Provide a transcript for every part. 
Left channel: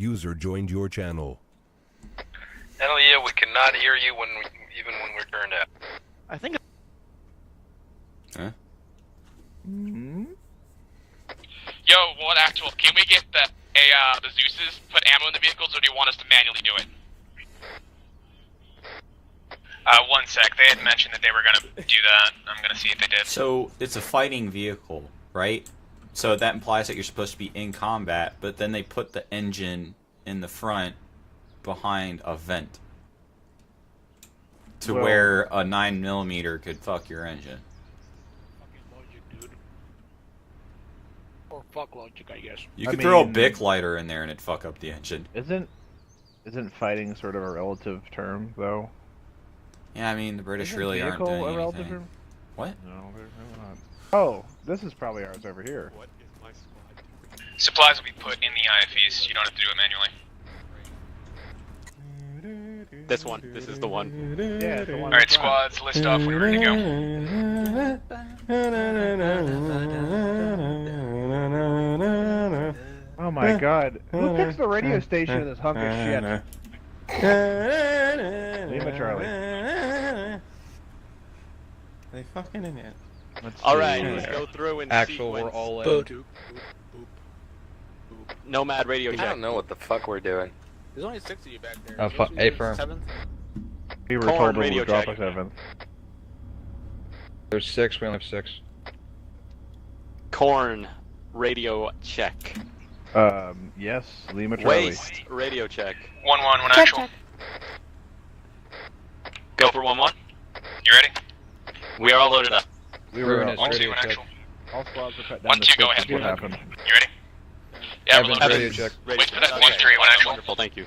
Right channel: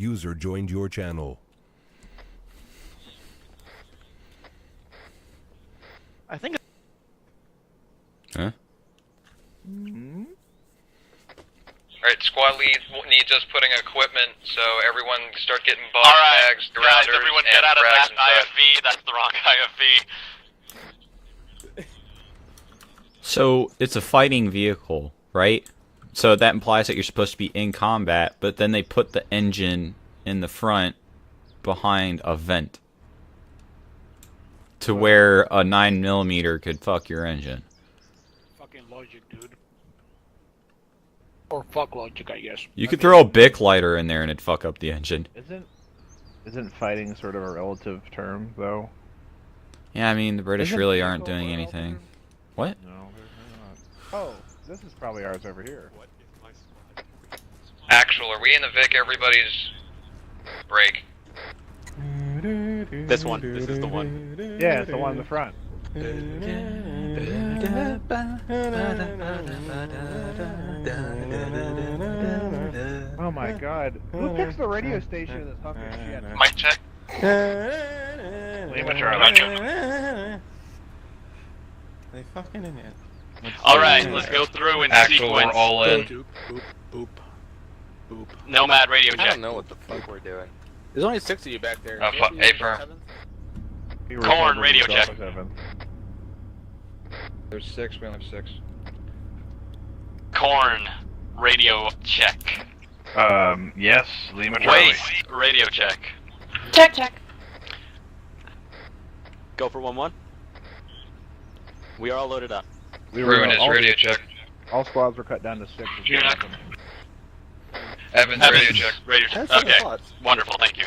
User joined your channel. Hell yeah, we cannot hear you even when we're turned up. I think. Huh? Yo, Alright, squad leads will be just putting equipment so everyone can start getting box bags, grounders, everyone and get out of frags that and stuff. IFV. That's the wrong IFV. 1 sec. They had mentioned that they were gonna do that. I'm gonna see if they did. So it's a fighting vehicle, right? So that implies that you're supposed to be in combat, but then they put the engine in the front behind a vent to where a 9mm could fuck your engine. Fucking logic, dude. Or fuck logic, I guess. You could throw a Bic lighter in there and it'd fuck up the engine. Isn't fighting sort of a relative term, though? Yeah, I mean, the British Isn't really aren't vehicle doing a relative anything. term? What? No, they're not. Oh, this is probably ours over here. Supply. Actually, are we in the Vic? Everybody's to do it manually. break. This one. This is the one. Yeah, it's the one. Alright, squads, list off. We're ready to go. Oh my god. Who picks the radio station in this hunk of shit? Mic check. They fucking in it. Alright, let's go through and Actual, we're sequence. all in. Boop, boop, boop. Nomad radio I check. don't know what the fuck we're doing. There's only 6 of you back there. Hey, bro. We were Corn told to radio be check. 7. There's 6, we only have 6. Corn radio check. Yes, Lima Charlie. Waste radio check. 1-1, one actual. Go for 1-1. You ready? We are all loaded up. We were Ruin is all, radio check. all squads were cut down 1-2, to 6 go ahead. to You happen. ready? Evans, radio check. Radio check. One, Okay, three, one actual. wonderful, thank you.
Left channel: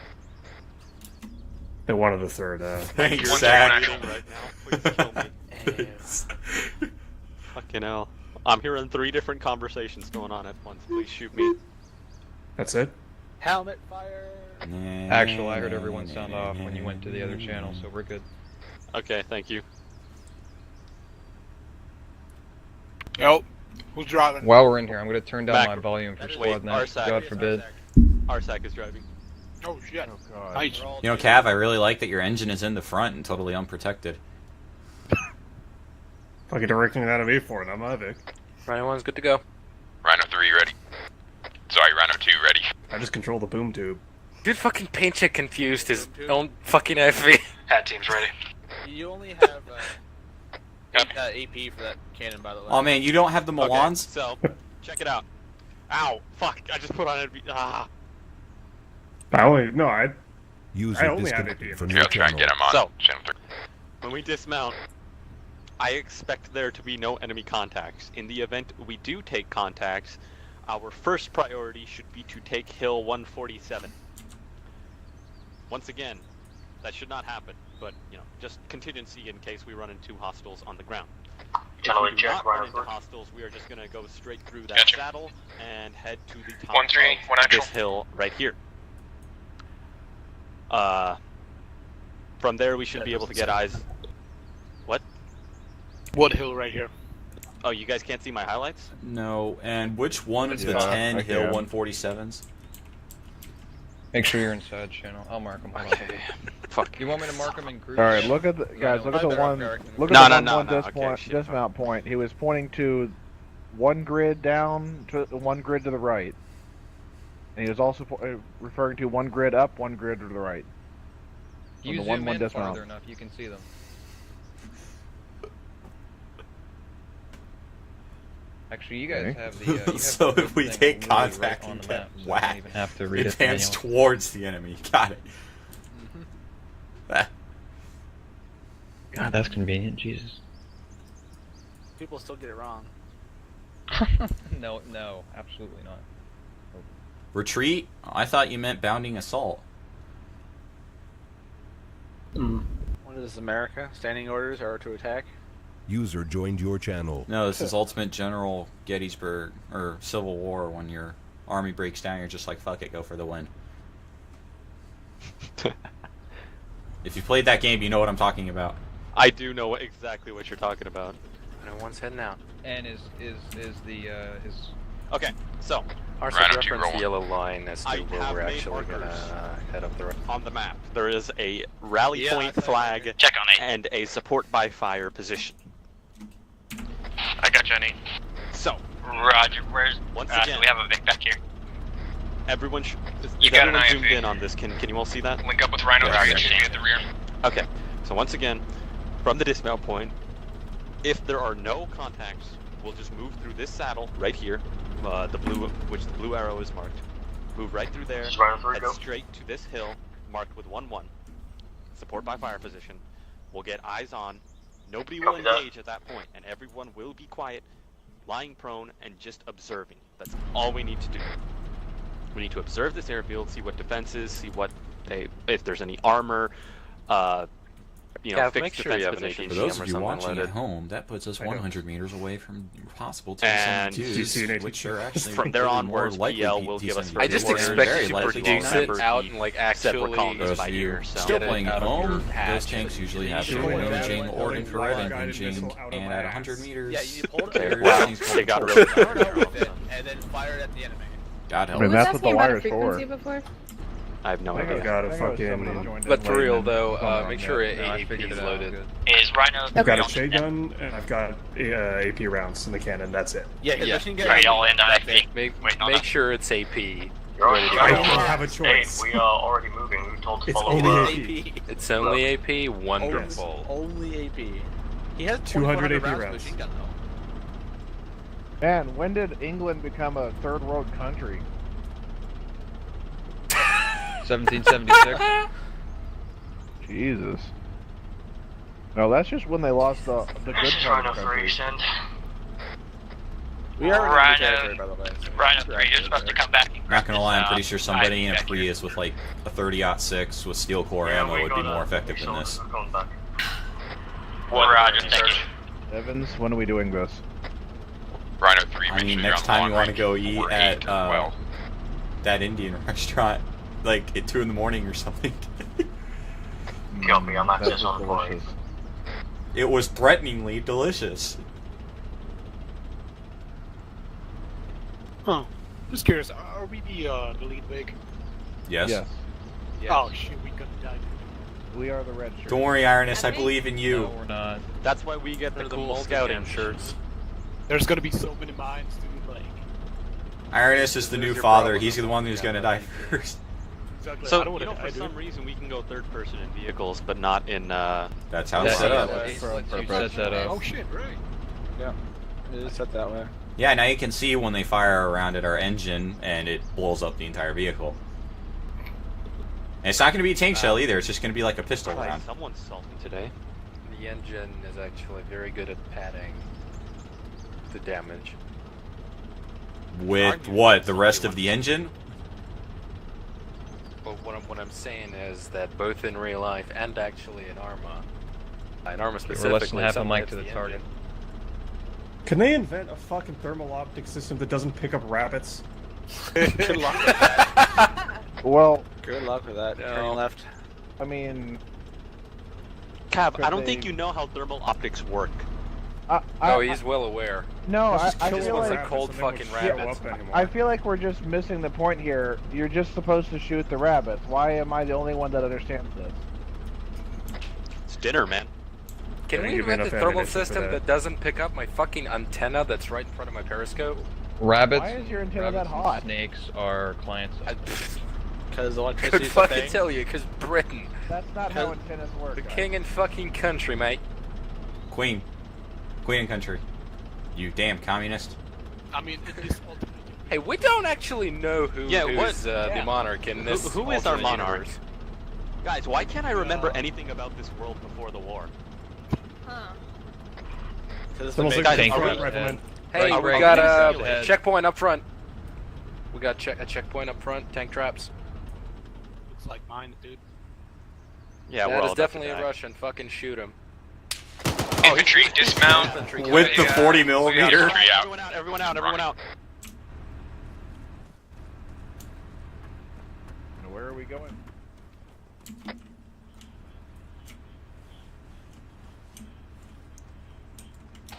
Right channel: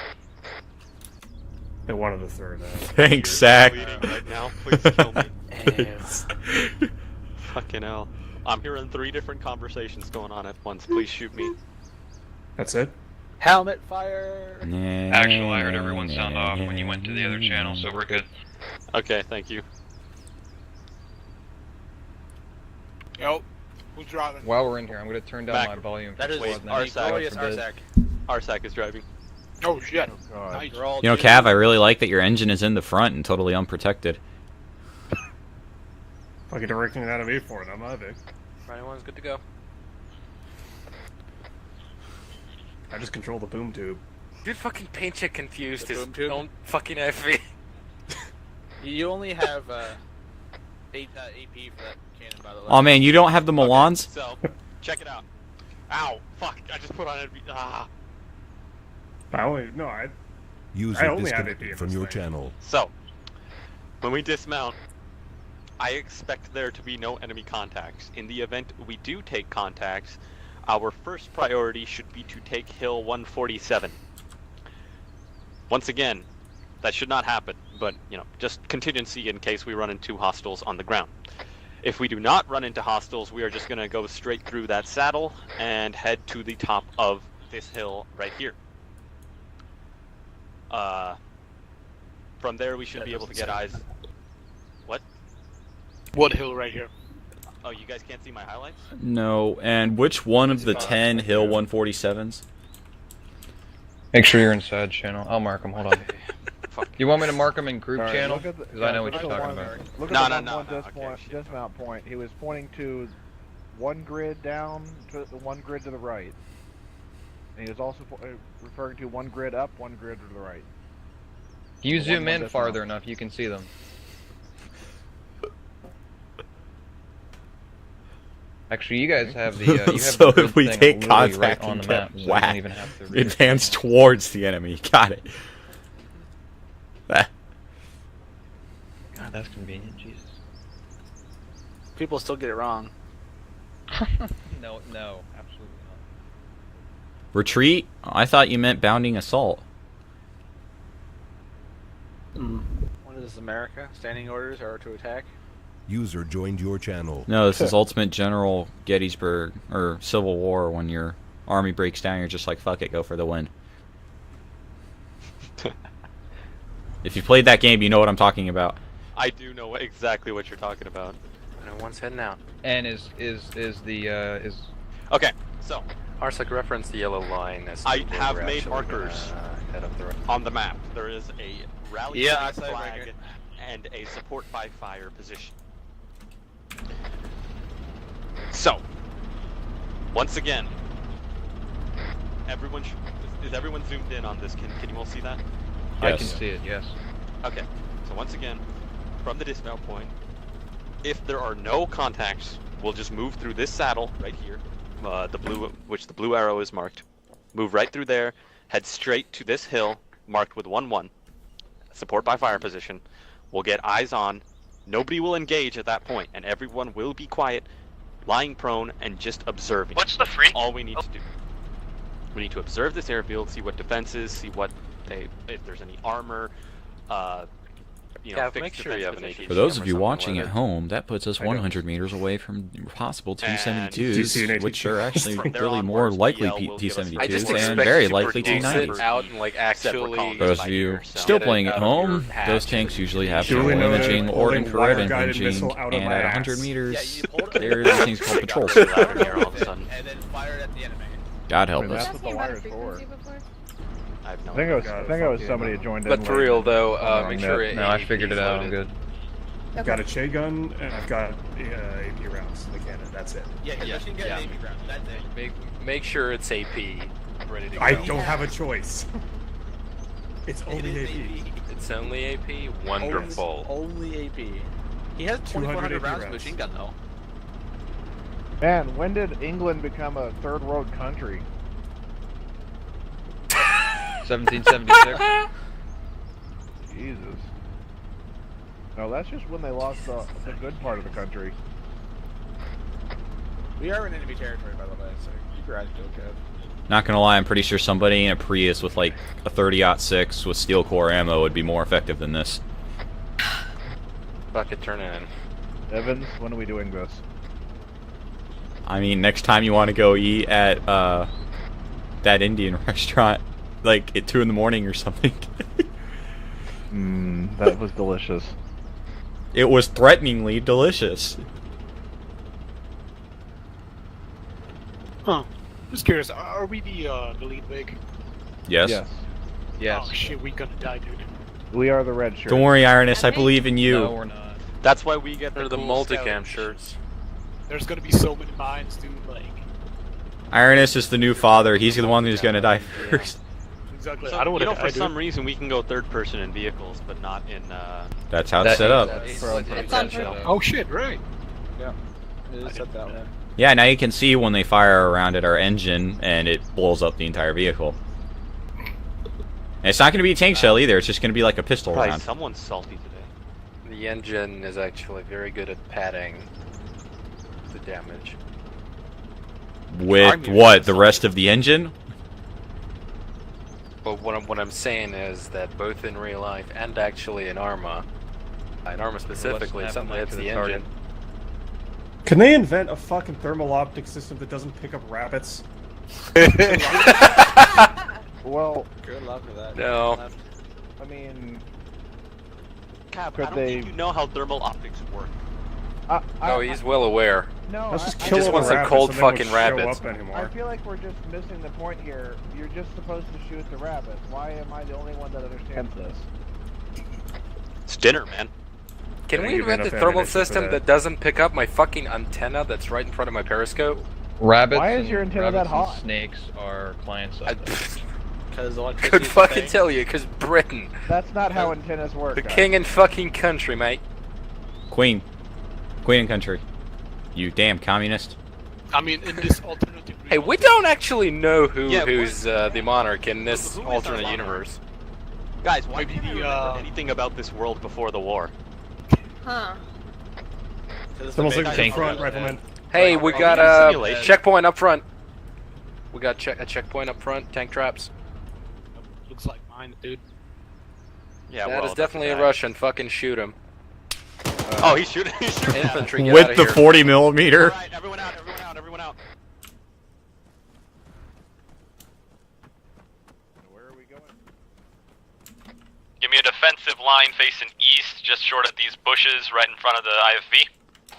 They wanted the third. Thanks, One Zach. actual. Right now, please kill me. Fucking hell. I'm hearing 3 different conversations going on at once. Please shoot me. That's it? Helmet fire! Actual, I heard everyone sound off when you went to the other channel, so we're good. Okay, thank you. Yo, who's driving? While we're in here, I'm gonna turn down Back. my volume for That is squad night. Arsac. God forbid. Arsac is driving. Oh shit. Oh god. Nice. You know, Cav, I really like that your engine is in the front and totally unprotected. Fucking directing that at me for it. I'm out of it. Rhino 1's good to go. Rhino 3 ready. Sorry, Rhino 2 ready. I just control the boom tube. Dude, fucking paint check confused his own fucking FV. Hat team's ready. You only have AP for that cannon, by the way. Oh man, you don't have the Milans? So, check it out. Ow, fuck, I just put on it. Ah. I User only have disconnected AP. from Here, your I'll try and channel. get him on So. channel 3. When we dismount, I expect there to be no enemy contacts. In the event we do take contacts, our first priority should be to take Hill 147. Once again, that should not happen, but, you know, just contingency in case we run into hostiles on the ground. If we do not run into hostiles, we are just going to go straight through that Gotcha. saddle and head to the top 1-3, one of actual. this hill right here. From there we should be able to get eyes. What? What hill right here? Oh, you guys can't see my highlights? No, and which one of the 10 Hill 147s? Make sure you're inside channel. I'll mark them. Hold on. Fuck. You want me to mark them in group Alright, channel? look at the I guys, know look what at the you're one talking look No, at no, the no, one no, dismount, okay, shit, dismount point. He was pointing to one grid down to one grid to the right. And he was also referring to one grid up, one grid to the right. You The zoom one in dismount. farther enough, you can see them. Actually, you guys have the. You have So the if we thing take literally contact right on and the get map, so you whacked, don't even have to read it pans towards the enemy. Got it. Ah. God, that's convenient. Jesus. People still get it wrong. No, absolutely not. Retreat? I thought you meant bounding assault. What is America? Standing orders are to attack? User joined your channel. No, this is Ultimate General Gettysburg, or Civil War, when your army breaks down, you're just like, fuck it, go for the win. If you played that game, you know what I'm talking about. I do know exactly what you're talking about. No one's heading out. And is Okay, so Arson, Rhino 2, reference roll the 1. yellow line as to I where have we're made actually markers. gonna head up the road. On the map, there is a rally Yeah, point I saw flag that. Check on 8. and a support by fire position. I got you, Jenny. So, Roger, where's... once again, we have a Vic back here. everyone should... You Is got an everyone zoomed IFV. in on this? Can you all see that? Link up with Rhino Yes. 3 Yeah. and at the rear. Okay, so once again, from the dismount point, if there are no contacts, we'll just move through this saddle right here, the blue arrow is marked. Move right through there, head straight to this hill, marked with 1-1. Support by fire position. We'll get eyes on. Nobody will engage at that point, and everyone will be quiet, lying prone, and just observing. What's the free? All we need to do. We need to observe this airfield, see what defenses, see what if there's any armor, Gav, fixed make sure you defense have an positions. For those ATCM of or you something watching like at it. home, that puts us I know. 100 meters away from possible And T-72s, which are actually from there really more onwards, likely BL will give us T-72s I just and expect very you to likely produce T-90s. it out and like actually. Those of you still playing at home, those tanks usually have Doing thermal that, imaging or holding infrared guided imaging, missile out of and my at ass. 100 meters, Yeah, you pulled it. there are things called patrol. And then fire it at the enemy. God I help mean, us. that's what the wire's for. I have no I think it idea. was, Got it, I think it was fuck somebody yeah. who joined in. But for late real and though, hung on make that. sure No, I AAP figured is it out. loaded. Good. Is Rhino... I've got a Shea gun and I've got AP rounds in the cannon. That's it. Yeah, because machine gun. Right, y'all end on IFV. Make sure it's AP. Ready to I go. don't have a choice. already moving. We told It's only AP. It's only AP. Wonderful. Only AP. He has 200 2,400 rounds AP of machine gun though. Man, when did England become a third world country? 1776. Jesus. No, that's just when they lost the good part of the country. We are in a Rhino- good territory, by the way. Rhino 3, you're supposed to come back. Not gonna lie, I'm pretty sure somebody in a Prius with like a 30-06 with steel core ammo would be more effective than this. Roger, thank you. Evans, when are we doing this? Rhino 3. I mean, next time you want to go eat at that Indian restaurant, like at 2 in the morning or something. That was delicious. It was threateningly delicious. Huh. Just curious, are we the lead big? Yes. Yes. Oh shit, we gonna die, dude. We are the red shirt. Don't worry, Ironus, I believe in you. No, we're not. That's why we get They're the cool multicam scouting. shirts. There's gonna be so many mines, dude. Like, Ironus is the new father. He's the one who's gonna die first. exactly. So, I don't want to for some reason we can go third person in vehicles, but not in, That's how it's set up. Oh shit, right. It is set that way. Yeah, now you can see when they fire around at our engine and it blows up the entire vehicle. And it's not going to be a tank shell either, it's just going to be like a pistol Christ, round. someone's salty today. The engine is actually very good at padding the damage. With what? The rest of the engine? But what I'm saying is that both in real life and actually in Arma specifically, half a something mic hits to the the engine. target. Can they invent a fucking thermal optic system that doesn't pick up rabbits? Well, Good luck with that. No. Turn left. I mean, Cap, But I don't think they- you know how thermal optics work. Oh, he's well aware. no. Let's just I kill just all the wants a rabbits cold so they won't fucking show rabbits. up anymore. I feel like we're just missing the point here. You're just supposed to shoot the rabbits. Why am I the only one that understands this? It's dinner, man. Can Didn't we give me invent a enough thermal ammunition for system that. that doesn't pick up my fucking antenna that's right in front of my periscope? Rabbits. Why is your and- antenna that rabbits and hot? Snakes are client side. Because Could electricity is a fucking thing. tell you, because Britain, That's not how antennas work. the guys. king and fucking country, mate. Queen. Queen and country. You damn communist. I mean, in this alternative. Hey, we don't actually know who's Yeah, the monarch in this Who is our alternate monarch? universe. Guys, why can't I remember Yeah. anything about this world before the war? Huh. Someone's like Thank the front you. rifleman. Hey, Right, we right. got a Simulate. checkpoint up front. We got a checkpoint up front, tank traps. Looks like mine, dude. Yeah, That well, is definitely a that's Russian. Fucking shoot him. Oh, infantry, dismount. Infantry, get With out the of here. 40 millimeter. bad. Everyone out, everyone out, everyone out. Where are we going? Give me a defensive line facing east, just short of these bushes, right in front of the IFV.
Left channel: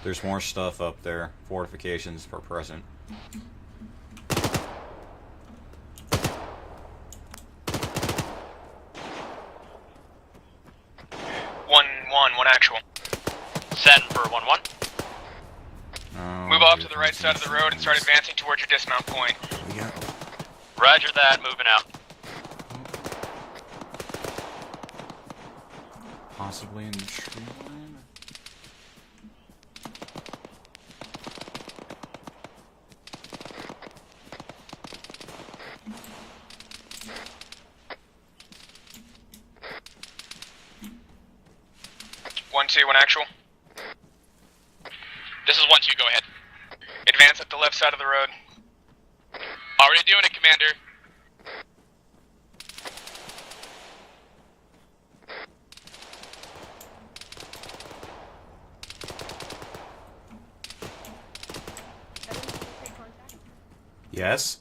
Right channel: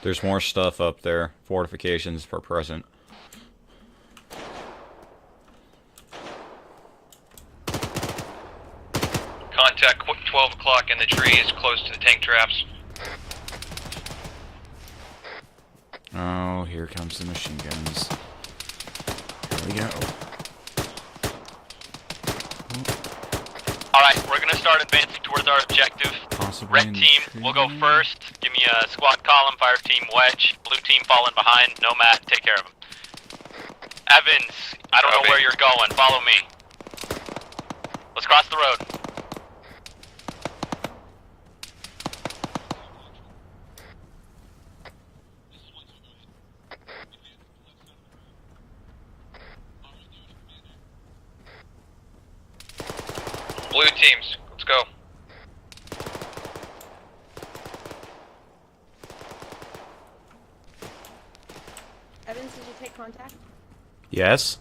There's more stuff up there. Fortifications for present. Contact 12 o'clock in the trees, close to the tank traps. Actual. Send for 1-1. Oh, Move off here to the right comes side of the road and start advancing towards your dismount point. Here we go. Roger that, moving out. Alright, we're gonna start advancing towards our objective. Possibly Red team will go first. Give me a squad column, fire team wedge. Blue team falling behind. Nomad, take care of him. Evans, I don't know where you're going. Follow me. Let's cross the road. 1-2, actual. This is 1-2, go ahead. Advance up the left side of the road. Already doing it, Commander. Blue teams, let's go. Evans, did you take contact? Yes.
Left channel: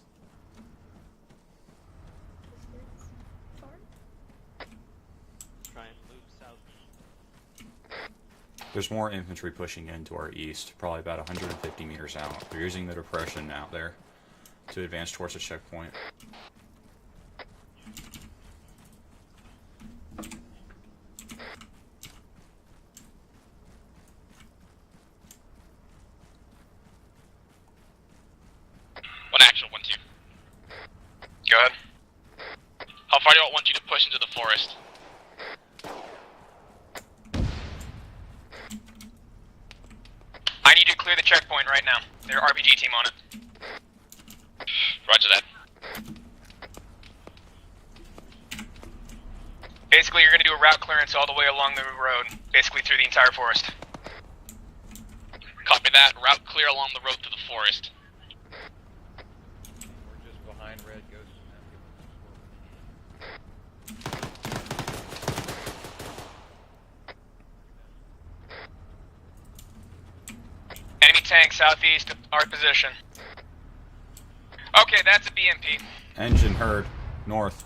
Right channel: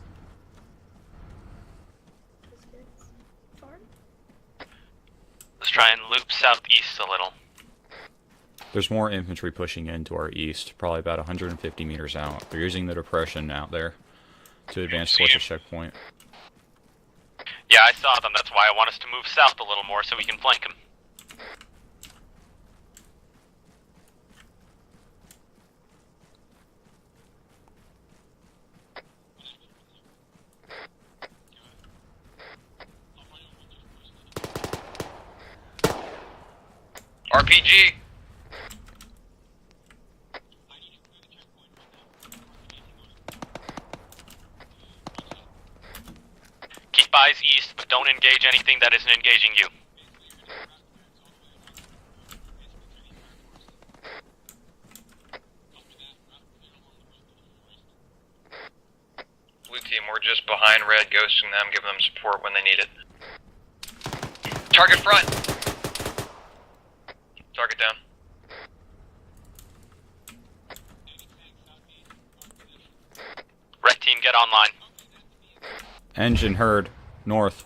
Let's try and loop southeast a little. There's more infantry pushing in to our east, probably about 150 meters out. They're using the depression out there to advance towards the checkpoint. Yeah, I saw them. That's why I want us to move south a little more so we can flank them. One action, 1-2. Go ahead. How far do I want you to push into the forest? RPG! I need to clear the checkpoint right now. There's an RPG team on it. Roger that. Keep eyes east, but don't engage anything that isn't engaging you. Basically, you're going to do a route clearance all the way along the road, basically through the entire forest. Copy that. Route clear along the road to the forest. Blue team, we're just behind red, ghosting them, giving them support when they need it. Target front! Target down. Enemy tank southeast of our position. Red team, get online. Okay, that's a BMP. Engine heard. North.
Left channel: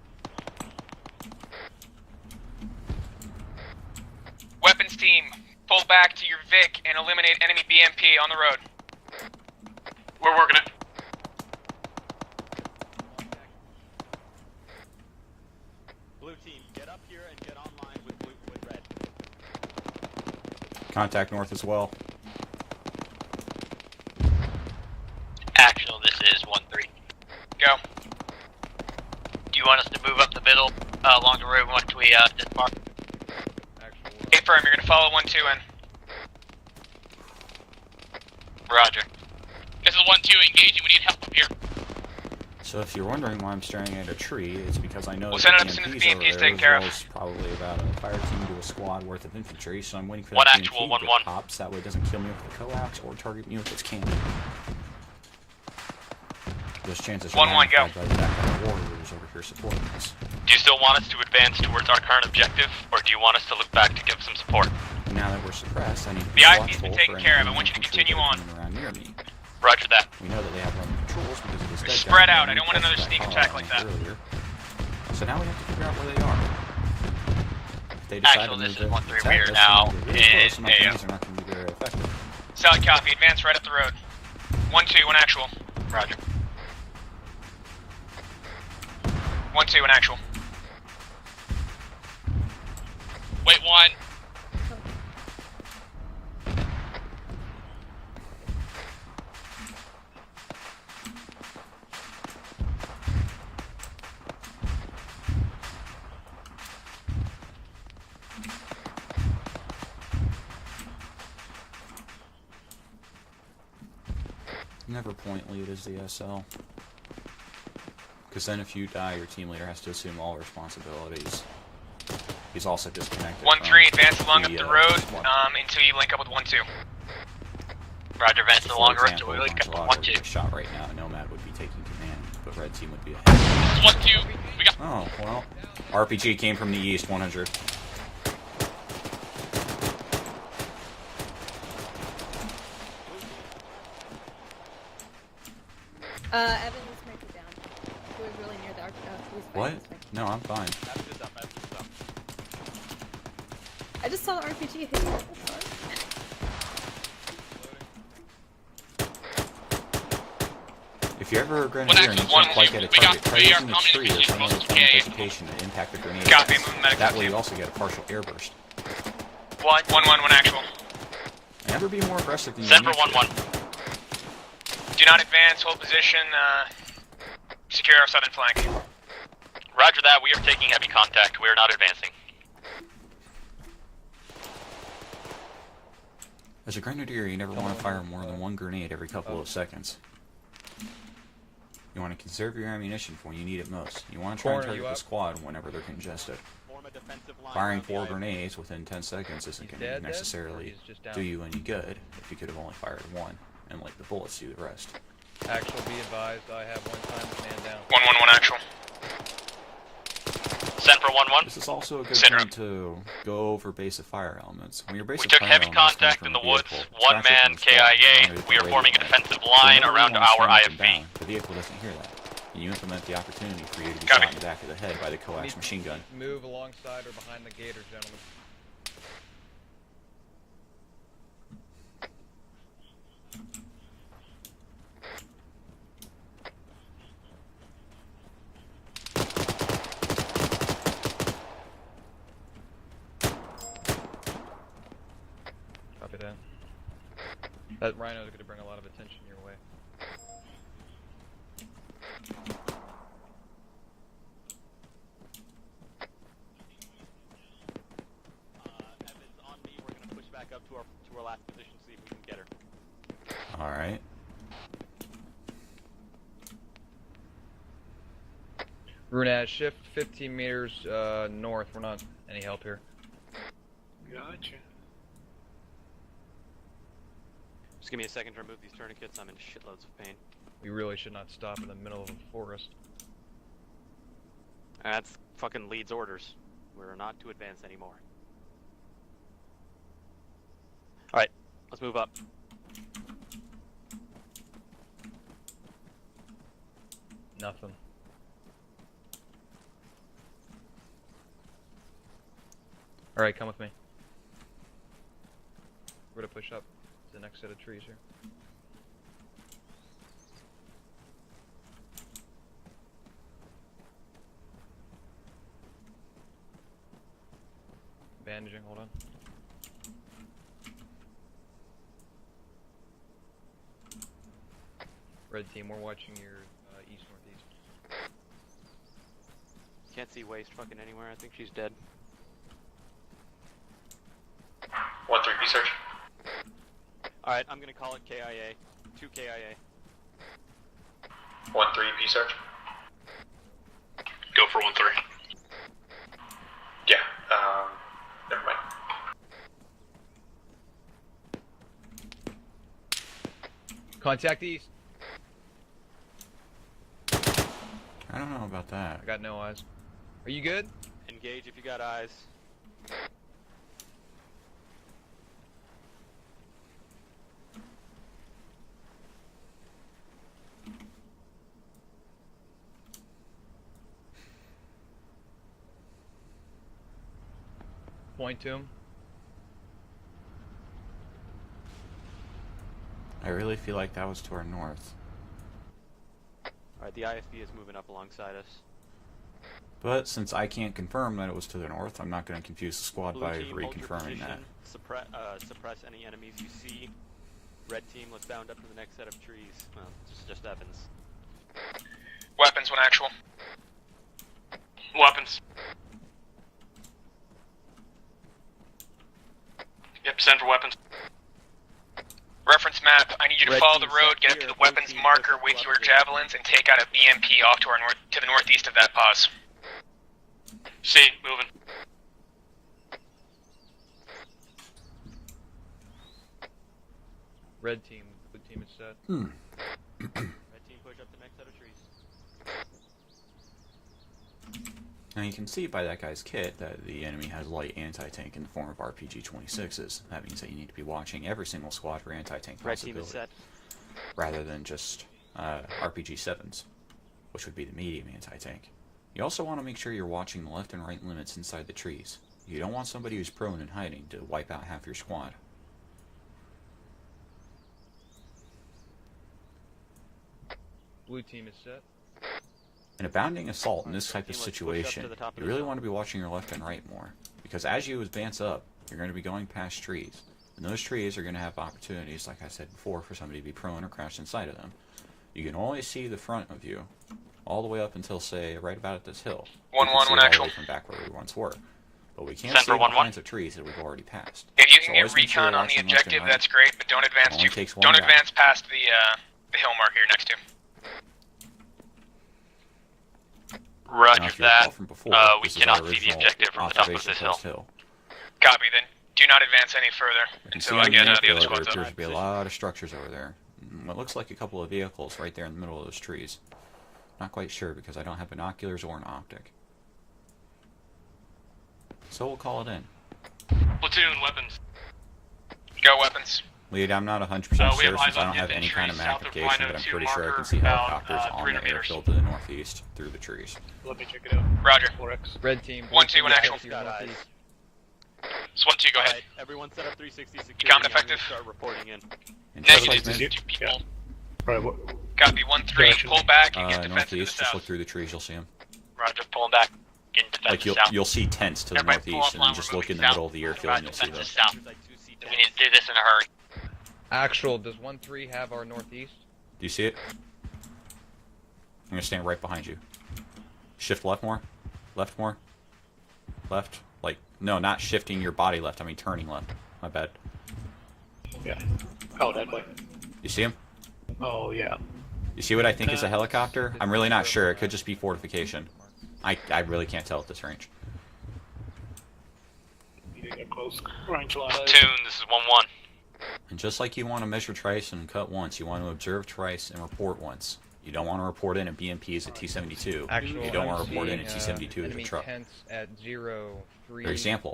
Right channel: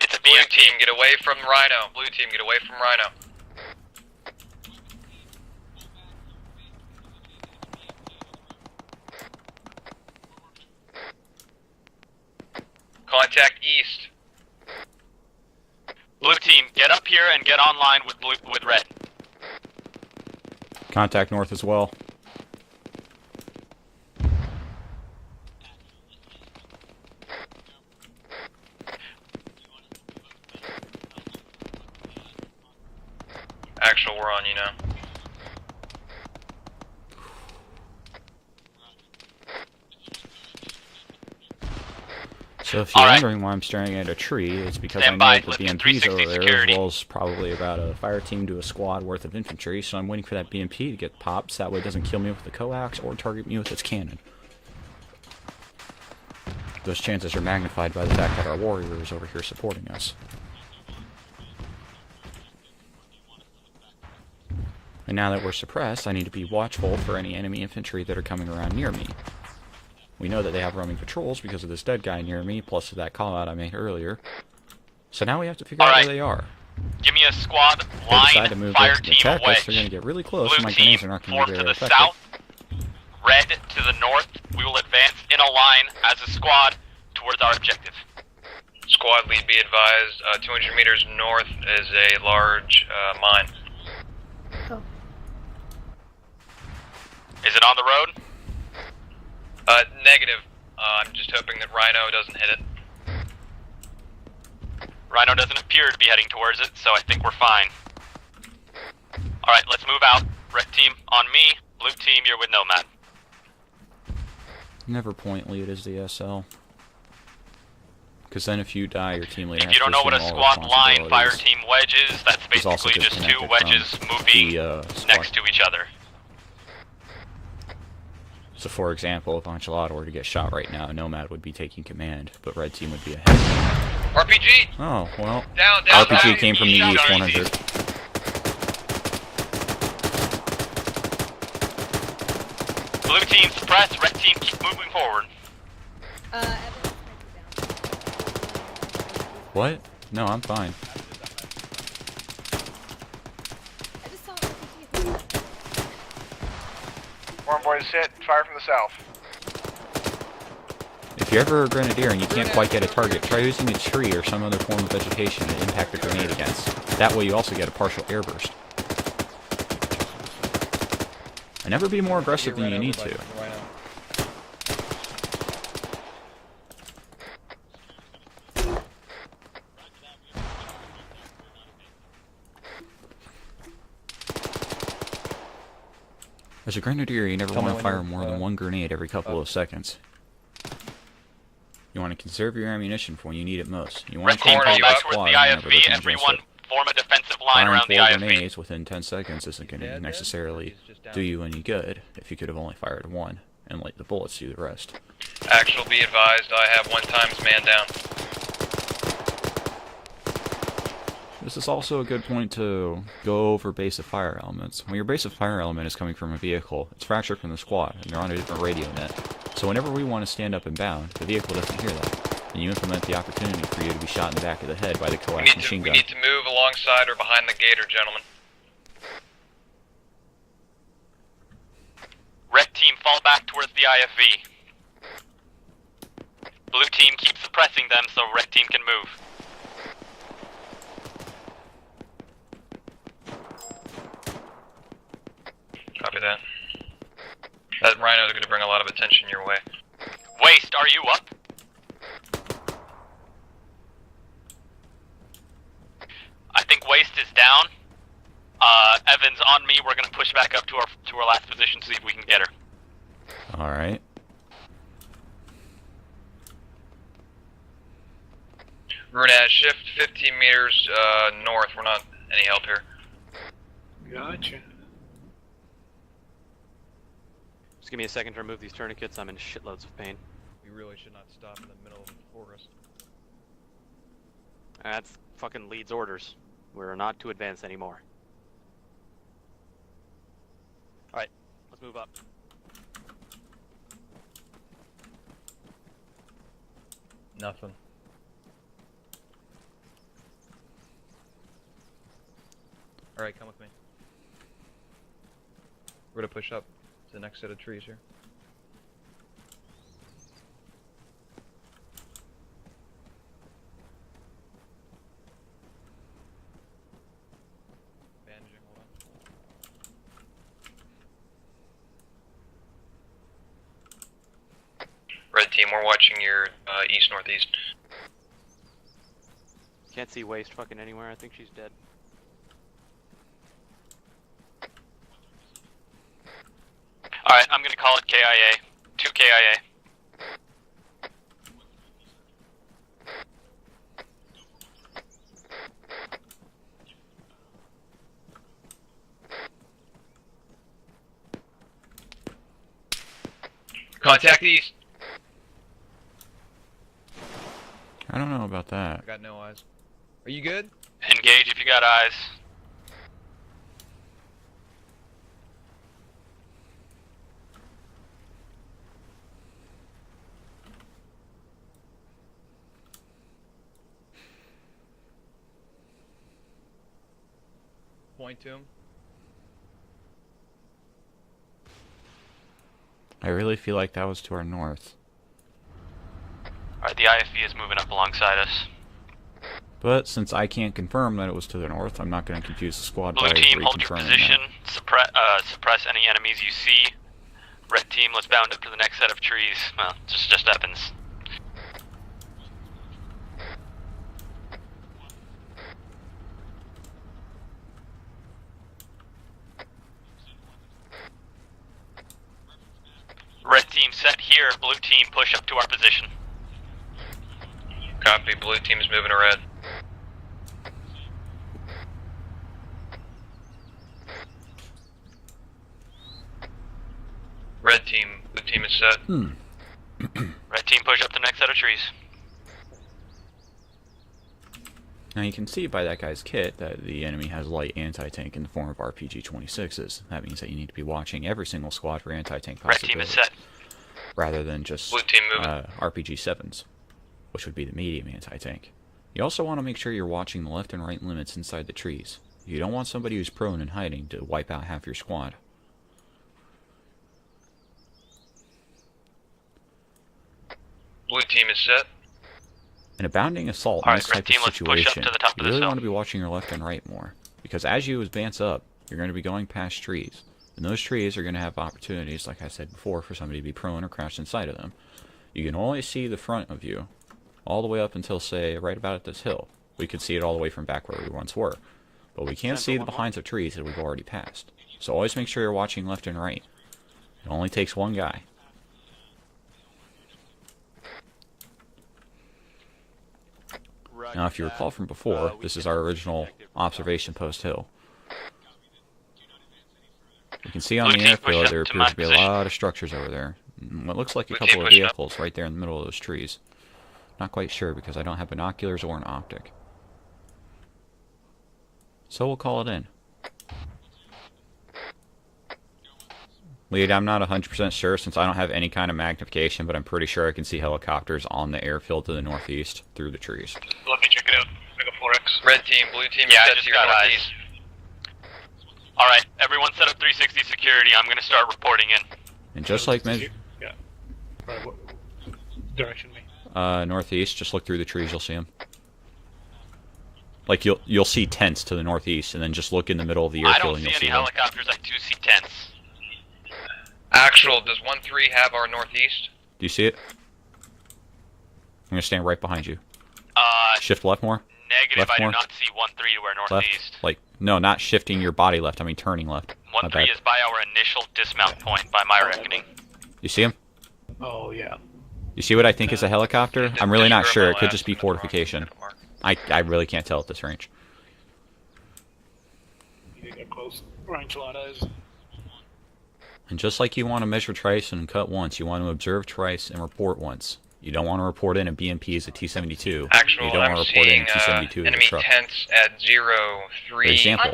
It's a Blue BMP. team, get away from Rhino. Blue team, get away from Rhino. Weapons team, pull back to your Vic and eliminate enemy BMP on the road. We're working it. Contact east. Blue team, get up here and get online with red. Contact north as well. Actual, this is 1-3. Go. Do you want us to move up the middle along the road once we dismark? Actual, we're on Confirm, you're gonna follow 1-2 in. Roger. This is 1-2 engaging, we need help up here. So if you're wondering why I'm staring at a tree, it's because I know that the BMP's over there, as well as probably about a fire team to a squad worth of infantry, so I'm waiting for that BMP to get popped, so that way it doesn't kill me with the coax or target me with its cannon. Those chances are magnified by the fact that our warriors over here supporting us. Do you still want us to advance towards our current objective, or do you want us to look back to give some support? And now that we're suppressed, I need to be watchful for any enemy infantry that are coming around near me. Roger that. We know that they have roaming patrols because of this dead guy near me, plus that call out I made earlier. So now we have to figure out where they are. Give me a squad They line decide to of the move fire up to team the check, right so now. we get really close, and my cannons are not going to be very effective. South copy, advance right up the road. To the north, we will advance in a line as a squad towards our objective. Squad lead, be advised, 200 meters north is a large mine. Wait, one. Is it on the road? Negative. I'm just hoping that Rhino doesn't hit it. Rhino doesn't appear to be heading towards it, so I think we're fine. Alright, let's move out. Red team on me, blue team, you're with Nomad. Never point lead as the SL. Because then if you die, your team leader If you don't know what a squad line fire team wedge is, that's basically just two 1-3 advance moving up the road next to each other. Link up with 1-2. Roger, advance So the for long example, road if to Enchilada were to get shot right now, Nomad would be taking command, but Red team would be ahead. RPG! Oh, well. Down, RPG came from the east, 100. Blue team suppress, red team keep moving forward. What? No, I'm fine. I just saw an RPG hit you. Warm boys hit, fire from the south. If you're ever a grenadier and you can't quite get a target, try using a tree or some other form of vegetation to impact a grenade against. That way you also get a partial airburst. 1-1 actual. And never be more aggressive than you need to. 1-1. Do not advance, hold position, secure our southern flank. Roger that, we are taking heavy contact, we are not advancing. As a grenadier, you never want to fire more than one grenade every couple of seconds. You want to conserve your ammunition for when you need it most. You want to Team, contact fall your back towards squad the whenever they IFV, can everyone just form a defensive line firing around the 4 IFV. grenades within 10 seconds isn't going to necessarily do you any good if you could have only fired one and let the bullets do the rest. Actual, be advised, I have 1 times man down. 1-1 actual. Send for 1-1. This is also a good point to go over basic fire elements. When your basic fire element is coming from a vehicle, extract it from the squad, you're on a different radio net. So whenever you want to stand up and down, the vehicle doesn't hear that, and you implement the opportunity for you to be shot in the back of the head by the coax machine gun. We need to move alongside or behind the gator, gentlemen. Red team, fall back towards the IFV. Blue team, keep suppressing them so red team can move. Copy that. That rhino is going to bring a lot of attention your way. Waste, are you up? I think Waste is down. Evans on me. We're gonna push back up to our last position, see if we can get her. All right. Brunette, shift 15 meters north. We're not any help here. Gotcha. Just give me a second to remove these tourniquets. I'm in shitloads of pain. We really should not stop in the middle of a forest. That's fucking Leeds orders. We're not to advance anymore. Alright, let's move up. Nothing. Alright, come with me. We're gonna push up to the next set of trees here. Bandaging, hold on. Red team, we're watching your east-northeast. Can't see Waste fucking anywhere. I think she's dead. 1-3, search. Alright, I'm gonna call it KIA. 2 KIA. 1-3, search. Go for 1-3. Yeah, never mind. Contact east. I don't know about that. I got no eyes. Are you good? Engage if you got eyes. Point to him. I really feel like that was to our north. Alright, the IFV is moving up alongside us. But since I can't confirm that it was to the north, I'm not going to confuse the squad Blue by team, hold your reconfirming position. that. Suppress any enemies you see. Red team, let's bound up to the next set of trees. Well, just weapons. Weapons, when actual. Weapons. Yep, send for weapons. Reference map, I need you to follow the road, get to the weapons marker, wait for javelins, and take out a BMP off to our north, to the northeast of that box. See, moving. Red team, blue team is set. Red team, push up the next set of trees. Now you can see by that guy's kit that the enemy has light anti-tank in the form of RPG-26s. That means that you need to be watching every single squad for anti-tank Red team is possibilities, set. rather than just Blue team moving. RPG-7s, which would be the medium anti-tank. You also want to make sure you're watching the left and right limits inside the trees. You don't want somebody who's prone and hiding to wipe out half your squad. Blue team is set. In a bounding assault in Alright, this type of team, let's push up situation, to the top you of this really hill. want to be watching your left and right more. Because as you advance up, you're going to be going past trees. And those trees are going to have opportunities, like I said before, for somebody to be prone or crash inside of them. You can only see the front of you, all the way up until, say, right about at this hill. We can see it all the way from back where we once were. But we can't see the behinds of trees that we've already passed. If you So can always get make sure you're recon on the watching left and objective, right. that's great, but don't advance. It only takes one don't guy. advance past the hill marker you're next to. Roger Now, if you that. recall from before, We this is cannot our see the original objective from the top of observation this hill. post hill. Copy. Then do not advance any further. You can So see on the yeah, news push payload up there to appears my to be a position. lot of structures over there. What looks like a Let's couple see, of push up. vehicles right there in the middle of those trees. Not quite sure because I don't have binoculars or an optic. So we'll call it in. Platoon, weapons. Go weapons. Lead, I'm not 100% sure have since eyes I don't on have the any kind of trees south of magnification, but I'm 102 pretty sure I can see marker, helicopters on 300 the meters. airfield to the northeast through the trees. Let me check it out. Roger, 4X. Red team, blue team, Yeah, I yeah, just to your got northeast. SWAT 2, go. Alright, everyone set up 360 security. I'm gonna start reporting in. And just like Yeah. Alright, what? Copy 1-3. Pull back. and get defensive northeast, to the just south. look through the trees, you'll see them. Roger, pulling back. Like you'll see tents to the northeast, and then just look in the middle of the I airfield don't and you'll see see any them. helicopters. I do see 10. Let's do this in a hurry. Actual, does 1-3 have our northeast? Do you see it? I'm gonna stand right behind you. Uh, Shift left more. negative. Left I do more. not see 1-3 to our Left. northeast. Like no, not shifting your body left. I mean turning left. My 1-3 bad. is by our initial dismount point, by my reckoning. You see him? Oh, yeah. You see what I think is a helicopter? I'm really not sure. It could just be fortification. I really can't tell at this range. You get close. Ranks a lot of Platoon, this is 1-1. And just like you want to measure twice and cut once, you want to observe twice and report once. You don't want to report in a BMP as a T-72. Actual, You don't I'm want to report in seeing a T-72 as a enemy truck. tents at 0-3. For example,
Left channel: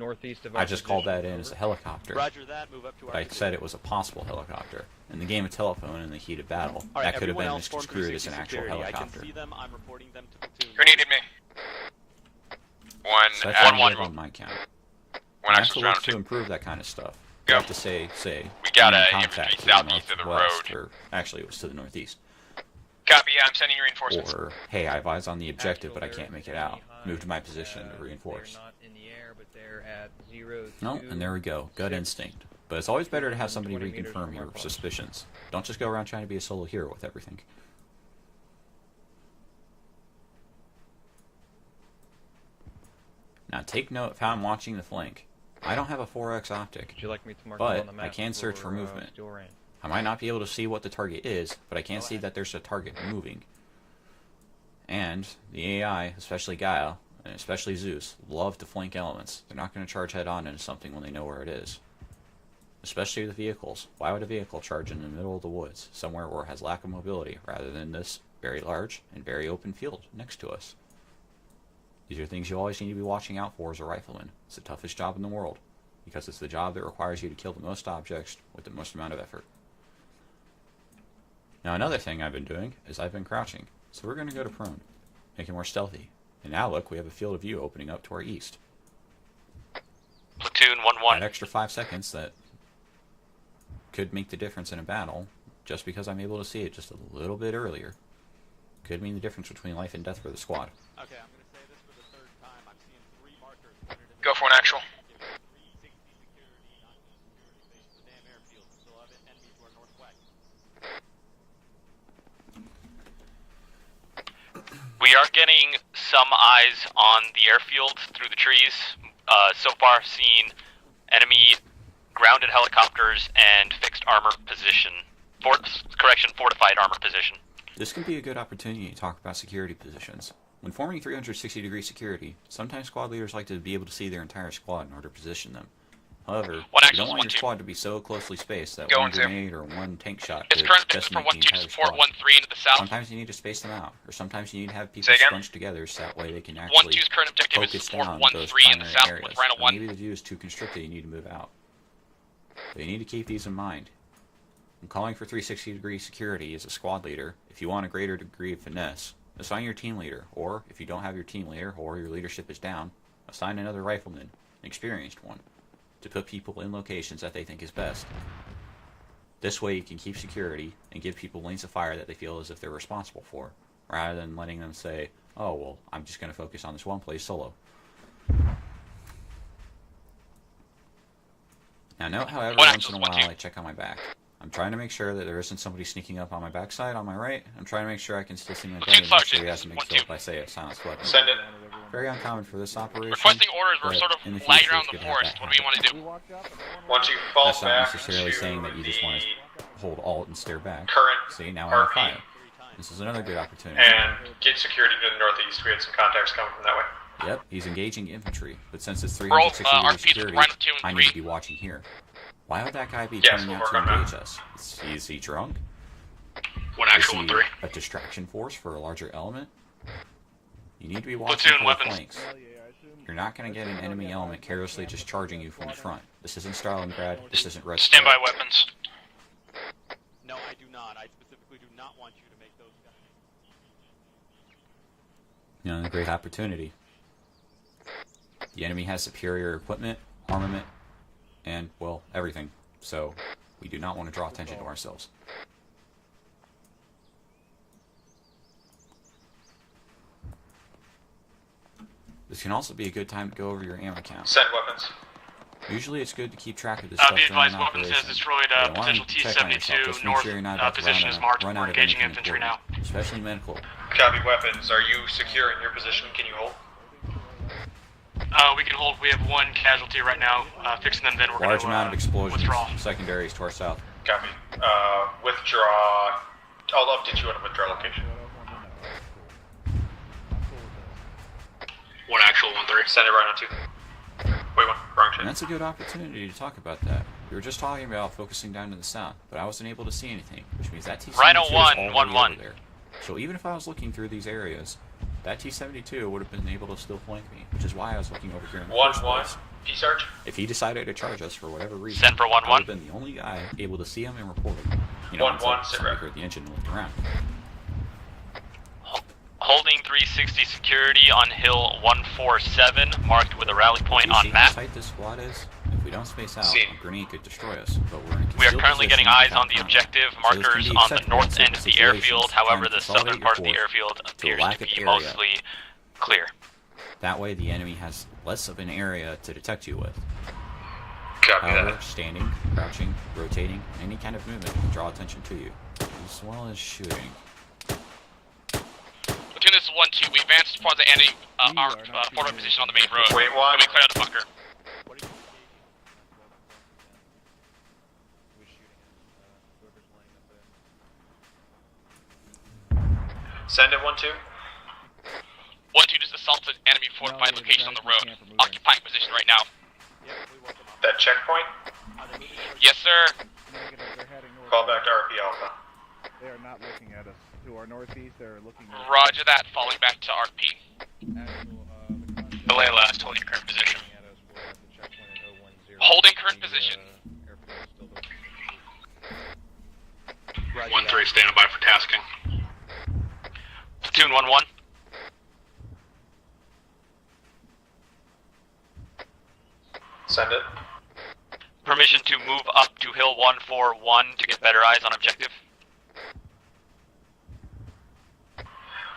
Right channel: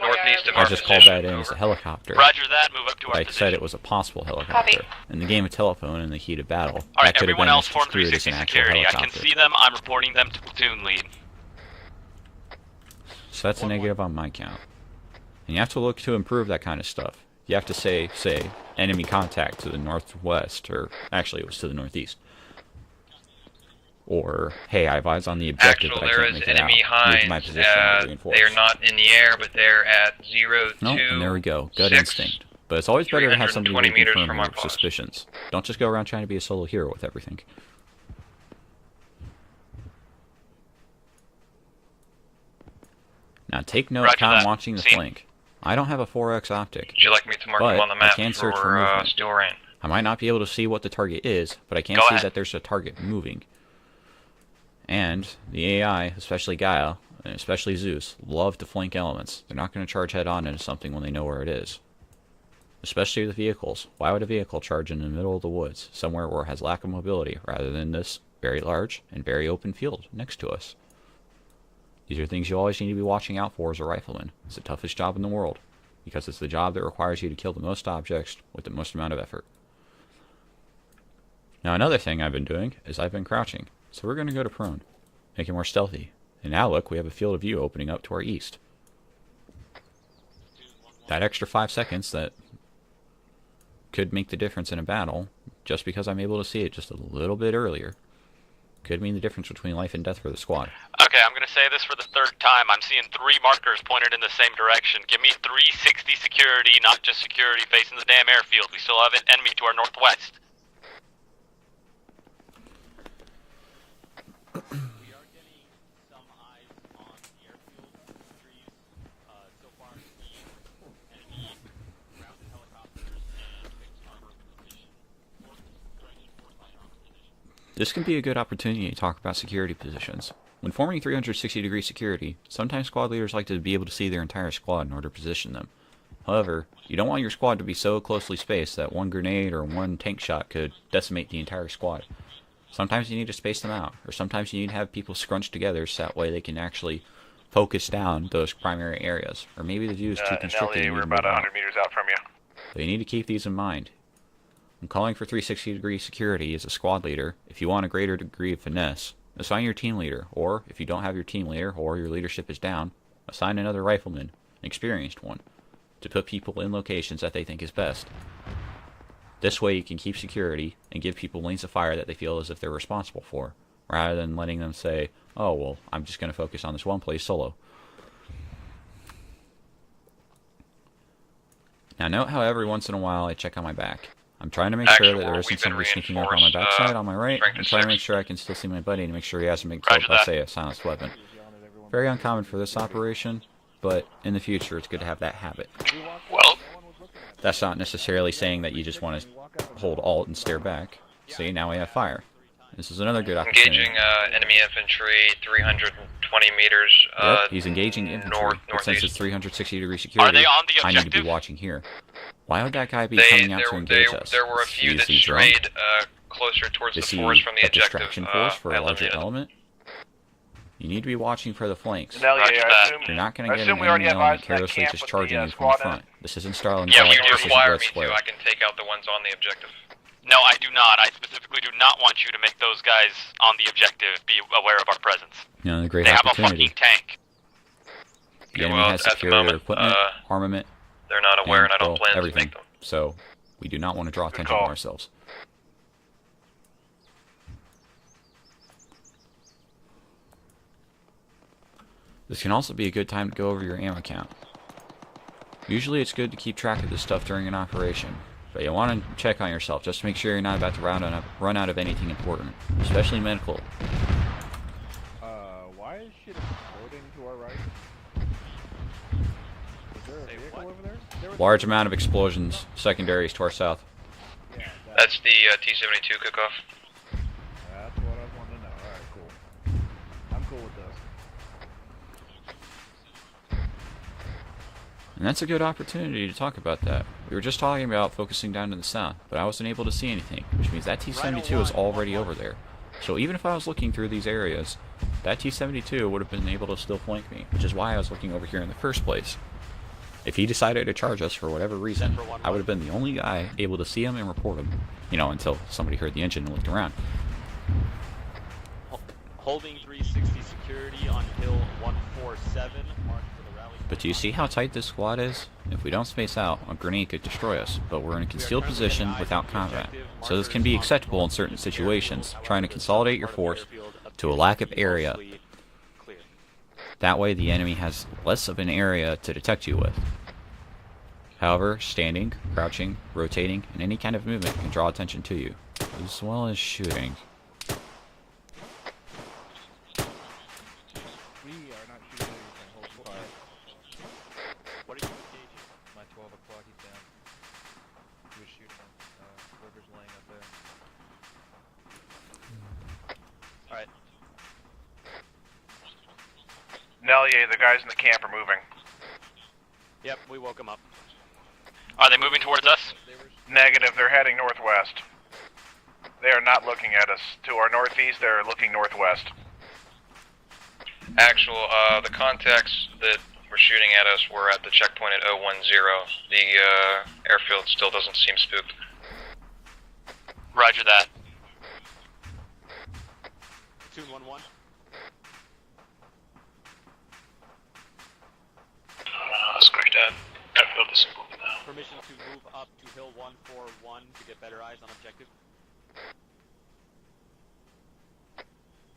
Northeast of I our just called position. that in as a helicopter. Roger that, move up to our I position. said it was a possible helicopter. In the game of telephone, in the heat of battle, Alright, that could have everyone been else form misconstrued as 360 an actual security. I helicopter. can see them, I'm reporting them to platoon Grenade lead. hit me. So that's a negative on my count. You have to look to improve that kind of stuff. You have to say got enemy a contact to the southeast of the northwest, or actually it was to the northeast. Copy, yeah, I'm sending you reinforcements. Or, hey, I have eyes on the objective, Actual, but I there can't is make it out. enemy Move to my hinds. position and reinforce. They are not in the air, but they're at 0-2. No, and there we go. Gut 6. instinct. But it's always better to have somebody 320 meters reconfirm from your our post. suspicions. Don't just go around trying to be a solo hero with everything. Now take note Roger how I'm that. watching the Seen. flank. I don't have a 4X optic, Would you like me to mark but them on the map I can search for movement. Steel Rain? I might not be able to see what the target is, but I can Go see ahead. that there's a target moving. And the AI, especially Gaia, and especially Zeus, love to flank elements. They're not going to charge head-on into something when they know where it is. Especially the vehicles. Why would a vehicle charge in the middle of the woods, somewhere where it has lack of mobility, rather than this very large and very open field next to us? These are things you always need to be watching out for as a rifleman. It's the toughest job in the world, because it's the job that requires you to kill the most objects with the most amount of effort. Now another thing I've been doing is I've been crouching, so we're going to go to prone, make it more stealthy. And now look, we have a field of view opening up to our east. Platoon 1-1. That extra 5 seconds that could make the difference in a battle, just because I'm able to see it just a little bit earlier, could mean the difference between life and death for the squad. Okay, I'm gonna say this for the third time. I'm seeing 3 markers pointed in the Go same for an action. direction. Give me 360 security, not just security facing the damn airfield. We still have an enemy to our northwest. We are getting some eyes on the airfield through the trees. So far, seeing enemy grounded helicopters and fixed armor position. Fortified armor position. This can be a good opportunity to talk about security positions. When forming 360-degree security, sometimes squad leaders like to be able to see their entire squad in order to position them. However, you don't want your squad to be so closely spaced that one grenade or one tank shot could decimate the entire squad. Sometimes you need to space them out, or sometimes you need to have people scrunched together so that way they can actually focus down those primary areas. Or maybe the view is too constricted and you need to move out. meters out from you. So you need to keep these in mind. When calling for 360-degree security as a squad leader, if you want a greater degree of finesse, assign your team leader, or if you don't have your team leader or your leadership is down, assign another rifleman, an experienced one, to put people in locations that they think is best. This way you can keep security and give people lanes of fire that they feel as if they're responsible for, rather than letting them say, oh, well, I'm just going to focus on this one place solo. Now note how every once in a while I check on my back. I'm trying to make sure that there isn't somebody sneaking up on my backside on my right. I'm trying to make sure I can still see my buddy and make sure he hasn't been killed by, say, a silenced weapon. Very uncommon for this operation, but in the future it's good to have that happen. Well, once you fall That's not back necessarily to saying that you just want to hold alt and stare back. See, now I have fire. This is another good engaging opportunity. enemy infantry 320 meters. Yep, he's engaging infantry, but since it's northeast. 360 degree security, I need to be watching here. Why would that guy be coming out to engage us? There were a few Is that he drunk? strayed closer towards Is the he course from the a objective. distraction force for a larger element? You need to be watching for the flanks. You're not going to get an enemy element carelessly just charging you from the front. This isn't Starland Yeah, we this is require Aggressive. standby weapons. Take out the ones on the objective. No, I do not. I specifically do not want you to make those guys on the objective be aware of our presence. You know, a great they opportunity. have a fucking tank. The enemy has superior equipment, armament, they're not aware, and I don't plan everything. to make them. So we do not want to draw attention to ourselves. This can also be a good time to go over your ammo count. Set weapons. Usually it's good to keep track of this stuff during an operation. But you want to check on yourself, just make sure you're not about to run out of anything important, especially medical. Copy weapons. Are you secure in your position? Can you hold? We can hold. We have one casualty right now. Fixing them. Then we're Large gonna, amount of explosions, withdraw. secondaries to our south. Copy. That's the T-72 cook-off. I'll update you on a withdrawal location. One actual, 1-3. Send it right on 2. Wait, one. Wrong And that's a good opportunity to talk about that. We were just talking about focusing down to the south, but I wasn't able to see anything, which means that T-72 is already over there. So even if I was looking through these areas, that T-72 would have been able to still flank me, which is why I was looking over here in the first place. If he decided to charge us for whatever reason, I would have been the only guy able to see him and report him. You know, until somebody heard the engine and looked around. Holding 360 security on Hill 147, marked with a rally point Do you on see how map. tight this squad is? If we don't space out, a grenade could destroy us, but we're in a We are concealed currently position getting eyes without on the combat. objective So this can be markers on the acceptable in north certain end of the situations, airfield. trying However, to the consolidate southern your part of the force airfield to a appears lack to of be area. mostly clear. That way the enemy has less of an area to detect you with. However, standing, crouching, rotating, and any kind of movement can draw attention to you, as well as shooting. Platoon, this is 1-2. We advanced as far as the enemy forward position on the main road. Wait, what? We cleared out the bunker. Send it 1-2. 1-2 just assaulted enemy forward. No, yeah, the guys in the camp are moving. Occupying position right now. Yep, we woke him up. That checkpoint? Are they moving towards Yes, us? sir. Negative, they're heading Fall back northwest. to RP Alpha. They are not looking at us. To our northeast, they're looking northwest. Roger that. Falling back to RP. Actual, the contacts that were shooting at us were at the checkpoint at 010. The airfield still doesn't seem spooked. Roger that. Standing by for tasking. Platoon 1-1. That's great. Send it. Airfield is Permission to move up to Hill 141 to get better eyes on objective.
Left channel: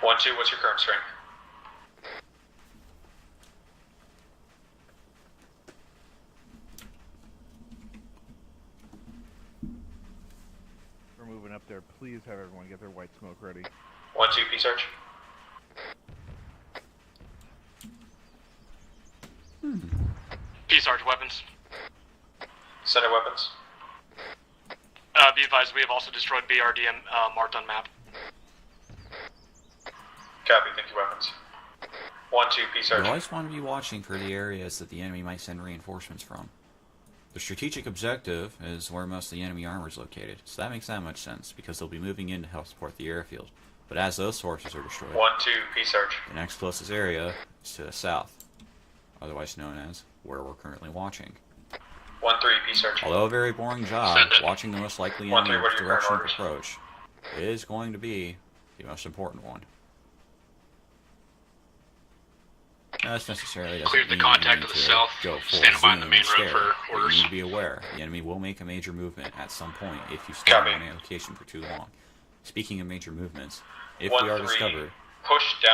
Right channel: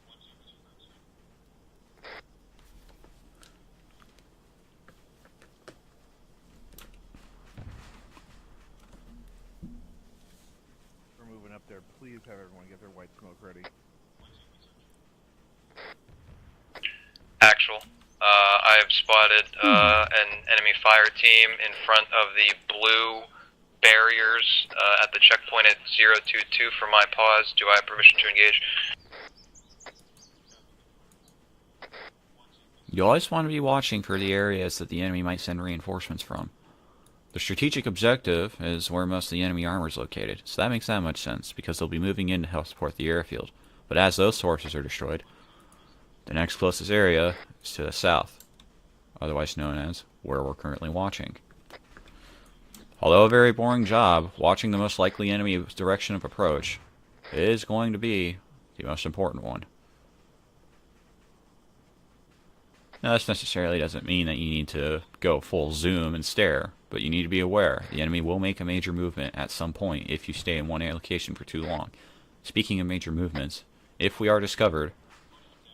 1-2, what's your current strength? We're moving up there. Please have everyone get their white smoke ready. 1-2, P-Search. Actual. I have spotted an enemy fire team in front of the blue barriers at the checkpoint at 022 from my pause. Do I have permission to engage? Copy, thank you, weapons. 1-2, P-Search. You always want to be watching for the areas that the enemy might send reinforcements from. The strategic objective is where most of the enemy armor is located, so that makes that much sense, because they'll be moving in to help support the airfield. But as those sources are destroyed, 1-2, P-Search. the next closest area is to the south, otherwise known as where we're currently watching. 1-3, P-Search. Although a very boring job, watching the most likely enemy direction of approach is going to be the most important one. Now, this necessarily doesn't mean you need to go full zoom and stare, but you need to be aware the enemy will make a major movement at some point if you stay in one location for too long. Speaking of major movements, if we are discovered,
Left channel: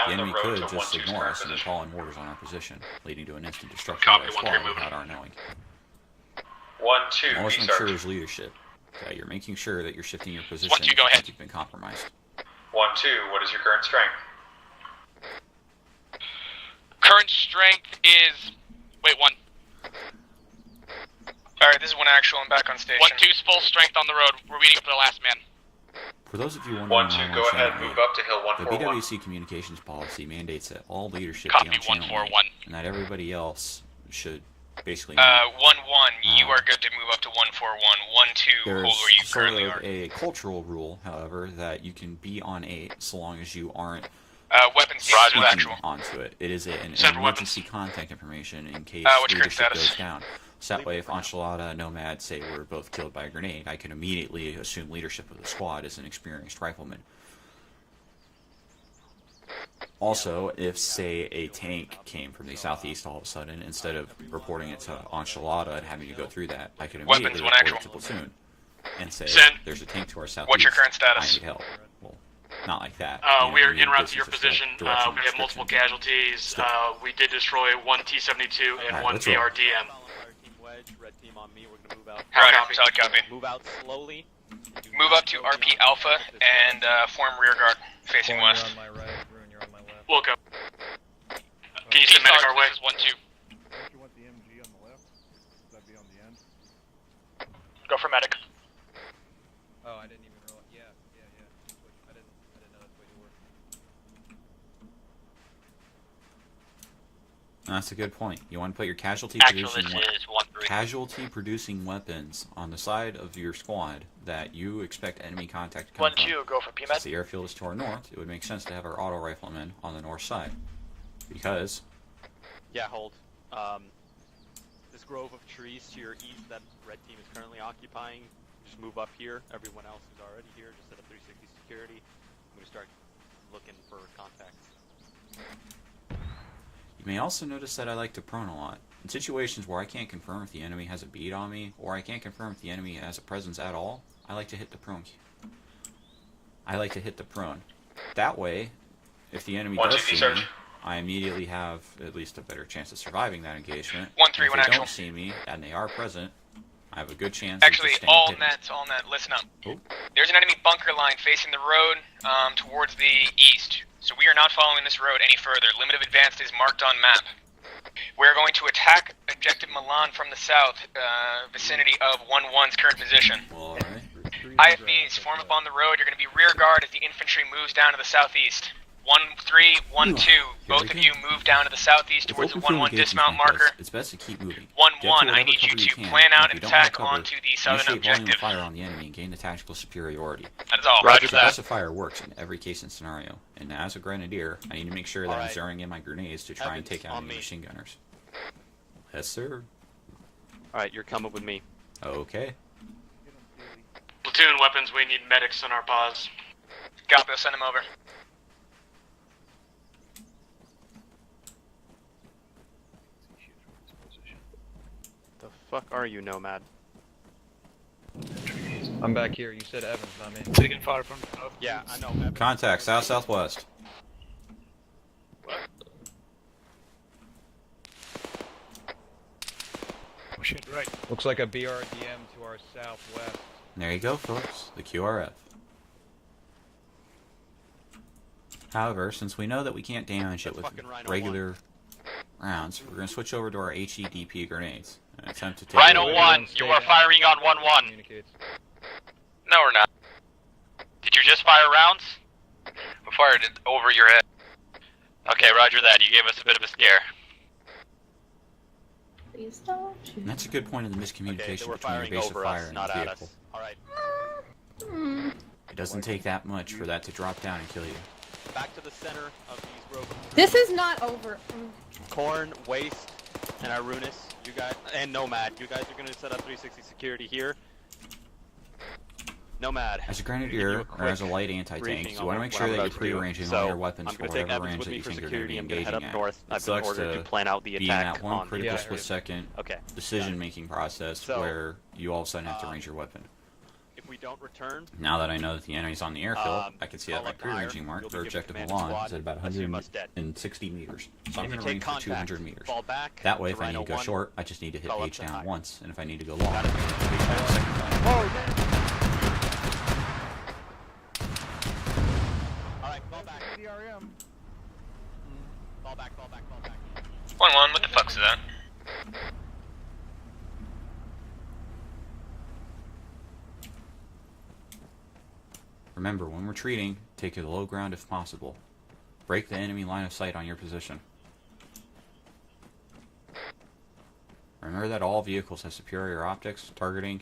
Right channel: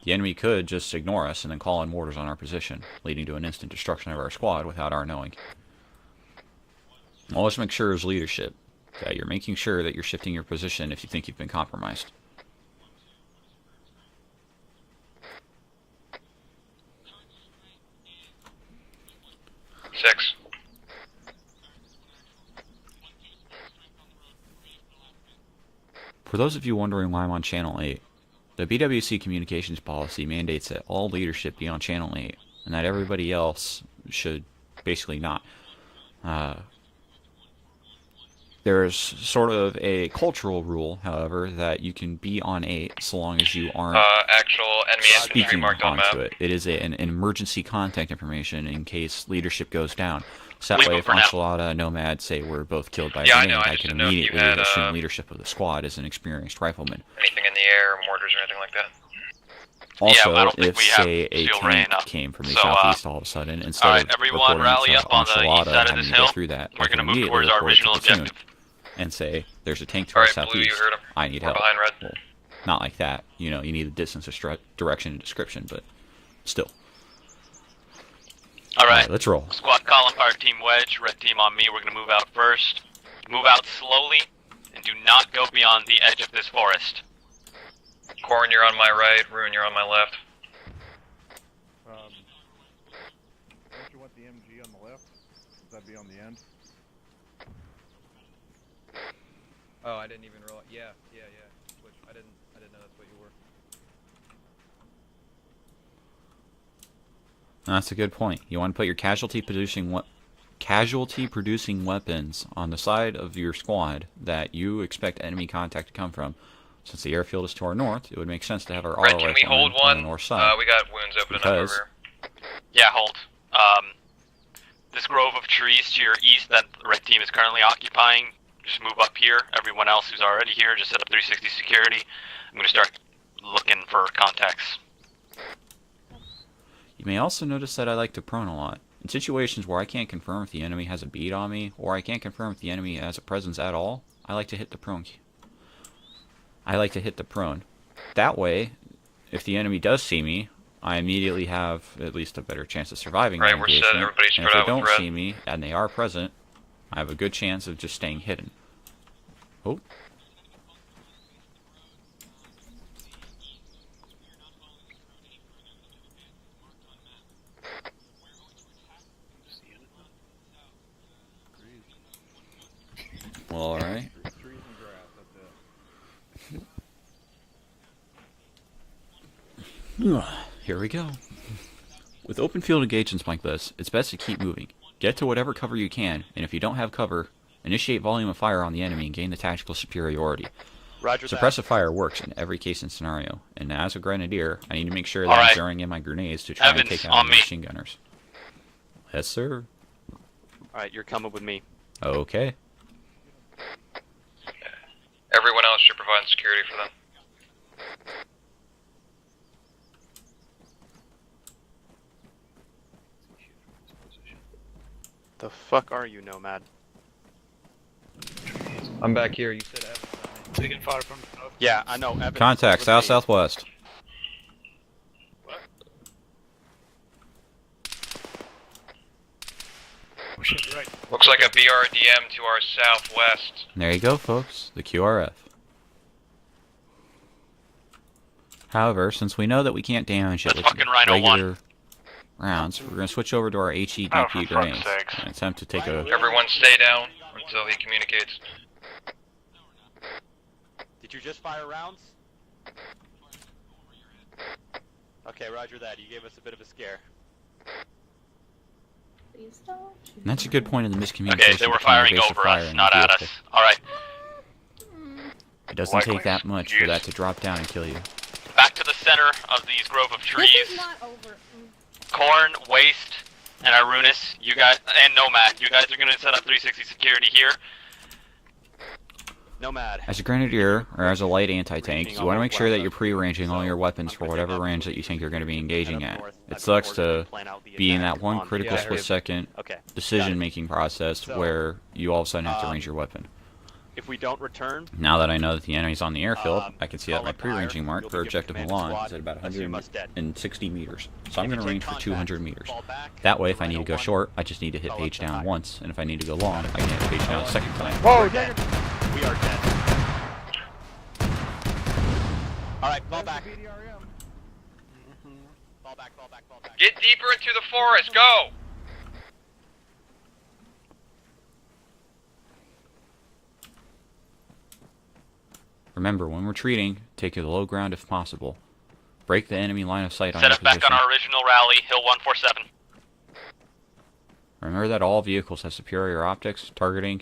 the enemy could just ignore us and then call in mortars on our position, leading to an instant destruction of our squad without our knowing. Always make sure there's leadership, that you're making sure that you're shifting your position if you think you've been compromised. 1-2, what is your current strength? Current strength is... Wait, 1. 6. Alright, this is 1 actual. I'm back on station. 1-2's full strength on the road. We're waiting up for the last man. For those of you wondering why I'm on Channel 8, the BWC communications policy mandates that all leadership be on Channel 8, and that everybody else should basically not. 1-1, you are good to move up to 1-4-1. 1-2, there's sort of a cultural rule, however, that you can be on 8 so long as you aren't speaking onto it. It is an emergency contact information in case leadership goes down. So that way, if Enchilada, Nomad say we're both killed by a grenade, I can immediately assume leadership of the squad as an experienced rifleman. Anything in the air, mortars, or anything like that? Also, if, say, a tank came from the southeast all of a sudden, instead of reporting to Enchilada having to go through that, I can immediately report it to the platoon and say, there's a tank to our southeast, I need help. Well, not like that, you know, you need distance of direction restriction. Casualties. We did destroy 1 T-72. Alright, let's roll. Squad column, fire team wedge, red team on me. We're gonna move out first. Move out slowly, and do not go beyond the edge of this forest. Form rear guard. Corin, you're on my right. Ruin, you're on my left. Look up. Can you send medic our way? 1-2. Don't you want the MG on the left? Would that be on the end? Go for medic. Oh, I didn't even roll it. Yeah. I didn't know that's where you were. That's a good point. You want to put your casualty producing weapons on the side of your squad that you expect enemy contact to come from. Since the airfield is to our north, it would make sense to have our auto riflemen on the north side. We got wounds open because over. Yeah, hold. This grove of trees to your east that the red team is currently occupying, just move up here. Everyone else who's already here, just set up 360 security. I'm going to start looking for contacts. You may also notice that I like to prone a lot. In situations where I can't confirm if the enemy has a bead on me, or I can't confirm if the enemy has a presence at all, I like to hit the prone. That way, if the enemy does see me, I immediately have at least a better chance of surviving the engagement. And if they don't see me, and they are present, I have a good chance of just staying hidden. All net, listen up. Oh. There's an enemy bunker line facing the road towards the east. So we are not following this road any further. Limit of advance is marked on map. We're going to attack objective Milan from the south, vicinity of 1-1's current position. Well, alright. IFBs, form up on the road. You're going to be rear guard as the infantry moves down to the southeast. 1-3, 1-2. Both of you move down to the southeast With towards open the field 1-1 engagements dismount like marker. this, it's best to keep moving. 1-1, Get to whatever I need cover you you to can, plan and out if you an don't have attack cover, onto the southern initiate volume of objective. fire on the enemy and gain the tactical superiority. That is all. Roger that. Suppressive fire works in every case and scenario, and as a grenadier, I need to make sure that I'm zeroing in my grenades to try and take out the machine gunners. Yes, sir. Alright, you're coming with me. Okay. Platoon weapons, we need medics. Everyone else should provide security for them. Got this, send him over. The fuck are you, Nomad? I'm back here. You said Evans on me. Taking fire from... Yeah, I know. Evans. Contact, south-southwest. Right. Looks like a BRDM to our southwest. There you go, folks. The QRF. However, since we know that we can't damage it with regular rounds, we're going to switch over to our HEDP grenades and attempt to take it over. Rhino 1, you are firing on 1-1. Communicates. No, we're not. Did you just fire rounds? We fired it over your head. Okay, roger that. You gave us a bit of a scare. And that's a good point of the miscommunication. Okay, they were firing over us, not at us. Alright. It doesn't take that much for that to drop down and kill you. Back to the center of these grove of trees. This is not over. Corn, Waste, and Arunis, you guys, and Nomad, you guys are going to set up 360 security here. Nomad. As a grenadier or as a light anti-tank, you want to make sure that you're pre-arranging all your weapons for whatever range that you think you're going to be engaging at. It sucks to be in that one critical split-second decision-making process where you all of a sudden have to range your weapon. If we don't return, now that I know that the enemy's on the airfield, I can see that my pre-ranging mark for objective Milan is at about 160 meters. So I'm going to range for 200 meters. That way, if I need to go short, I just need to hit page down once, and if I need to go long, I can hit page down a second time. Alright, fall back. Fall back. Get deeper into the forest, go! Remember, when retreating, take to the low ground if possible. Break the enemy line of sight on your position. Set us back on our original rally, Hill 147. Remember that all vehicles have superior optics, targeting,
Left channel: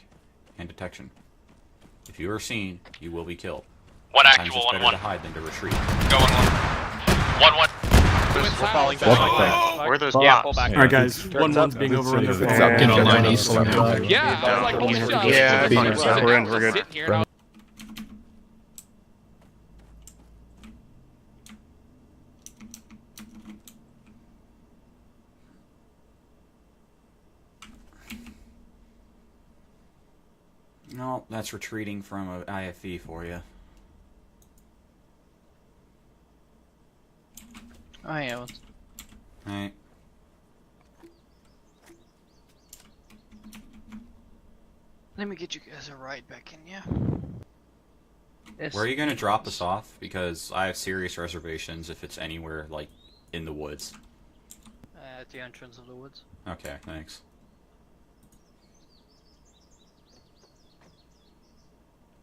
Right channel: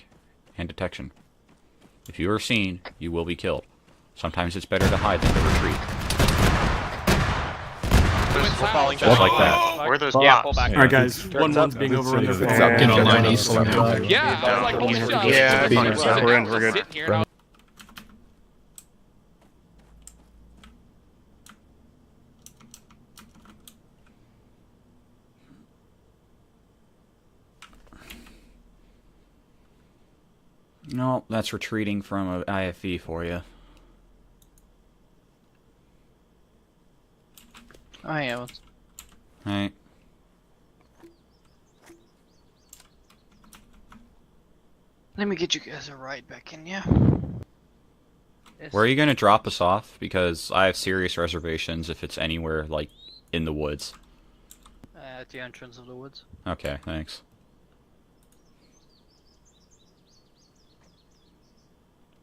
and detection. If you are seen, you will be killed. Sometimes it's better to hide than to retreat. We're falling back. Where are those bops? Alright guys, 1-1's being overrun their phone. Get online east. Yeah, I was like, we're in, we're good. No, that's retreating from an IFV for you. I am. Alright. Let me get you guys a ride back in, yeah? Where are you going to drop us off? Because I have serious reservations if it's anywhere, like, in the woods. At the entrance of the woods. Okay, thanks.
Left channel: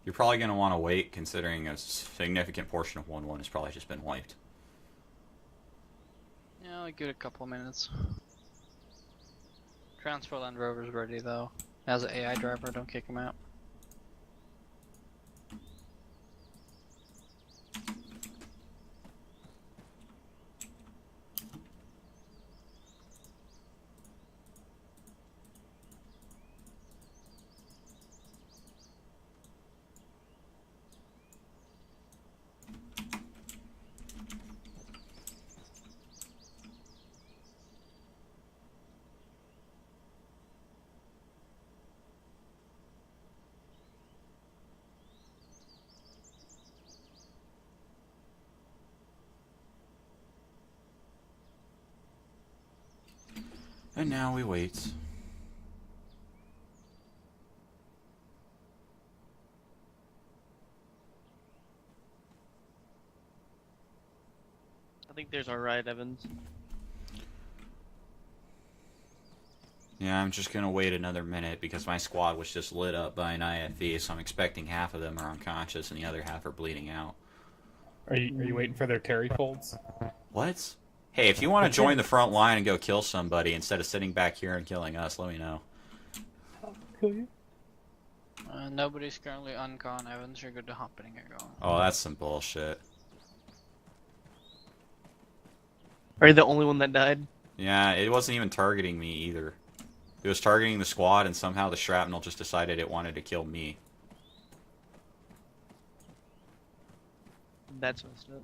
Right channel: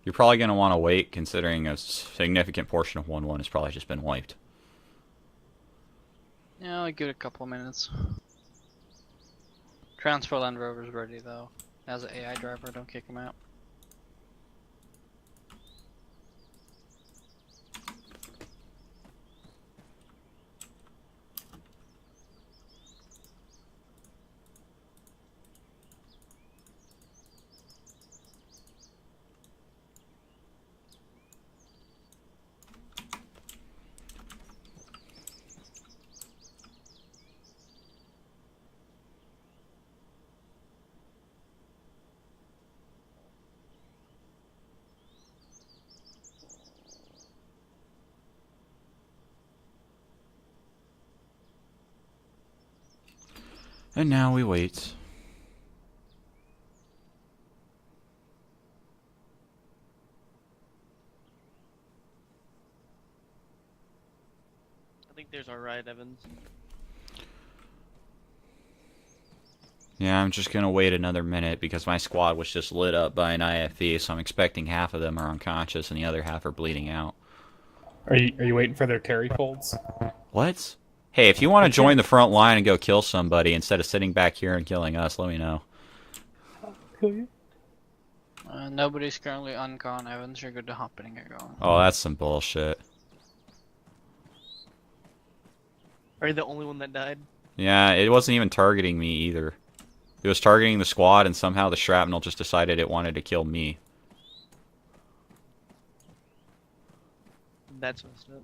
You're probably going to want to wait, considering a significant portion of 1-1 has probably just been wiped. Yeah, I'll give it a couple minutes. Transfer Land Rover's ready though. As an AI driver, don't kick him out. And now we wait. I think there's our ride, Evans. Yeah, I'm just gonna wait another minute because my squad was just lit up by an IFV, so I'm expecting half of them are unconscious and the other half are bleeding out. Are you waiting for their carry folds? What? Hey, if you want to join the front line and go kill somebody instead of sitting back here and killing us, let me know. Nobody's currently uncon, Evans. You're good to hop in and get going. Oh, that's some bullshit. Are you the only one that died? Yeah, it wasn't even targeting me either. It was targeting the squad, and somehow the shrapnel just decided it wanted to kill me. That's messed up.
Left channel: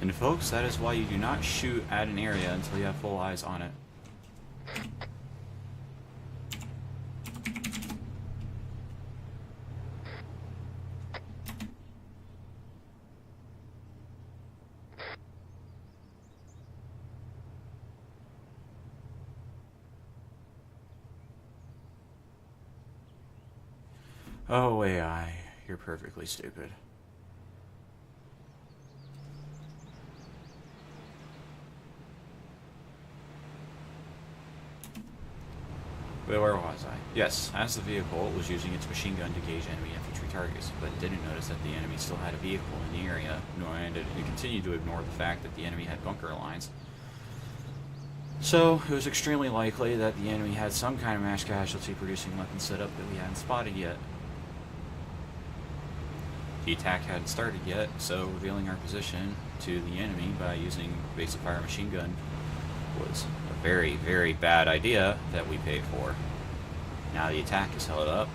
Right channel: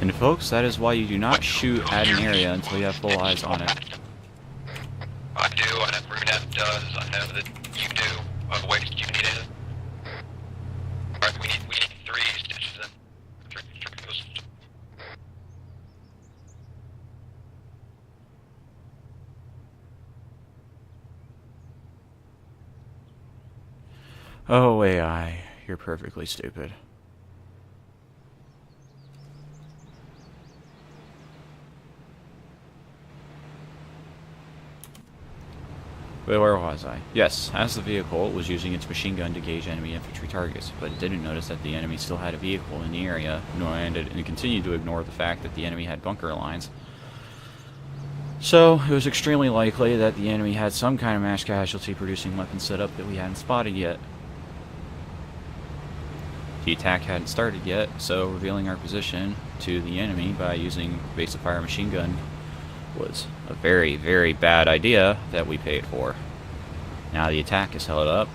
And folks, that is why you do not shoot at an area until you have full eyes on it. I do, I have room at Oh, AI, you're perfectly stupid. But where was I? Yes, as the vehicle, it was using its machine gun to gauge enemy infantry targets, but it didn't notice that the enemy still had a vehicle in the area, and it continued to ignore the fact that the enemy had bunker lines. So, it was extremely likely that the enemy had some kind of mass casualty producing weapon setup that we hadn't spotted yet. The attack hadn't started yet, so revealing our position to the enemy by using basic fire machine gun was a very, very bad idea that we paid for. Now the attack is held up,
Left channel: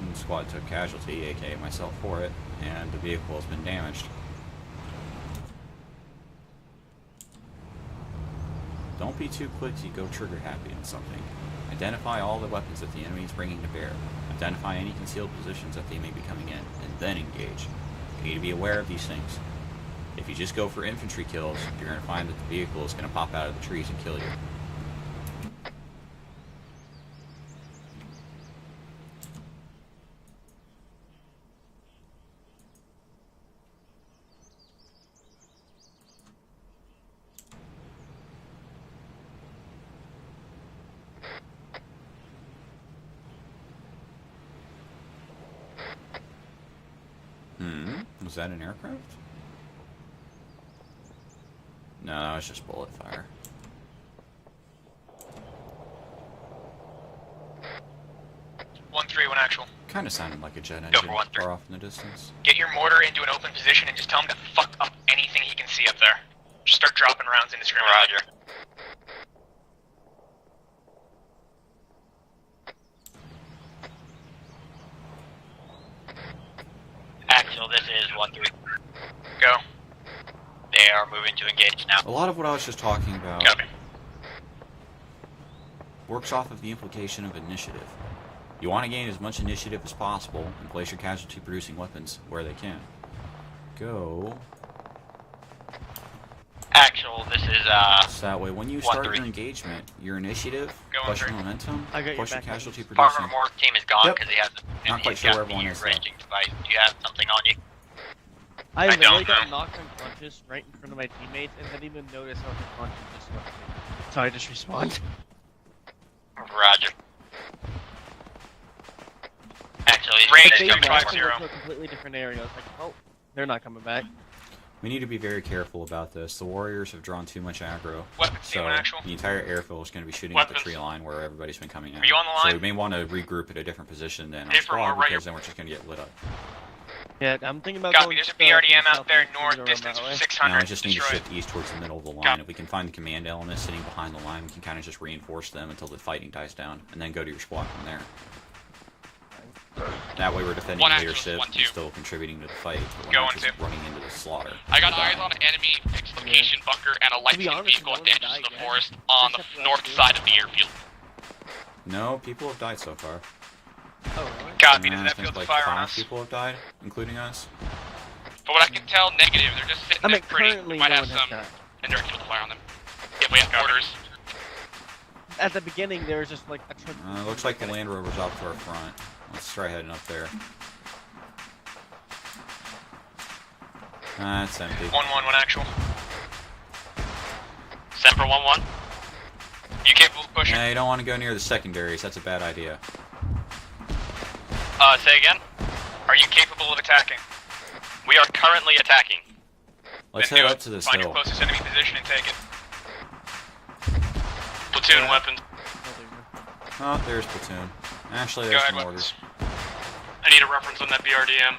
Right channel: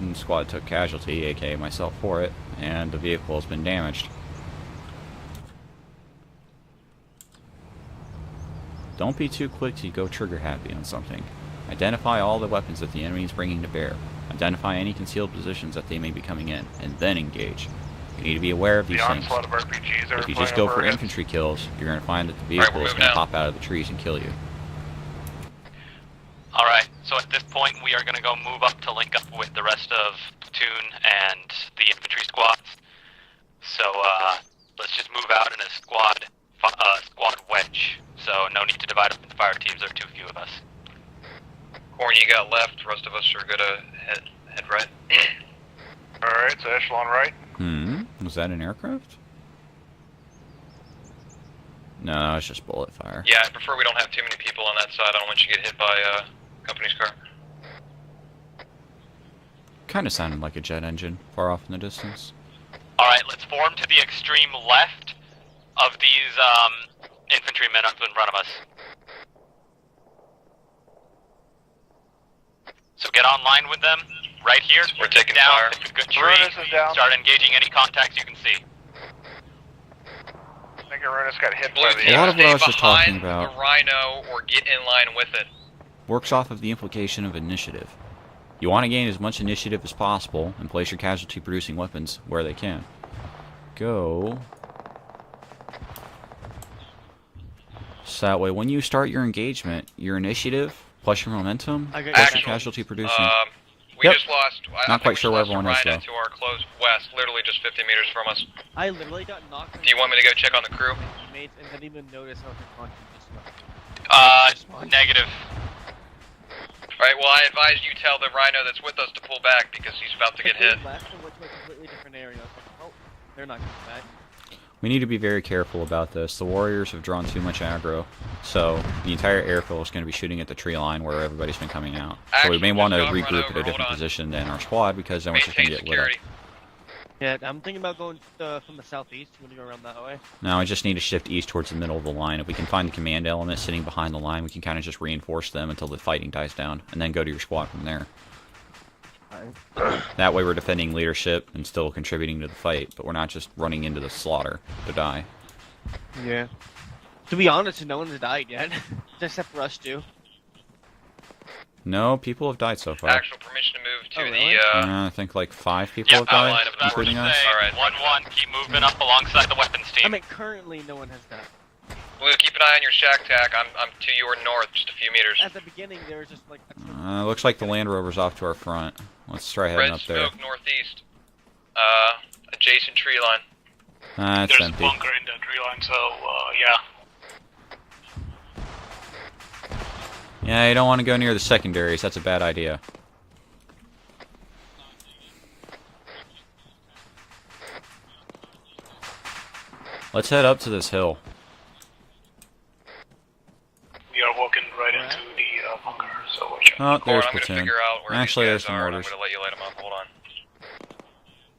and the squad took casualty, aka myself, for it, and the vehicle has been damaged. Don't be too quick to go trigger happy on something. Identify all the weapons that the enemy is bringing to bear. Identify any concealed positions that they may be coming in, and then engage. You need to be aware of these things. If you just go for infantry kills, you're going to find that the vehicle is going to pop out of the trees and kill you. Alright, so at this point we are going to go move up to link up with the rest of platoon and the infantry squads. So let's just move out in a squad wedge. So no need to divide up into fire teams, there are too few of us. Corn, you got left, the rest of us are going to head right. Alright, so echelon right. Was that an aircraft? No, it's just bullet fire. Yeah, I prefer we don't have too many people on that side. I don't want you to get hit by company's car. 1-3, 1 actual. Kind of sounded like a jet engine far off in the distance. Get your mortar into an open position and tell me left anything he can see up there. These start dropping rounds. infantrymen are in front of us. So get online with them, right here. We're taking down, fire. It's a good tree. Start engaging any contacts you can see. Go. A lot of what I was just talking about Rhino or get in line with it. works off of the implication of initiative. You want to gain as much initiative as possible and place your casualty producing weapons where they can. Go. Actual, this is So that way when you start your engagement, your initiative plus your momentum plus your casualty producing. team is gone. Yep. Not quite sure where everyone is though. You are close west, literally just 50 meters from us. I don't really know. got knocked on Do you want me to go check on the crew? my teammates and didn't even notice how the constant Negative. Roger. Alright, well I advise you tell the Rhino that's with us to pull back because range is 750. a completely different area. I was like, oh, they're not coming back. We need to be very careful about this. The Warriors have drawn too much aggro, so the entire airfield is going to be shooting at the tree line where everybody's been coming out. So we may want to regroup at a different position than our squad because then we're just going to get lit up. Yeah, I'm thinking about going there's a BRDM out there north, distance 600. Now I just need to shift east towards the middle of the line. If we can find the command element sitting behind the line, we can kind of just reinforce them until the fighting dies down, and then go to your squad from there. That way we're defending leadership and still contributing to the fight, but we're not just running into the slaughter I got to eyes die. on an enemy exfiltration bunker and a light To be honest, vehicle no one's damaged died to the yet. forest on Except the for us north two. side of the airfield. No, people have died so far. Actual permission to move to I think like 5 people have died, including us. Alright. 1-1, keep moving up alongside the weapon I station. mean, currently no one has that. Blue, keep an eye on your shack attack up to your north, just a few meters. At the beginning, there was just like a Looks like the Land Rover's off to our front. Let's try heading Red up there. smoke northeast. Adjacent tree line. It's empty. 1-1 actual, so yeah. Set for 1-1. You capable of pushing? Yeah, you don't want to go near the secondaries. That's a bad idea. Say again? Are you capable of attacking? We are currently attacking. Let's head up to this Find hill. your closest enemy position and take it. Yeah, walking Platoon weapon. Oh, there's I'm gonna platoon. figure out where Actually, you there's go. some I'm orders. gonna let you light them up. Hold on. I need a reference on that BRDM.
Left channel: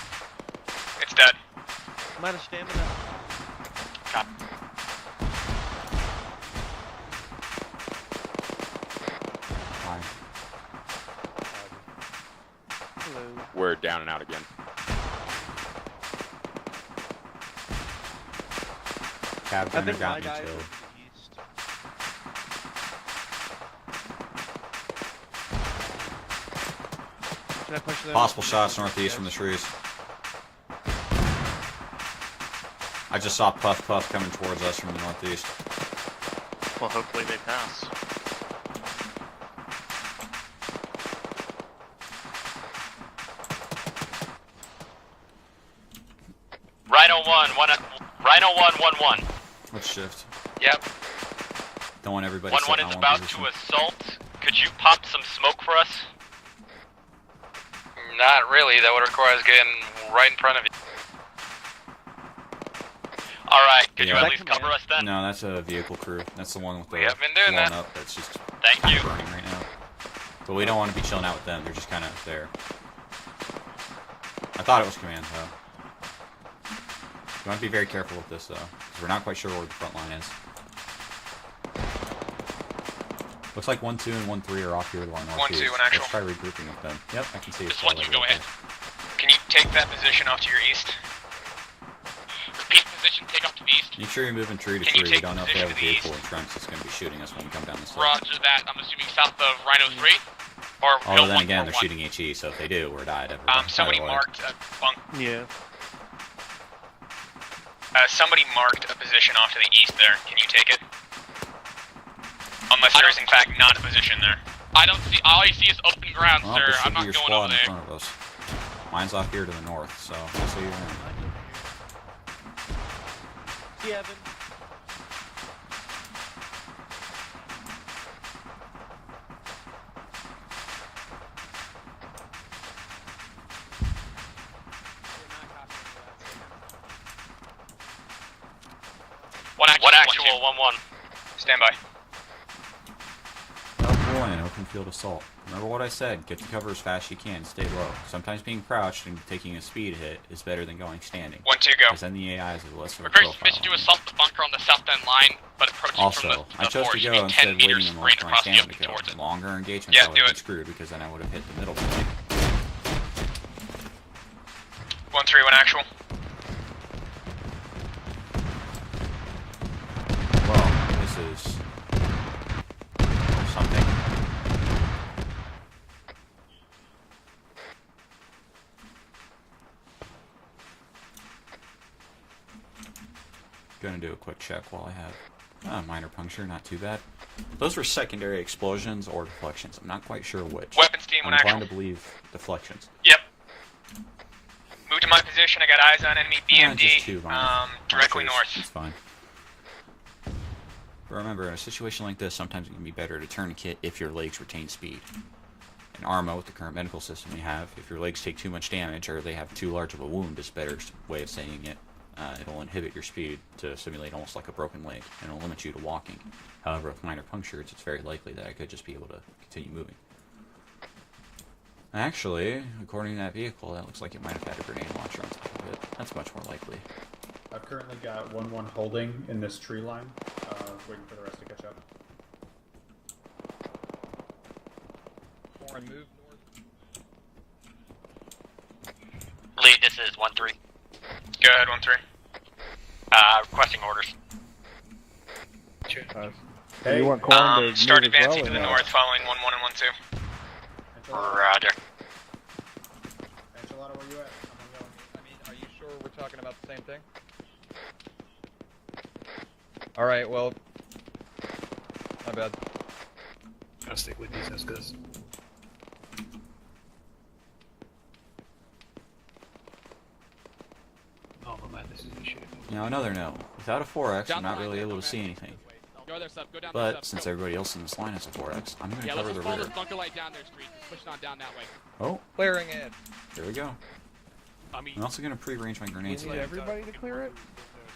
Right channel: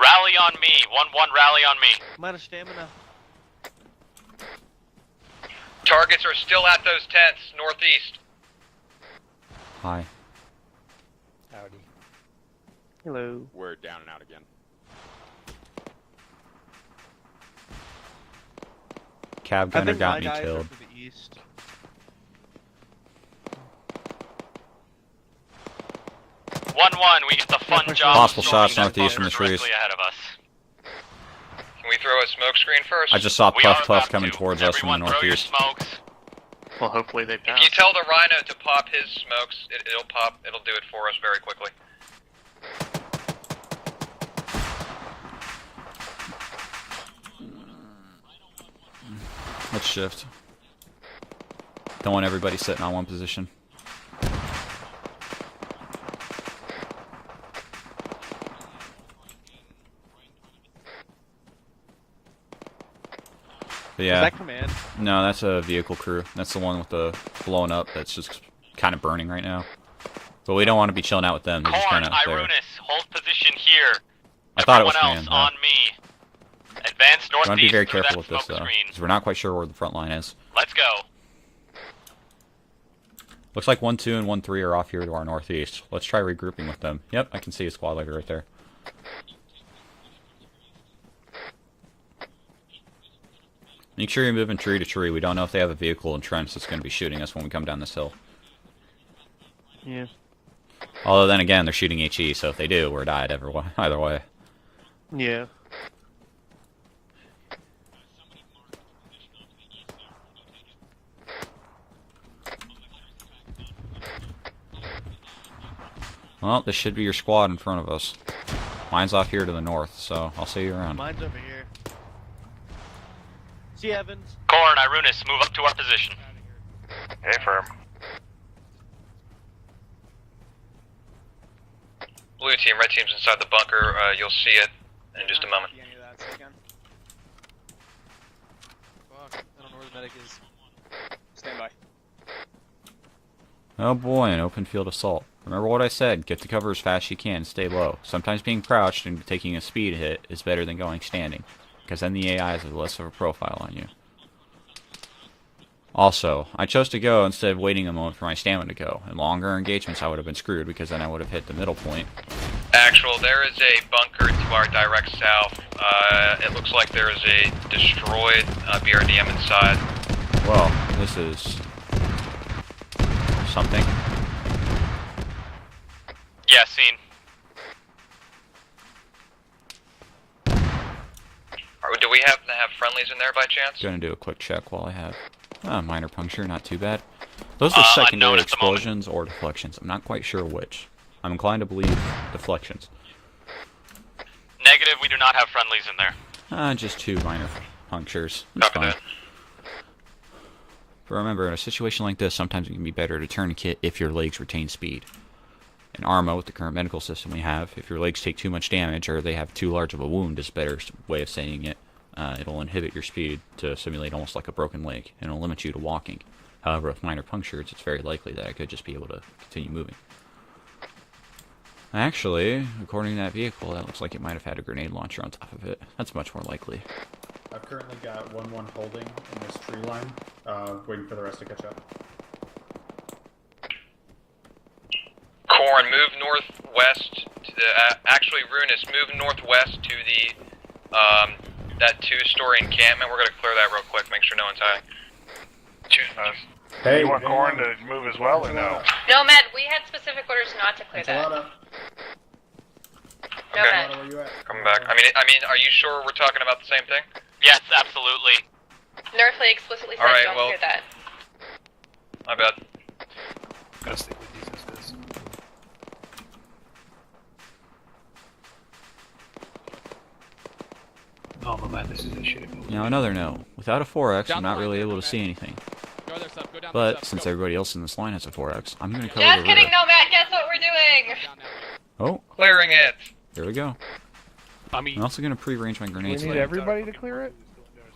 Rally on me. 1-1, rally on me. I'm out of stamina. Targets are still at those tents, northeast. Hi. Hello. We're down and out again. Cab gunner got me killed. 1-1, we get the fun job. Possible shots northeast from the trees. Ahead of us. Can we throw a smoke screen first? I just saw Puff Puff coming towards us from the northeast. Well, hopefully they If pass. you tell the Rhino to pop his smokes, it'll pop. It'll do it for us very quickly. Rhino 1-1-1. Let's shift. Yep. Don't want everybody 1-1 sitting is on one about position. to assault. Could you pop some smoke for us? Not really. That would require us getting right in front of you. Alright, could Yeah. you at least cover us then? No, that's a vehicle crew. That's the one with the blown up. That's just kind of burning right now. But we don't want to be chilling out with them. They're just kind of there. Irunis, hold position here. I thought it was Everyone command. else on me. Advance We want to be northeast very through careful that with this smoke though, screen. because we're not quite sure where the front line is. Let's go. Looks like 1-2 and 1-3 are off here to our 1-2 northeast. in actual. Let's try regrouping with them. Yep, I can see a squad leader right there. Can you take that position off to your east? Repeat position, take off to the east. Make sure you're moving tree to Can you tree. We take don't know if they have a position to the vehicle in trench that's going to be shooting us when we come down this hill. Roger that. I'm assuming south of Rhino 3. Or Although no, then 1-1-1. again, they're shooting HE, so if they do, we're died everywhere. Somebody Either way. marked a bunk. Yeah. Somebody marked a position off to the east there. Can you take it? Unless there is in fact not a position there. I don't see. All I see is open ground, Well, sir. this should I'm be not your going squad over in there. front of us. Mine's off here to the north, so I'll see you around. Mine's over here. See Evan. Corn, Irunis, move up to our position. Hey, firm. Blue team, red team's inside the bunker. You'll see it in just a moment. One actual, 1-1. Stand by. Oh boy, an open field assault. Remember what I said, get to cover as fast as you can, stay low. Sometimes being crouched and taking a speed hit is better than going standing. 1-2 go. Because then the AI has less of a First profile mission to on you. assault the bunker on the south end line, but approaching Also, from I the chose to north, go you need instead 10 of waiting meters a moment for my straight stamina to across go. the In longer engagements, Yeah, I would do have been it. screwed because then I would have hit the middle point. Actual, there is a bunker to our direct 1-3, south. 1 actual. It looks like there is a destroyed BRDM inside. Well, this is something. Yeah, seen. Do we happen to have friendlies in there by chance? Gonna do a quick check while I have minor puncture, not too bad. Those are Unknown secondary at the moment. explosions or deflections. I'm not quite sure which. Weapons team I'm on inclined to believe deflections. Yep. Negative, we do my not have position. I got friendlies eyes in on there. enemy BMD. Just two minor Directly punctures. north. It's fine. But remember, in a situation like this, sometimes it can be better to tourniquet if your legs retain speed. In Arma, with the current medical system we have, if your legs take too much damage or they have too large of a wound, is a better way of saying it. It'll inhibit your speed to simulate almost like a broken leg, and it'll limit you to walking. However, with minor punctures, it's very likely that I could just be able to continue moving. Actually, according to that vehicle, that looks like it might have had a grenade launcher on top of it. That's much more likely. I've currently got 1-1 holding in this tree line, waiting for the rest to catch up. Corn, move northwest. To the, actually, Ruinous, move northwest Lead to distance, the 1-3. Go ahead, 1-3. that two-story encampment. We're gonna clear that real quick. Make sure no one's hiding. Hey, you want Corn to Start move as advancing well, to the or north. Following No, Matt, 1 we and have 1-2. specific orders not to clear that. Roger. No, Matt. Coming back. I mean, are you sure we're talking about the same thing? Yes, absolutely. Northley explicitly said Alright, don't well- clear that. My bad. Gotta stick with these, because oh my man, this is a shit. Now another note. Without a 4X, I'm not really able to see anything. Go there, Sub. Go down But there, Sub. since Go. everybody else in this line has a 4X, I'm gonna cover Just the kidding, rear. no, Matt, guess what we're doing? Down that way. Oh, Clearing it. here we go. I mean, I'm also gonna pre-arrange my You grenades need later. everybody to clear it?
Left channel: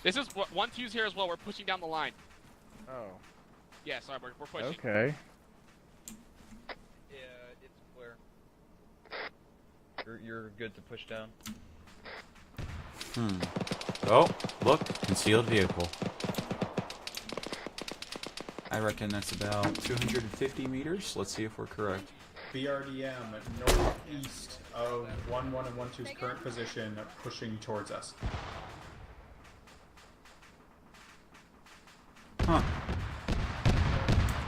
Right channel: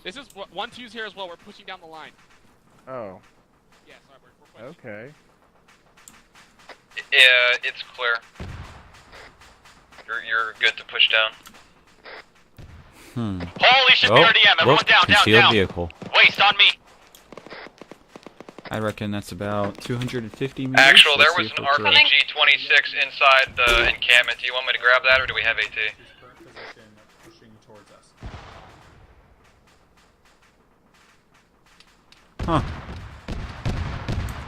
This is 1-2's here as well. We're pushing down the line. Oh, Yeah, sorry, we're pushing. okay. Yeah, it's clear. You're good to push down. Holy shit, Oh, BRDM, everyone look, down, concealed down. vehicle. Waist on me. I reckon that's about 250 meters. Actual, there Let's see was if an we're correct. RPG-26 inside the encampment. Do you want me to grab that, or do we have AT? His current position pushing towards us. Huh.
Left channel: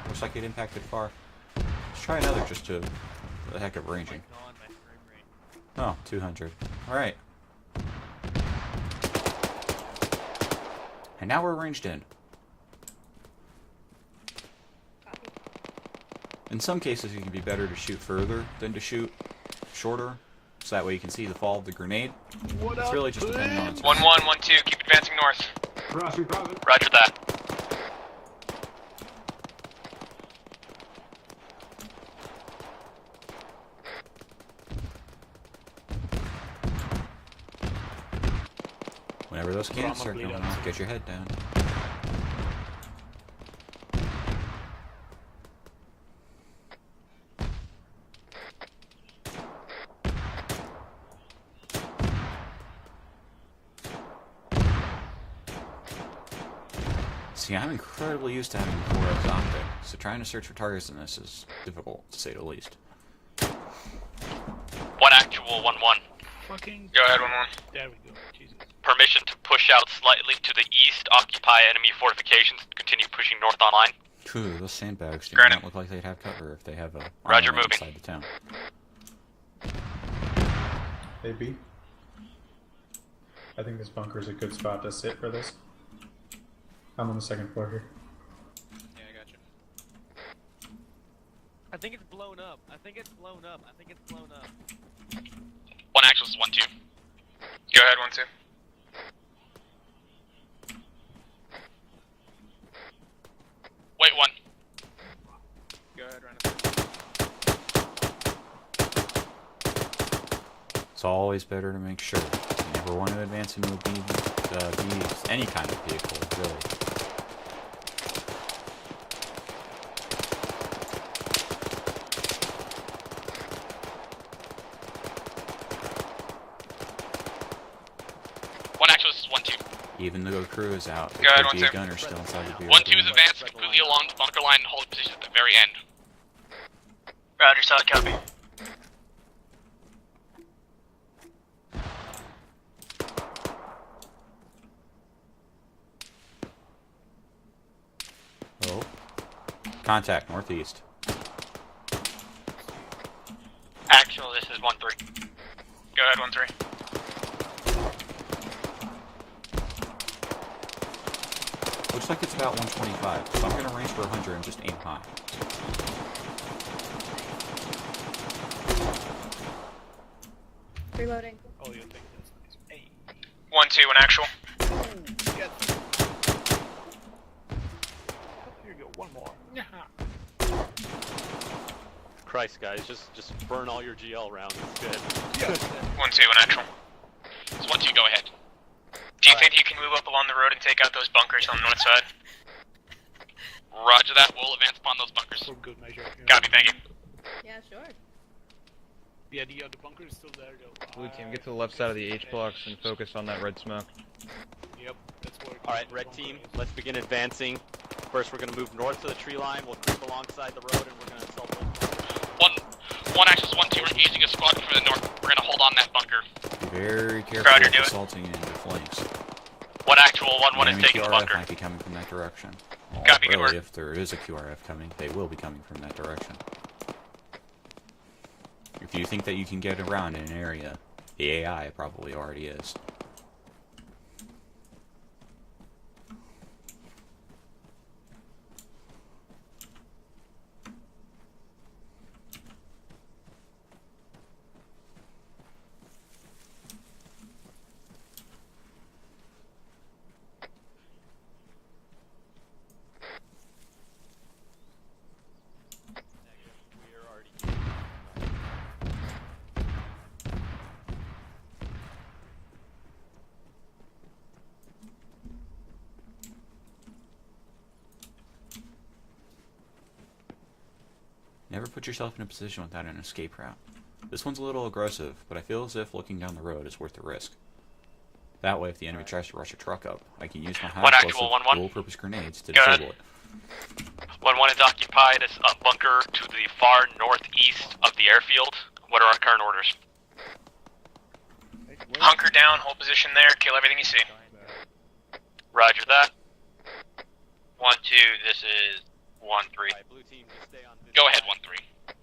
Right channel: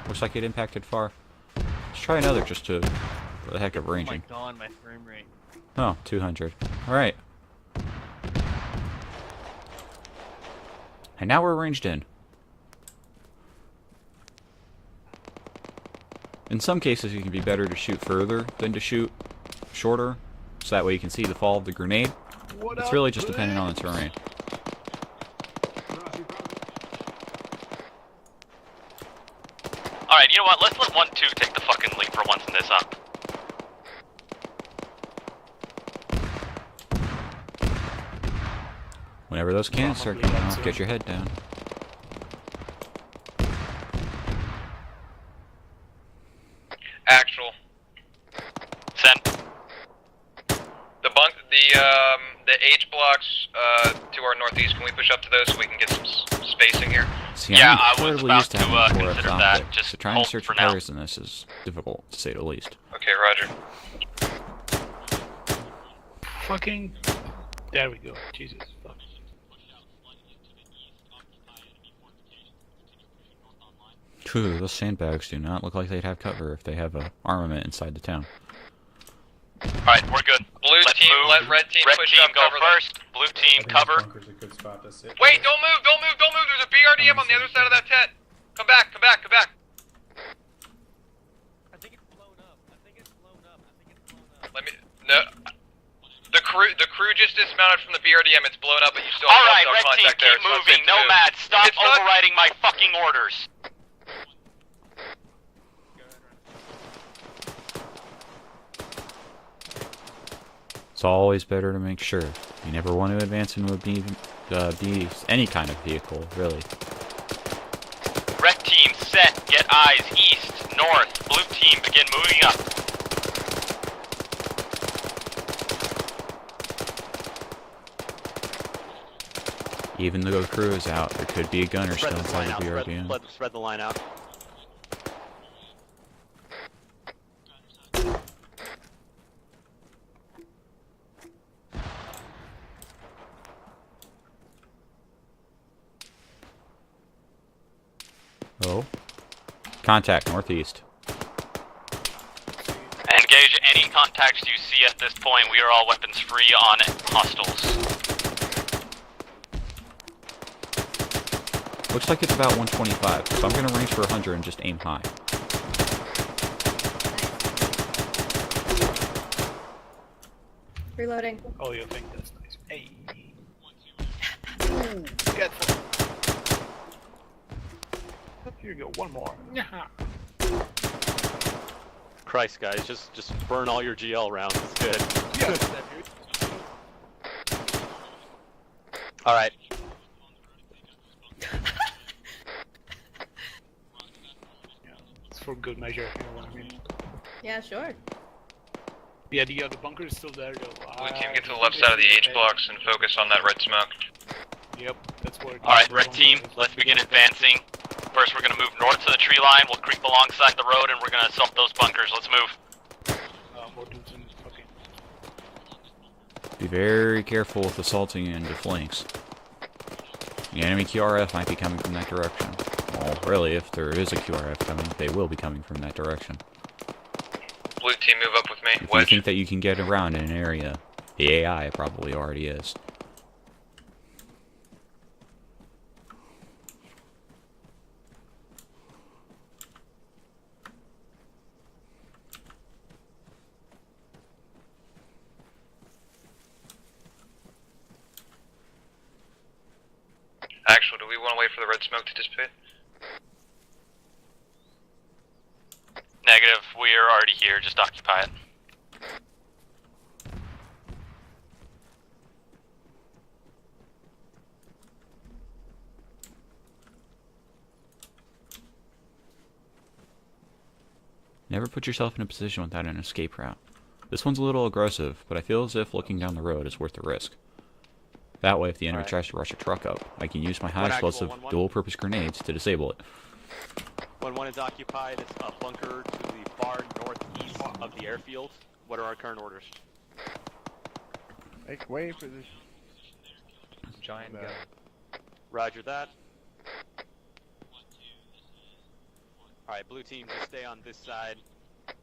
Looks like it impacted far. Let's try another just to, for the heck of ranging. Oh my god, my frame rate. Oh, 200. Alright. And now we're ranged in. In some cases, it can be better to shoot further than to shoot shorter, so that way you can see the fall of the grenade. It's really just depending on the terrain. 1-1, 1-2, keep advancing north. Roger that. Alright, you know what? Let's let 1-2 take the fucking lead for once in this, huh? Whenever those cannons start coming off, get your head down. Actual. Send. The H blocks to our northeast, can we push up to those so we can get some spacing here? See, I'm incredibly used to having 4F optics, so trying to search for targets in this is difficult, to say the least. Okay, roger. 1 actual, 1-1. Fucking. Go ahead, 1-1. There we go. Jesus. Permission to push out slightly to the east, occupy enemy fortifications, continue pushing north on line. Phew, those sandbags do not look like they'd have cover if they have a armament inside the town. Alright, we're good. Blue team, let red team push up, go cover first. Blue team, cover. Bunker's a good spot to sit. Wait, don't move, don't move, don't move. There's a BRDM on the other side of that tent. Come back, come back, come back. I think it's blown up. I think it's blown up. Let me, no. One actual. The crew just dismounted from the BRDM. It's blown up, but you still have Alright, cell red team, contact there. keep moving. Nomad, stop overriding my fucking orders. Wait, 1. It's always better to make sure. You never want to advance into any kind of vehicle, really. Red team set, get eyes east, north. Blue team begin moving up. One actual, this is 1-2. Even though the crew is out, there could be a gunner still inside the BRDM. 1-2 is advanced, moving along the bunker line and hold position at the very end. Roger, solid copy. Oh. Contact northeast. Engage any contacts you see at this point. We are all weapons free on hostiles. Looks like it's about 125, so I'm gonna range for 100 and just aim high. Reloading. Oh, you think that's nice. Hey. 1-2, an actual. Ooh, get them. Here you go, one more. Christ, guys, just burn all your GL rounds. It's good. 1-2, an actual. It's 1-2, go ahead. Do you think you can move up along the road and take out those bunkers on the north side? Roger that, we'll advance upon those bunkers. For good measure. Copy, thank you. Yeah, sure. Yeah, the bunker is still there, though. Blue team, get to the left side of the H blocks and focus on that red smoke. Yep, that's where. Alright, red team, let's begin advancing. First, we're going to move north to the tree line. We'll creep alongside the road, and we're going to assault those bunkers. Let's move. One access, 1-2, we're using a squad from the north. We're going to hold on that bunker. Be very careful with assaulting into flanks. One actual, 1-1 Enemy is taking QRF bunker. might be coming from that direction. Well, really, if there is a QRF coming, they will be coming from that direction. Blue team, move up with me. If you think that you can get around in an area, the AI probably already is. Actual, do we want to wait for the red smoke to dissipate? Negative, we are already here, just occupy it. Never put yourself in a position without an escape route. This one's a little aggressive, but I feel as if looking down the road is worth the risk. That way, if the enemy tries to rush a truck up, I can use my high explosive dual-purpose grenades to disable it. 1-1 is occupied. It's a bunker to the far northeast of the airfield. What are our current orders? Hunker down, hold position there, kill everything you see. Roger that. 1-2, this is 1-3. Alright, blue team, just stay on this Go ahead, side. 1-3.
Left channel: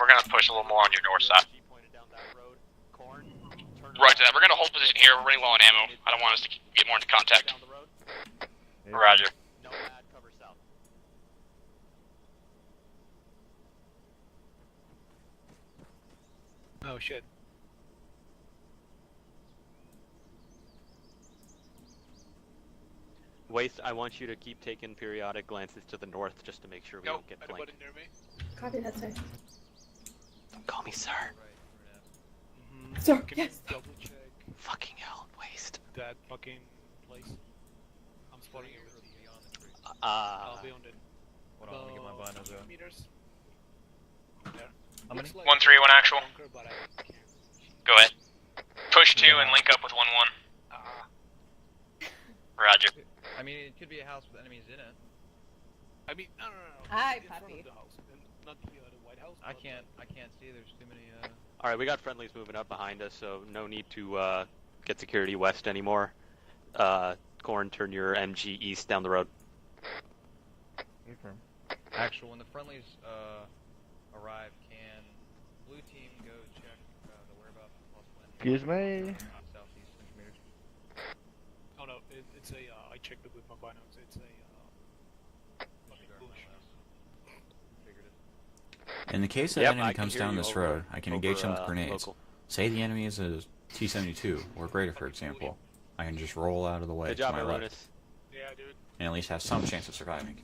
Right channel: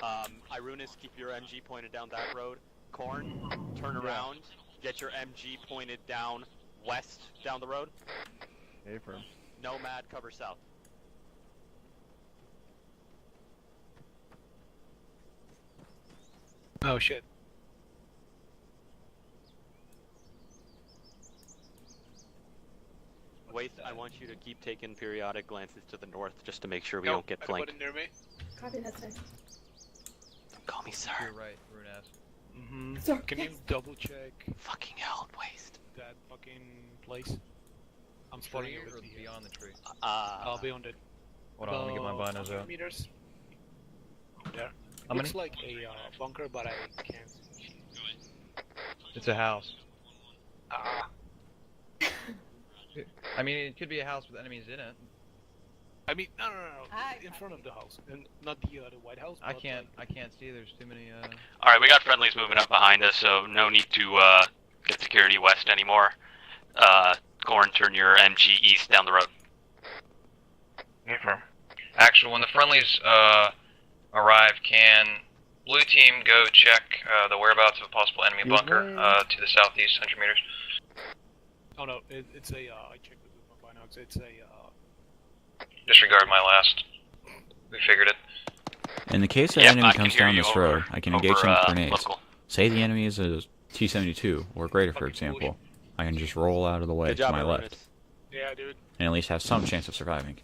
We're gonna push a little more on your north side. Pointed down that road. Corn, turn Roger that. around. We're gonna hold position here. We're running low on ammo. I don't want us to get more into contact. Down the road. Roger. Nomad, cover south. Oh shit. Waste, I want you to keep taking periodic glances to the north just to make sure we don't get flanked. Near me. Copy that, sir. Don't call me sir. Sir, Can you double check Fucking hell, Waste. that fucking place? I'm spotting Tree it or with the, beyond the tree? I'll be on it. Hold on, let me get my binos out. Meters. There. How many? Looks like 1-3, 1 actual. bunker, but I can't. Go ahead. Push 2 Okay. and link up with 1-1. Roger. I mean, it could be a house with enemies in it. I mean, no. Hi, in front puppy. of the house, and not the White House. I but, can't see. There's too many. Alright, we got friendlies moving up behind us, so no need to get security west anymore. Corn, turn your MG east down the road. Confirm. Actual, when the friendlies arrive, can blue team go check the whereabouts of a possible enemy bunker to the southeast 100 meters? Oh no, it's a. I checked it with my binocs. It's a. Disregard my last. We figured it. In the case that Yep, enemy I can comes hear down you this over- road, I can engage him over, with grenades. local. Say the enemy is a T-72 or greater, for example. I can just roll out of the way Good to job, my Aaron. left, Yeah, dude. and at least have some chance of surviving.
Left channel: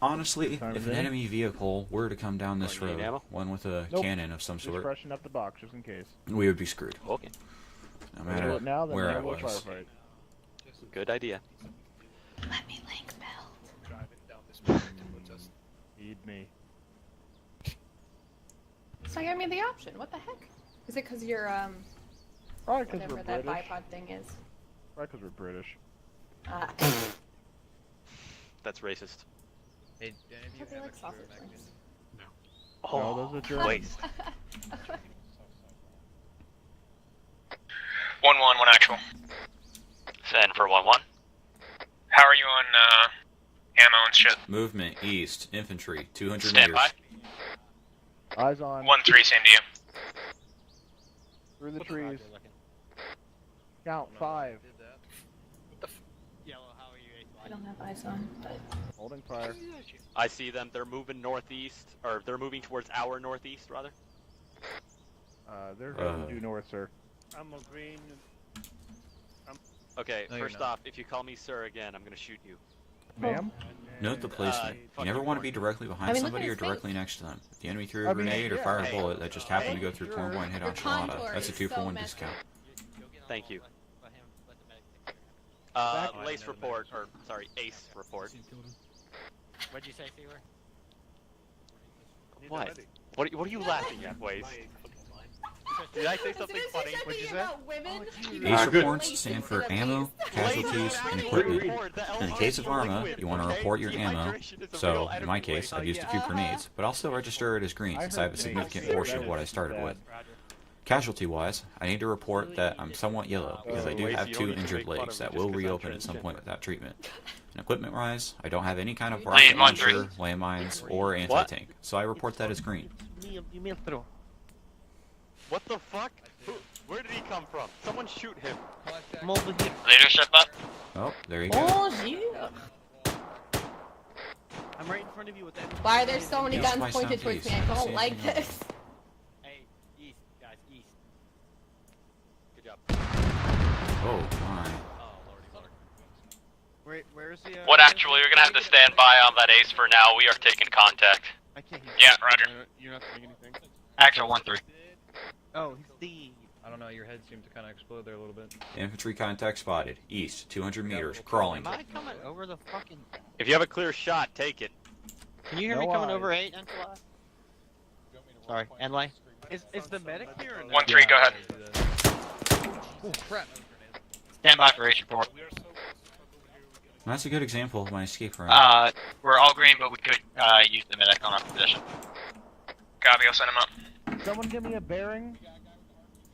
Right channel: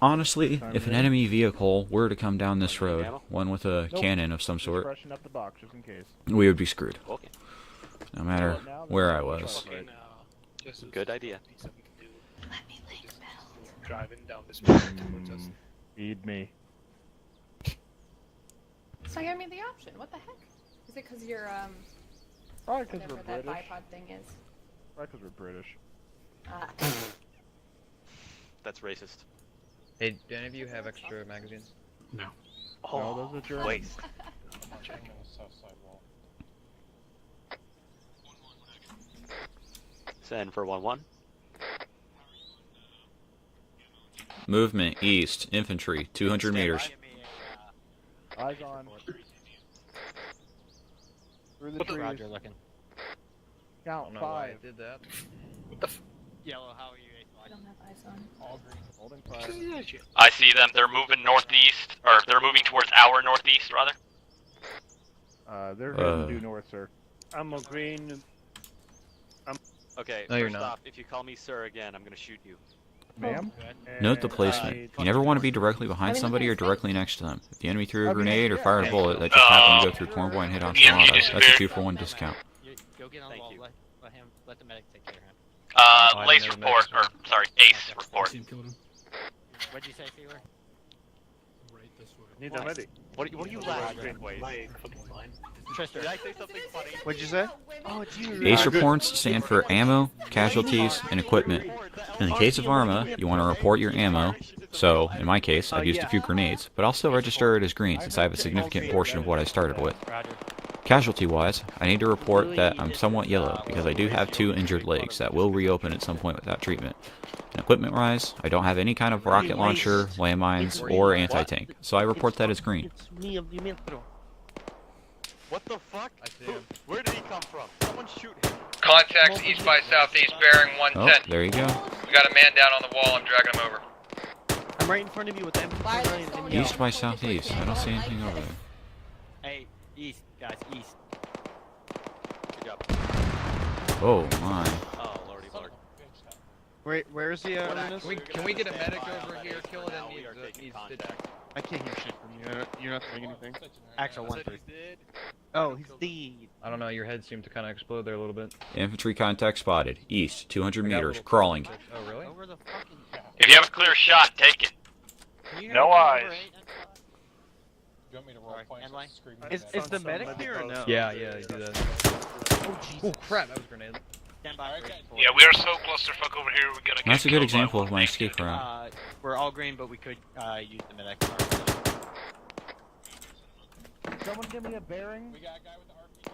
Honestly, if an enemy vehicle were to come down this road, one with a cannon of some Just sort, freshen up the box just in case. we would be screwed. Okay. No matter where I was. Good idea. Driving down this road towards us. Feed me. So give me the option. What the heck? Is it because you're Probably because we're whatever that British. bipod thing is? Probably because we're British. That's racist. Hey, do any of you have extra magazines? No. No, those are German. Wait. 1-1, 1 actual. Send for 1-1. How are you on ammo and shit? Movement east, infantry, 200 Stand meters. by. Eyes on. 1-3, same to you. Through the trees. Count I don't know why I 5. did that. Yellow, how are you? I don't have eyes on. Holding 5. I see them. They're moving northeast, or they're moving towards our northeast, rather. They're heading due north, sir. I'm a green. Okay, No, you're first not. off, if you call me sir again, I'm gonna shoot you. Ma'am? Note the placement. You never want to be directly behind somebody or directly next to them. If the enemy threw a grenade or fired a bullet that just happened to go through corn boy and hit enchiladas, that's a 2-for-1 discount. Thank you. Let the medic take care of him. Lace report, or sorry, Ace report. What'd you say, Fever? What? What are you laughing at, Waze? Did I say something funny? What'd you say? Oh, geez. ACE reports stand for ammo, casualties, and equipment. In the case of ARMA, you want to report your ammo, so in my case, I've used a few grenades, but I'll still register it as green since I have a significant portion of what I started with. Casualty-wise, I need to report that I'm somewhat yellow because I do have 2 injured legs that will reopen at some point without treatment. And equipment-wise, I don't have any kind of rocket launcher, landmines, or anti-tank, so I report that as green. What the fuck? Where did he come from? Someone shoot him. Contact east by southeast bearing 110. Oh, there you go. Got a man down on the wall. I'm dragging him over. I'm right in front of you with them. Why there's so many East by guns pointed towards southeast. me? I don't I see don't anything like over this. Hey, east, guys, east. Good job. Oh my. Oh, lordy lord. Where's the? What actually, you're gonna have to stand by on that Ace for now. We are taking contact. I can't hear. Yeah, Roger. You're not saying anything. Actual 1-3. Oh, he's dead. I don't know. Your head seemed to kind of explode there a little bit. Infantry contact spotted. East, 200 meters, crawling. Oh really? Over the fucking. If you have a clear shot, take it. Can you hear No me come eyes. over 8 and Sorry, end line. Is the medic here or no? 1-3, go ahead. Oh crap! That was a grenade. Stand by for Ace report. Yeah, we are so clusterfuck over here. We're gonna. That's a good example of my escape route. We're all green, but we could use the medic on our position. Copy, I'll send him up. Someone give me a bearing.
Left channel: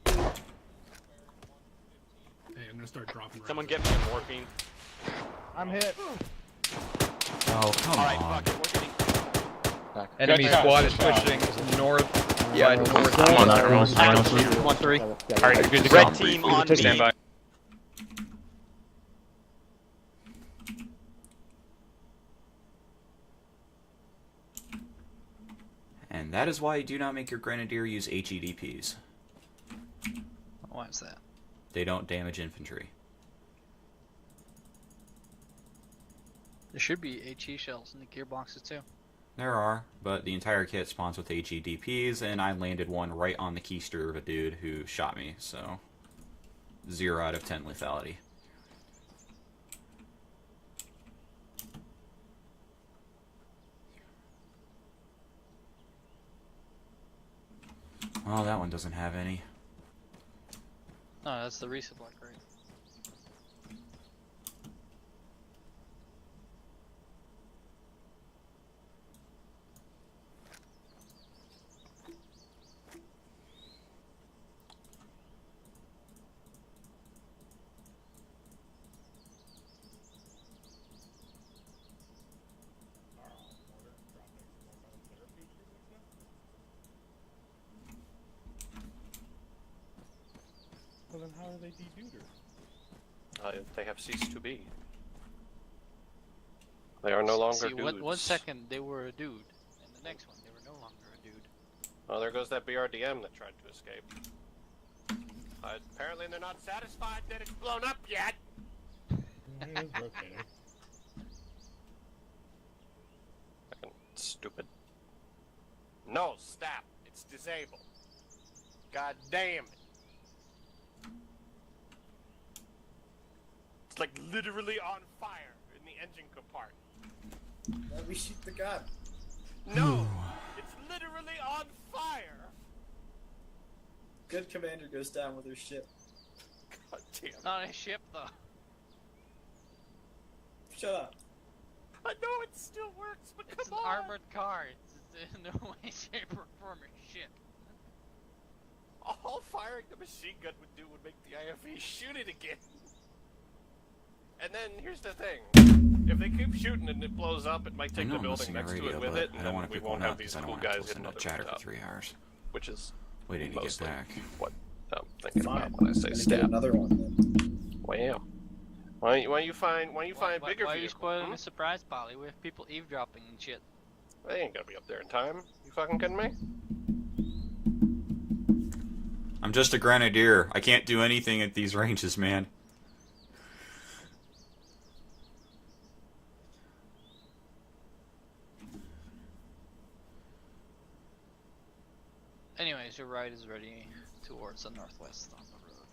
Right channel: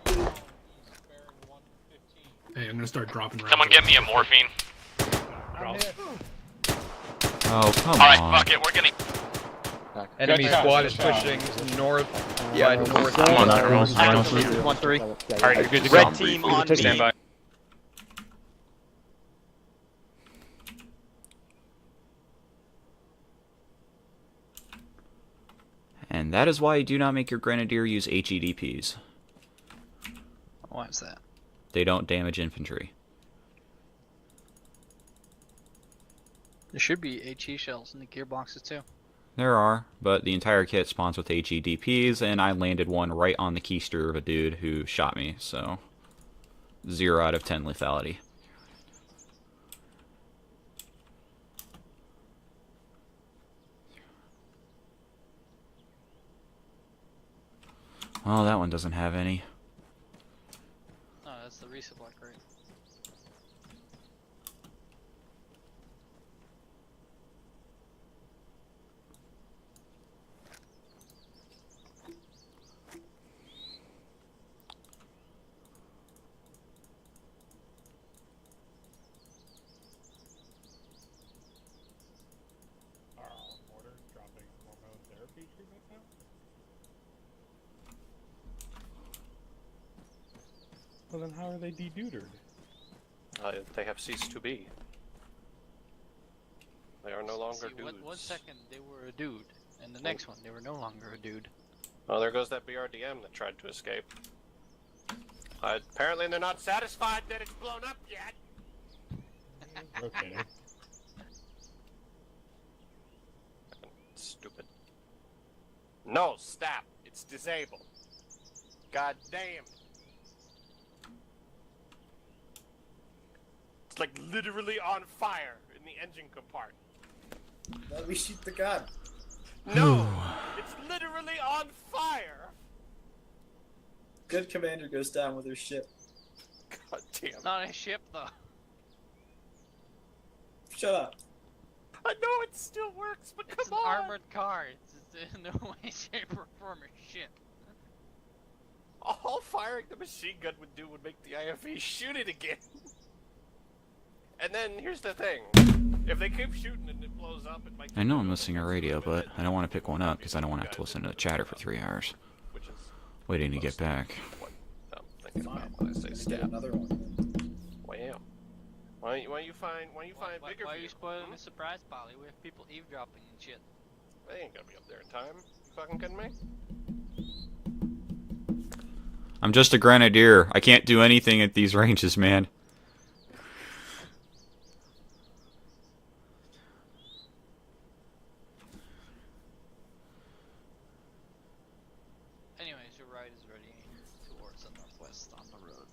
Hey, I'm gonna start dropping. Someone get me a morphine. I'm hit. Oh, come Alright, on. fuck it, we're gonna... Enemy squad is pushing north. Yeah, north. I'm on that. 1-3. Alright, you're good to Red go. team on me. Stand by. And that is why you do not make your Grenadier use HEDPs. Why is that? They don't damage infantry. There should be HE shells in the gearboxes too. There are, but the entire kit spawns with HEDPs, and I landed one right on the keister of a dude who shot me, so 0 out of 10 lethality. Well, that one doesn't have any. No, that's the resupply crate. Well, then how are they de-dudered? They have ceased to be. They are no longer dudes. One second they were a dude, and the next one they were no longer a dude. Well, there goes that BRDM that tried to escape. Apparently they're not satisfied that it's blown up yet. Okay. Stupid. No, stop. It's disabled. God damn it. It's like literally on fire in the engine compartment. Let me shoot the gun. No! It's literally on fire! Good commander goes down with her ship. God damn. It's not a ship though. Shut up. I know it still works, but It's come an on! armored car. It's in no way, shape, or form a ship. All firing the machine gun would do would make the IFE shoot it again. And then, here's the thing. If they keep shooting and it blows up, it might take I know the I'm building missing a next to it radio, with but it, I don't want to we pick won't one have up because these I don't want to guys have to listen in to the chatter for stuff, 3 hours. Which is Waiting to get mostly back. what I'm thinking Fine. about when I say Gonna stab. get another one then. Wow. Why you find bigger Why are you vehicles? spoiling the surprise, Polly? We have people eavesdropping and shit. They ain't gonna be up there in time. You fucking kidding me? I'm just a Grenadier. I can't do anything at these ranges, man. Anyways, your ride is ready towards the northwest on the road.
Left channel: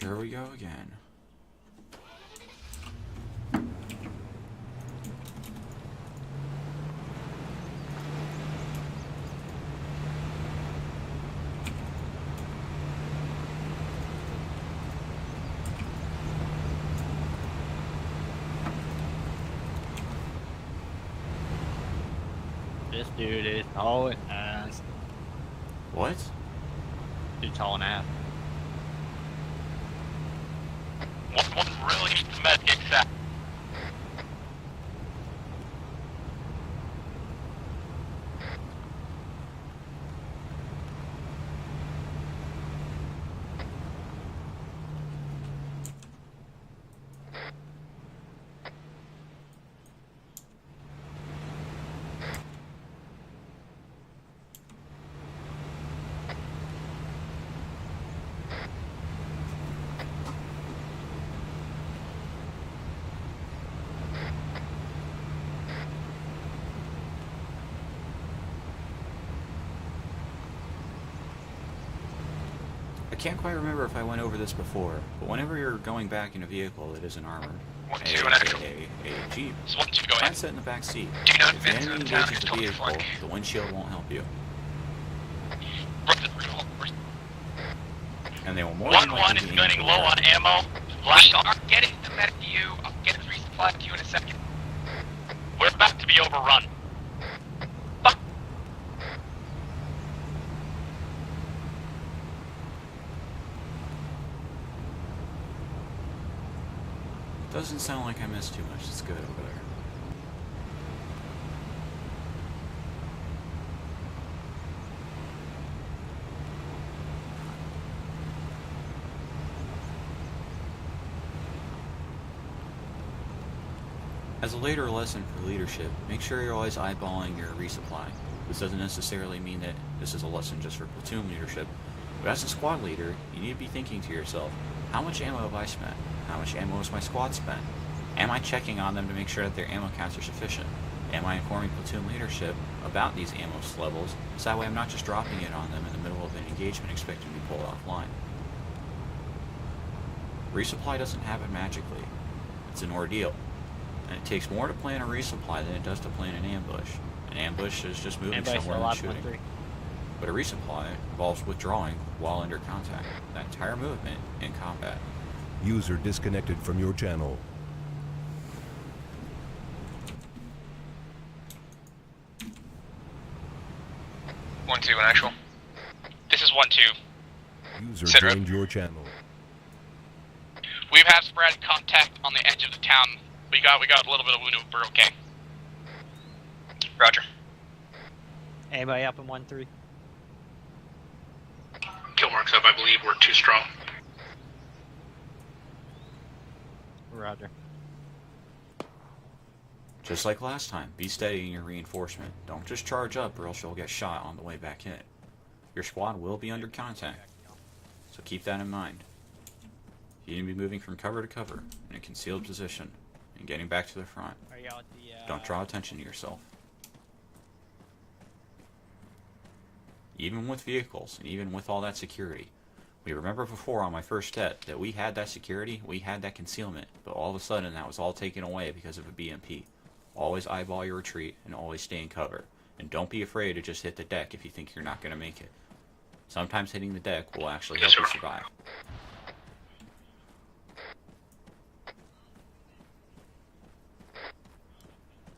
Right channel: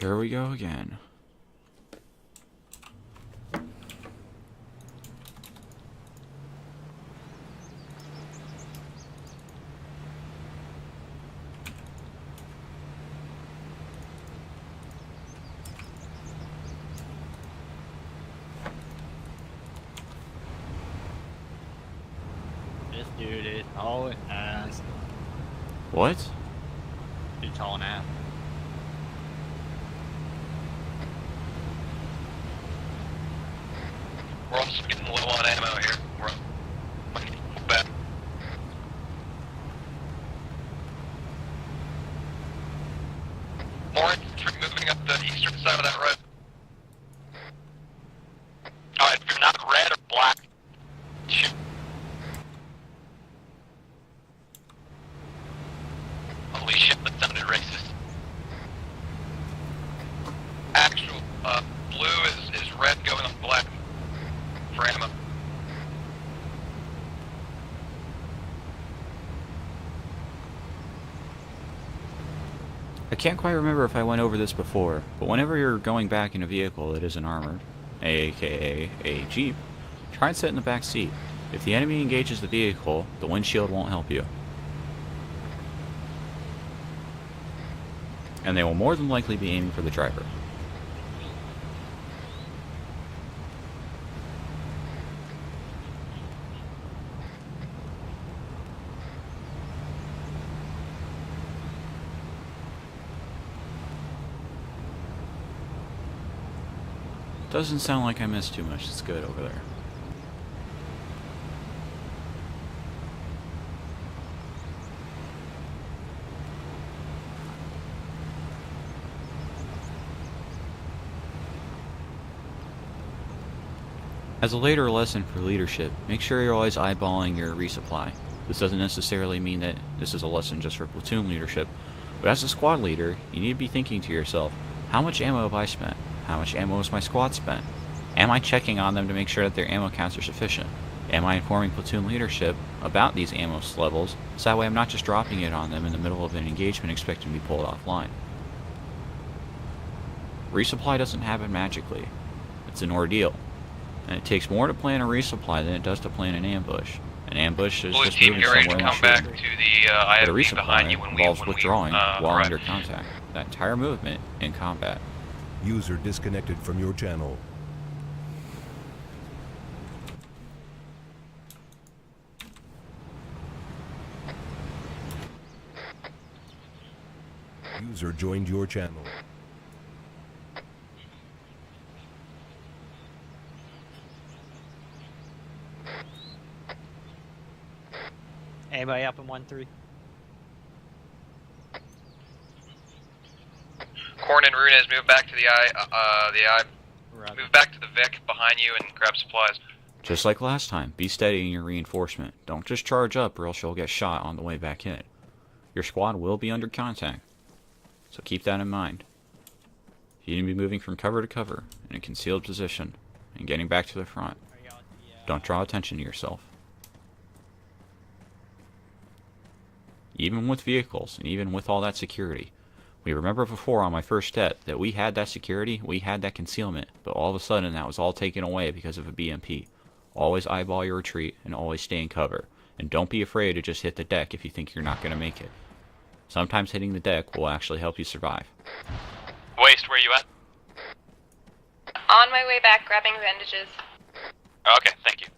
Here we go again. This dude is hauling ass. What? He's hauling ass. One really needs to medkit set. We're also getting low on ammo here. We're back. More infantry moving up the eastern side of that road. Alright, if you're not red or black, shoot. Holy shit, that sounded racist. Actual blue is red going on black for ammo. I can't quite remember if I went over this before, but whenever you're going back in a vehicle that isn't armored, aka a Jeep, try and sit in the back seat. If the enemy engages the vehicle, the windshield won't help you. And they will more than likely be aiming for the low on driver. ammo. We are getting to med queue. I'll get a resupply queue in a second. We're about to be overrun. Fuck. Doesn't sound like I missed too much. It's good over there. As a later lesson for leadership, make sure you're always eyeballing your resupply. This doesn't necessarily mean that this is a lesson just for platoon leadership, but as a squad leader, you need to be thinking to yourself, how much ammo have I spent? How much ammo has my squad spent? Am I checking on them to make sure that their ammo counts are sufficient? Am I informing platoon leadership about these ammo levels, so that way I'm not just dropping it on them in the middle of an engagement expecting to be pulled offline? Resupply doesn't happen magically. It's an ordeal. And it takes more to plan a resupply than it does to plan an ambush. An ambush is just moving somewhere in the back shooting. to the But a IFV behind you resupply when involves we withdrawing while arrive. under contact. That entire movement in combat. User disconnected from your channel. 1-2 in actual. This is 1-2. User Sit rep. joined your channel. We've had sporadic contact on the edge of the town. We got a little bit of wounded, but we're okay. Roger. Anybody up in 1-3? Killmark's up, I believe we're too strong. Corn and Runes, move back to the eye. Roger. Move back to the Vic behind you and grab supplies. Just like last time, be steady in your reinforcement. Don't just charge up or else you'll get shot on the way back in. Your squad will be under contact, so keep that in mind. You need to be moving from cover to cover in a concealed position and getting back to the front. Don't draw attention to yourself. Even with vehicles and even with all that security, we remember before on my first step that we had that security, we had that concealment, but all of a sudden that was all taken away because of a BMP. Always eyeball your retreat and always stay in cover. And don't be afraid to just hit the deck if you think you're not going to make it. Sometimes hitting the deck will actually help you survive. Waste, where you at? On my way back, grabbing bandages. Okay, thank you.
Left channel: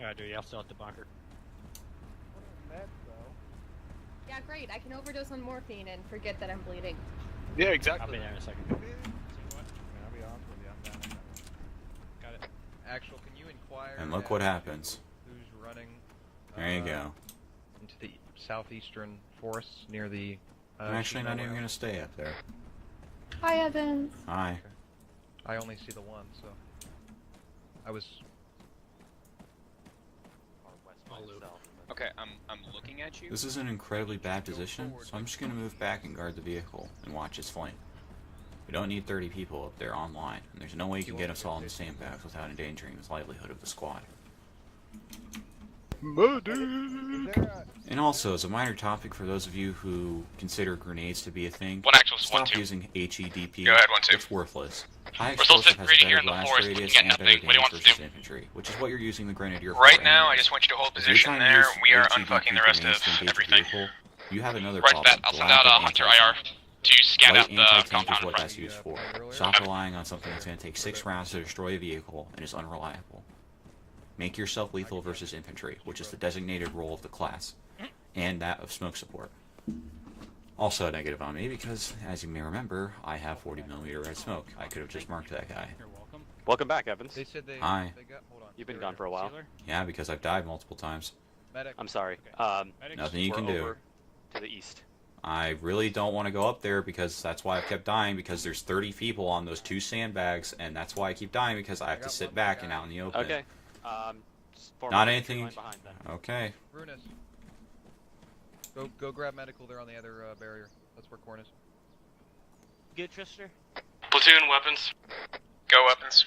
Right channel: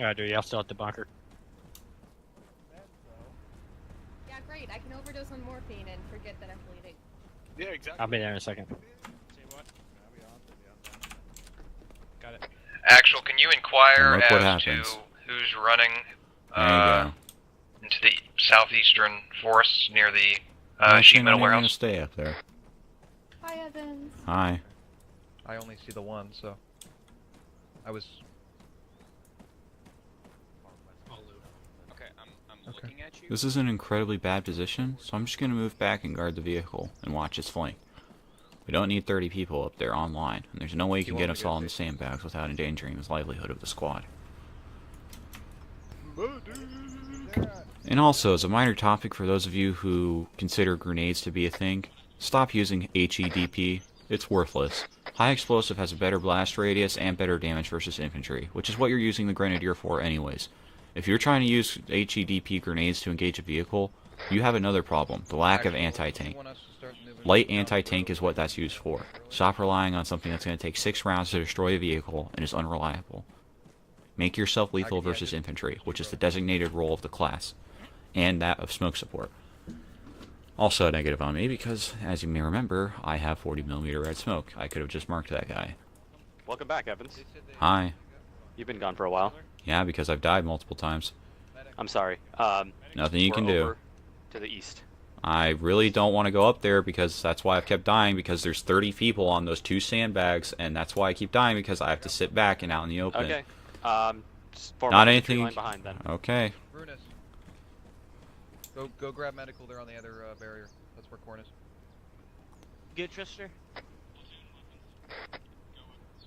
Alright, dude, y'all still at the bunker. Yeah, great. I can overdose on morphine and forget that I'm bleeding. Yeah, exactly. I'll be there in a second. Got it. Actual, can you inquire And look what as happens. to who's running There you go. into the southeastern forests near the Actually, sheet not metal even going to warehouse? stay up there. Hi, Evans. Hi. I only see the one, so I was. Okay, I'm looking at you. This is an incredibly bad position, so I'm just going to move back and guard the vehicle and watch its flank. We don't need 30 people up there online, and there's no way you can get us all in the sandbags without endangering the livelihood of the squad. And also, as a minor topic for those of you who consider grenades to be a thing, stop using HEDP. Go ahead, 1-2. It's worthless. High explosive has a better blast radius and better damage versus infantry, which is what you're using the Grenadier for Right now, I anyways. just want you to hold If you're position trying to there. use We are HEDP unfucking the rest grenades of to engage a everything. vehicle, you have another Right, problem, I'll the send lack out of Hunter IR anti-tank. to scan Light out the anti-tank is compound what in that's used for. Stop relying on something that's going to take 6 rounds to destroy a vehicle and is unreliable. Make yourself lethal versus infantry, which is the designated role of the class, and that of smoke support. Also a negative on me because, as you may remember, I have 40mm red smoke. I could have just marked that guy. Welcome back, Evans. Hi. You've been gone for a while. Yeah, because I've died multiple times. I'm sorry. Nothing you can we're do. over to the east. I really don't want to go up there because that's why I've kept dying, because there's 30 people on those 2 sandbags, and that's why I keep dying, because I have to sit back and out in the open. Okay. Form Not up the tree anything. line behind then. Okay. Runes. Go grab medical there on the other barrier. That's where Corn is. Good, Trister? Platoon weapons. Go weapons.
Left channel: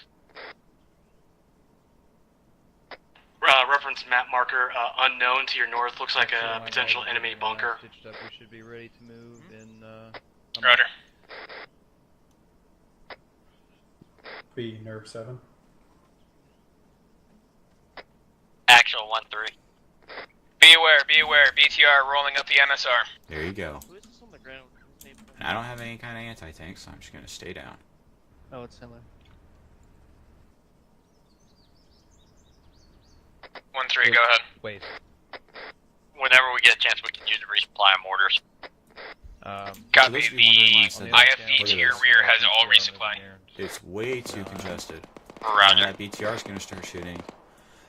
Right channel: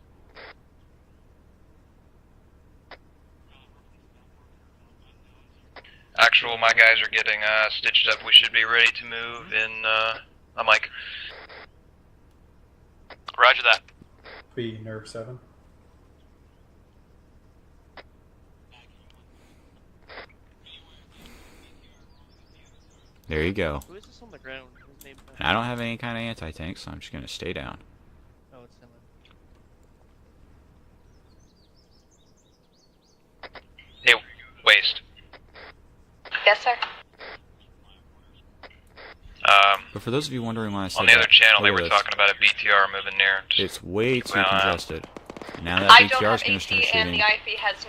Reference map marker unknown to your north. Looks like Actual, my guys are getting stitched up. We should be ready to move in. I'm Roger. Roger that. B, nerve 7. Actual 1-3. Be aware. BTR rolling up the MSR. There you go. Who is this on the ground? His name? And I don't have any kind of anti-tank, so I'm just going to stay down. Oh, it's him. 1-3, go ahead. Waste. Whenever we get a chance, we can use the resupply mortars. For those of you wondering why I said on the other channel, they earlier, were talking about a BTR moving near. it's way too congested. Now Roger. that BTR is going to start shooting,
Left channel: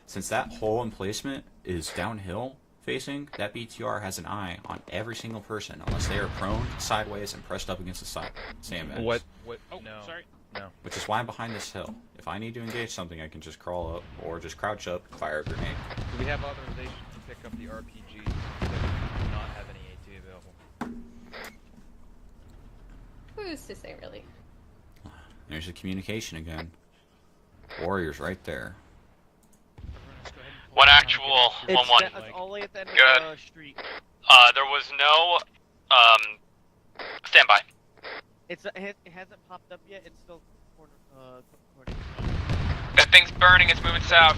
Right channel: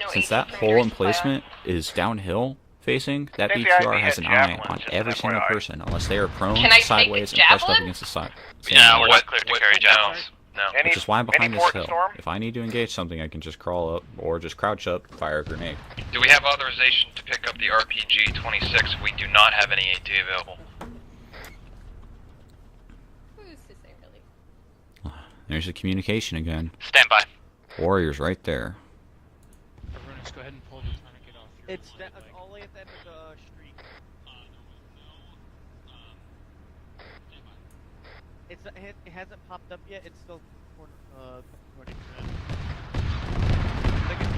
since that hole in placement is downhill facing, that BTR has an eye on every single person unless they are prone, sideways, and pressed up against the side. Yeah, we're not clear to carry javelins. No. Which is why I'm behind this hill. If I need to engage something, I can just crawl up, or just crouch up, fire a grenade. Do we have authorization to pick up the RPG-26 if we do not have any AT available? Who's to say, really? There's the communication again. Stand by. Warriors right there. One actual, 1-1. Only at the end Good. of the street. There was no, stand by. It hasn't popped up yet. It's still corner. That thing's burning. It's moving south.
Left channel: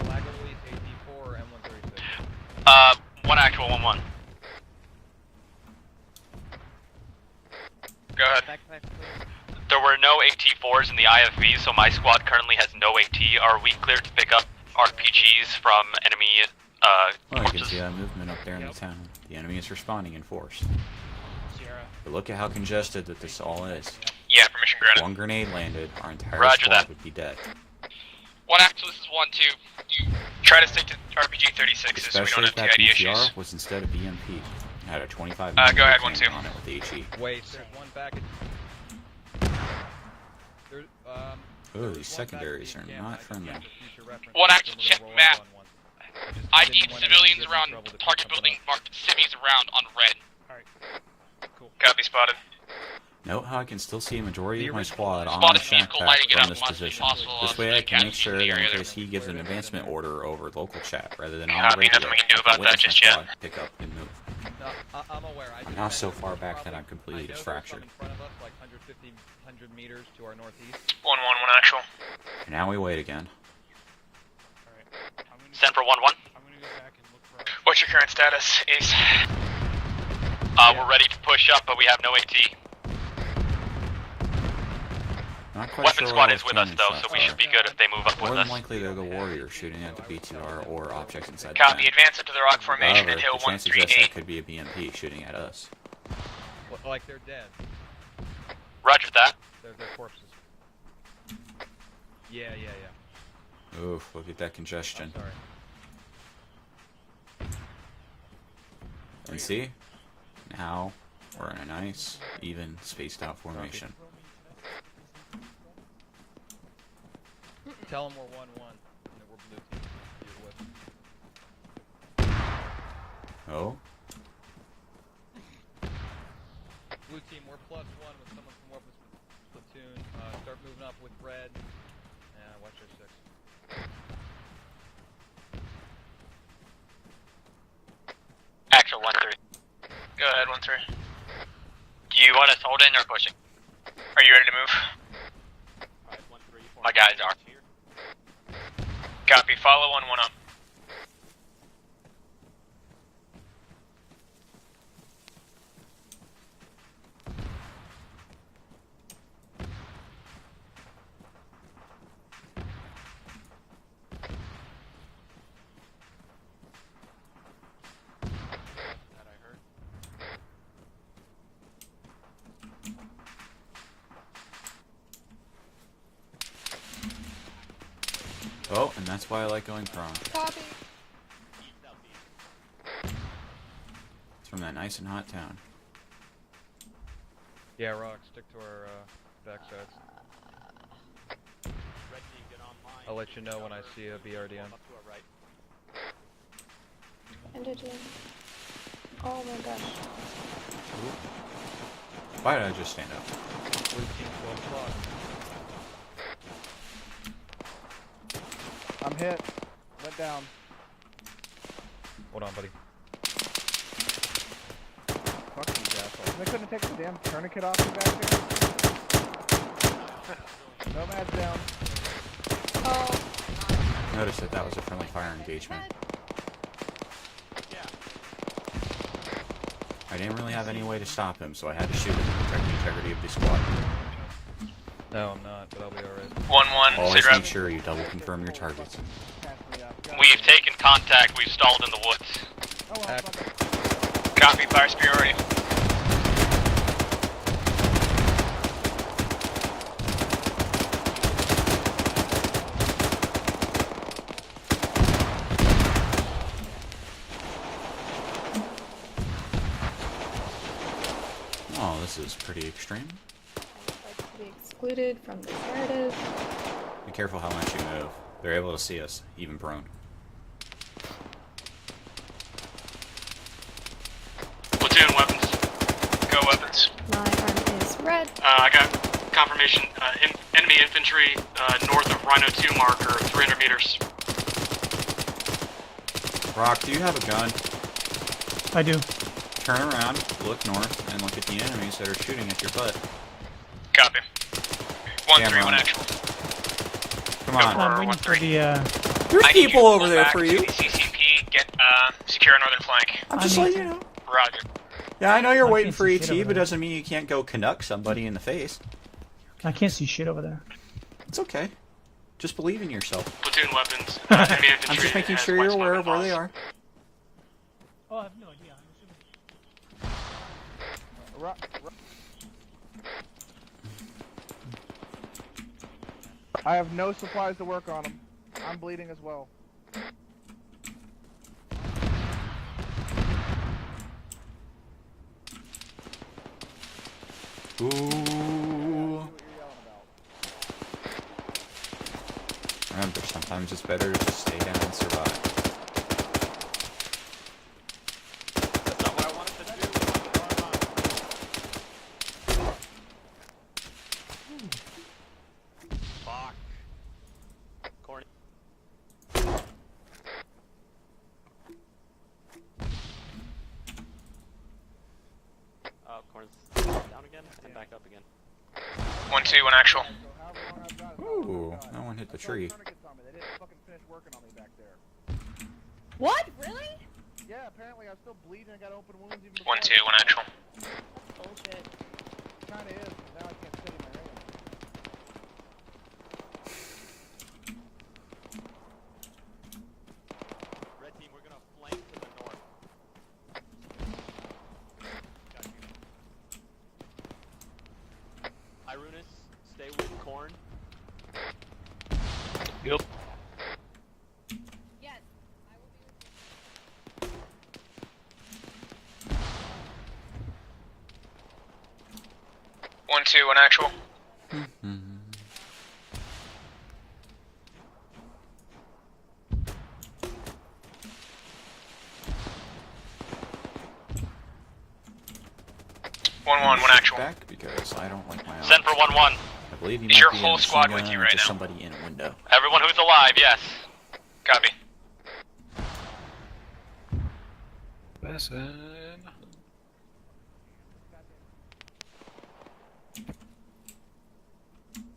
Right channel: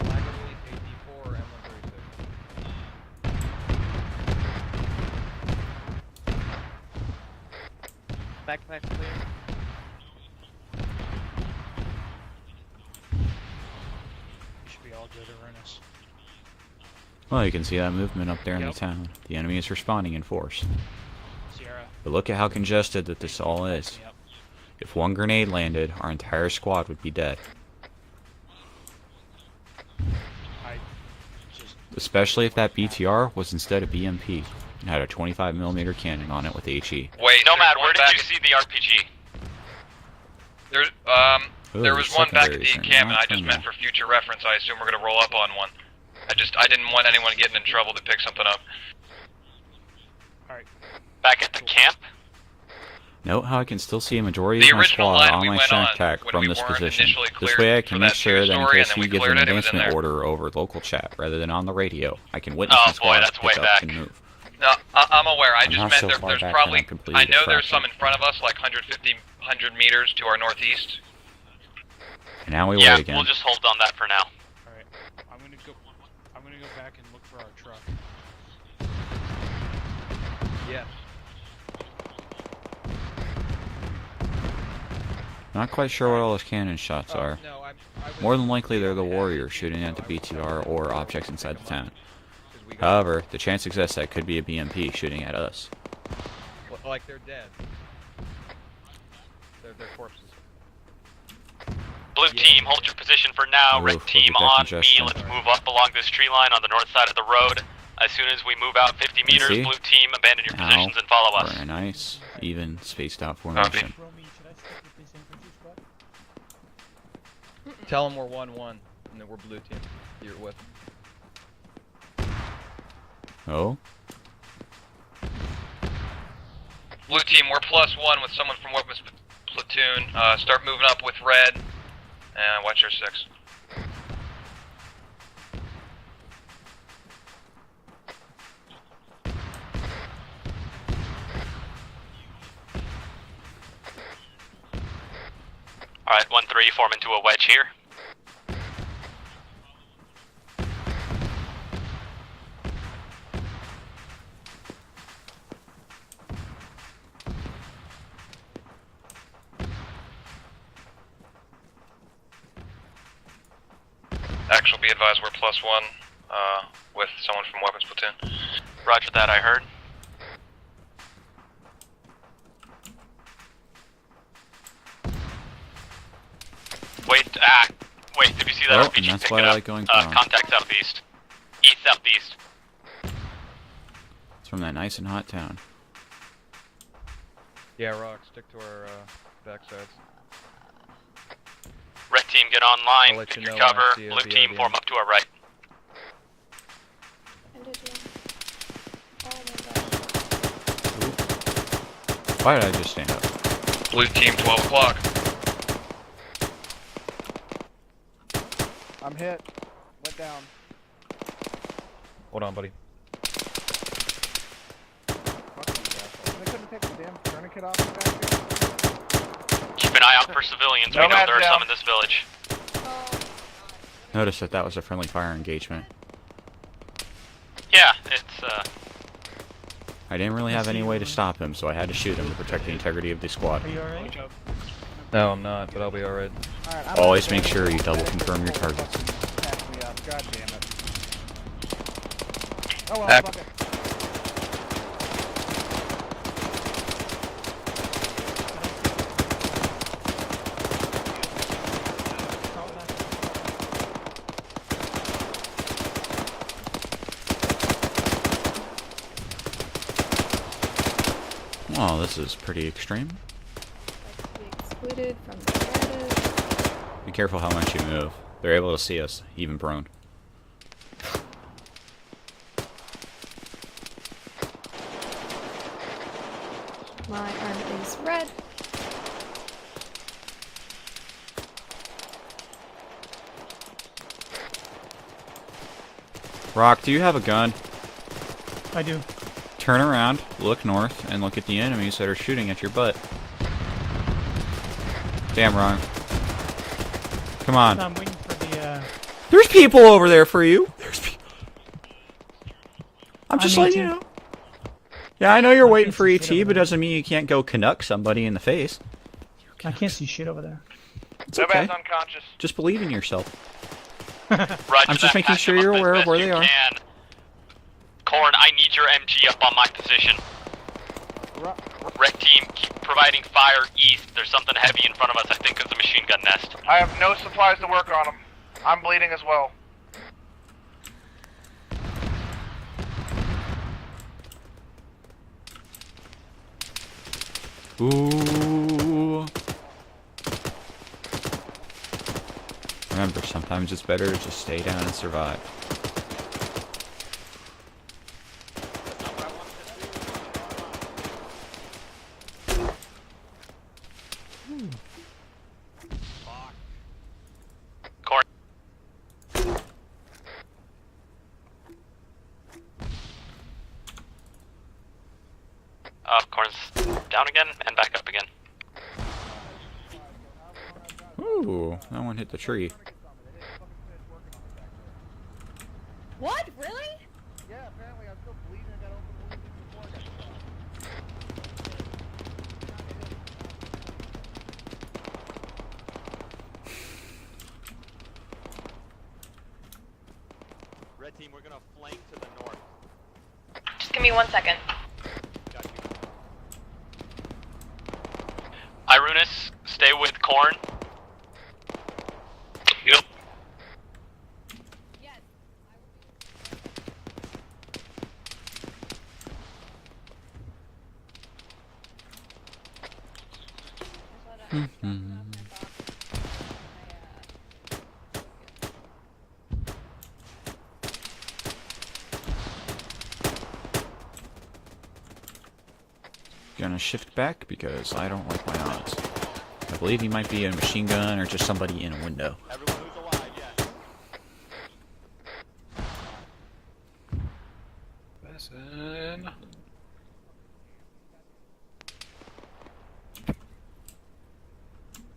Collaboratively, AT4 or M136. One actual, 1-1. Go ahead. There were no AT4s in the IFV, so my squad currently has no AT. Are we cleared to pick up RPGs from enemy, Well, you can see that movement up there in the town. The enemy is responding in force. But look at how congested that this all is. Yeah, permission If granted. one grenade landed, our entire Roger squad that. would be dead. One actual, this is 1-2. You try to stick to RPG-36. Especially if that BTR was instead of BMP and had a 25mm go ahead, cannon 1-2. on it with HE. Wait, Nomad, where did you see the RPG? There was one back at the secondaries are encampment. not I just meant friendly. for future reference. One I assume we're gonna roll up on one. I didn't want anyone getting in trouble to pick something up. Semis around on red. Back at the camp. Copy spotted. Note how I can still see a majority The of my original squad line on my went strength on, pack like, from we this weren't position. initially This cleared way I to can try make to sure that in story, case and then he we gives an cleared it, it was in advancement there. order over local chat rather than on the Copy, radio, nothing we can do I can about witness that. the squad Yeah, that's pick way up back. and move. No, I'm aware. I just Not meant so far there's back probably. that I'm completely I know there's distracted. some in front of us, like 100 meters to our northeast. 1-1, one actual. And now we Yeah, wait again. we'll just hold on that for now. Send for 1-1. I'm gonna go back and look for What's your current status, Ace? We're ready to push up, but we have no AT. Not quite Weapon sure squad what all is those with us, cannon though, shots so we are. should be good if they move up More with than us. likely they're the warriors shooting at the BTR or objects inside the Copy, tent. advance into the rock formation However, and hill the chance exists 138. that could be a BMP shooting at us. Like they're dead. Roger that. They're corpses. Blue team, hold your position for now. Oof, Red look team at that on congestion. me. Let's move up along this tree line on the north side of the road. As soon as we move out 50 meters, see? blue team, abandon your Now, positions and follow us. we're in a nice, even, spaced out formation. Tell them we're 1-1 and that we're blue team. You're with. Oh? Blue team, we're +1 with someone from weapons platoon. Start moving up with red. And watch your 6. Actual 1-3. Go ahead, 1-3. Do you want us holding or pushing? Are you ready to move? Alright, 1-3, forming to a wedge here. Copy, follow 1-1 up. Actual, be advised, we're +1 with someone from weapons platoon. Roger that, I heard. Wait, did you see that Oh, RPG? and that's pick why it I up? like going prone. Contact southeast. East, southeast. It's from that nice and hot town. Yeah, Rock, stick to our backsides. Red team, get I'll online, let pick you your know when I cover. see a Blue team, BOD. form up to our right. Oh my god. Why did I just stand up? Blue team, 12 o'clock. I'm hit. Went down. Hold on, buddy. Fuck these assholes. I couldn't take the damn tourniquet off me back there. Keep an eye out for civilians. We know there are some in this village. Notice that was a friendly fire engagement. Yeah, it's I didn't really have any way to stop him, so I had to shoot him to protect the integrity of the squad. No, I'm not, but I'll be alright. 1-1. Always make sure you double confirm your targets. We've taken contact. We've stalled in the woods. Oh, well, Back. Copy, fire superiority. Oh, this is pretty extreme. Like to be excluded from the status. Be careful how much you move. They're able to see us, even prone. Platoon weapons. Go weapons. My arm is red. I got confirmation. Enemy infantry north of Rhino 2 marker, 300 meters. Rock, do you have a gun? I do. Turn around, look north, and look at the enemies that are shooting at your butt. Copy. Damn, Ron. Come on. I'm waiting for the, There's people over there for you. CCP, get, secure northern flank. I'm just letting you know. Roger. Yeah, I know you're waiting for ET, but doesn't mean you can't go Canuck somebody in the face. I can't see shit over there. It's okay. Just believe in yourself. Platoon weapons. I'm just making sure you're aware of where they are. Corn, I need your MG up on my position. Red team, keep providing fire east. There's something heavy in front of us. I think it's a machine gun nest. I have no supplies to work on them. I'm bleeding as well. Ooh. Remember, sometimes it's better to just stay down and survive. Corn's down again and back up again. 1-2, 1 actual. Ooh, that one hit the tree. What? Really? Yeah, apparently I'm still bleeding. I got open wounds. 1-2, 1 actual. Red team, we're gonna flank to the north. Just give me 1 second. Irunus, stay with Corn. Yep. Yes. 1-2, 1 actual. One actual. Back because I don't like my odds. Send for 1-1. I believe he might be in a machine gun or just somebody in a window. Everyone who's alive, yes. Copy. Listen.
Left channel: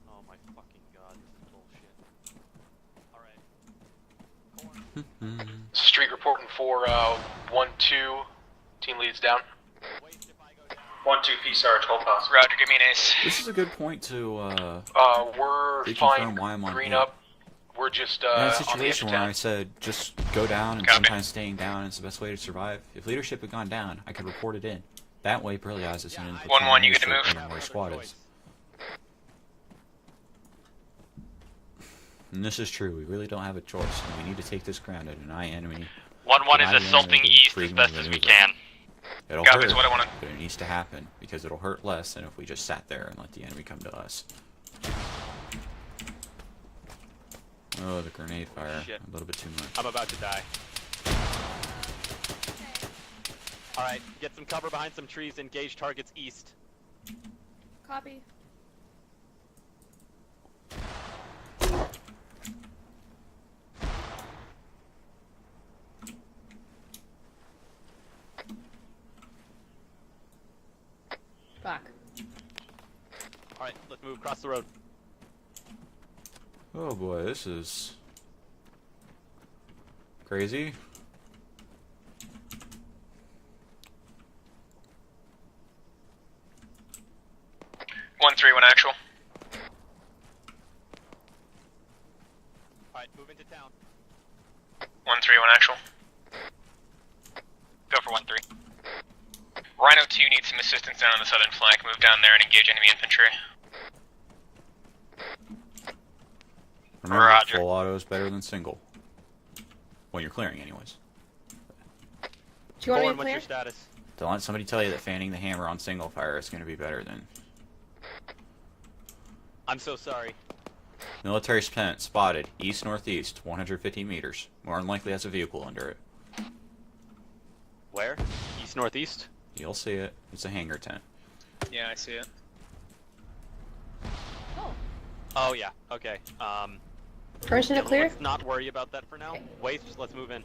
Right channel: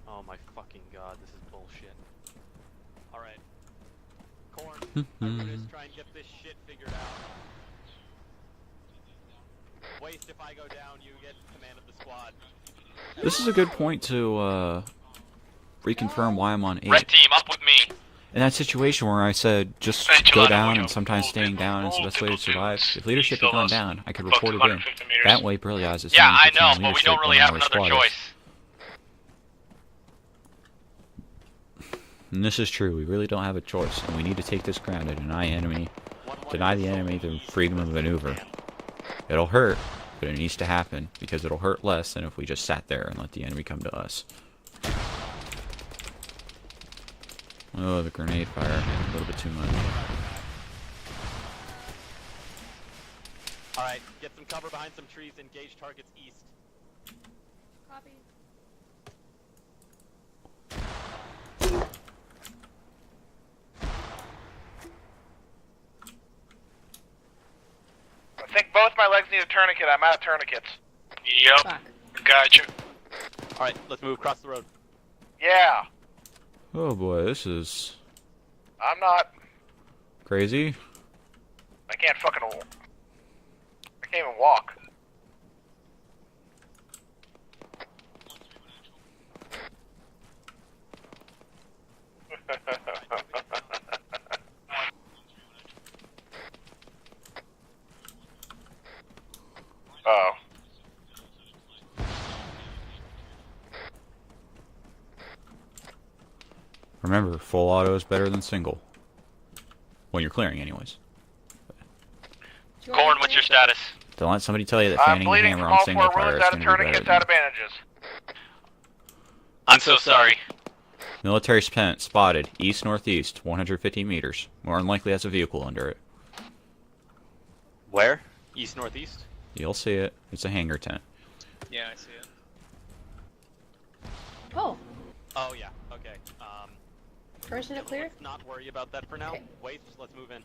Oh my fucking god, this is bullshit. Alright. Corn. Street reporting for 1-2. Team leads down. 1-2 P Sarge, hold pass. Roger, give me an ace. This is a good point to We're reconfirm why I'm on green 8. up. Team, up with me. We're just In that situation where I said just go down and sometimes staying down is the best way to survive, if leadership had gone down, I could report it in. That way, Burley Eyes is Yeah, I saying know, and my you whole don't shit really and have where another squad is. choice. And this is true, we really don't have a choice, and we need to take this ground and deny enemy. 1-1 deny is the assaulting enemy east the freedom as of best as we maneuver. can. It'll Copy, hurt, that's what I wanted. but it needs to happen, because it'll hurt less than if we just sat there and let the enemy come to us. Oh, the grenade fire, a little bit too much. I'm about to die. Alright, get some cover behind some trees, engage targets east. Copy. I think both my legs need a tourniquet. I'm out of tourniquets. Yep. Gotcha. Alright, let's move across the road. Yeah. Oh boy, this is I'm not. crazy. I can't fucking. I can't even walk. 1-3, 1 actual. 1-3, 1 actual. Go for 1-3. need some assistance down on the southern flank. Move down there and engage enemy infantry. Remember, Roger. full auto is better than single. When you're clearing, anyways. Gorn, what's your status? Don't let somebody tell you that fanning the hammer on single fire is going to be better than advantages. I'm so sorry. military spotted east-northeast, 150 meters. More than likely has a vehicle under it. Where? East-northeast? You'll see it. It's a hangar tent. Yeah, I see it. Oh. Oh yeah. Okay. Permission to clear? Let's not worry about that for now. Okay. Wait, let's move in.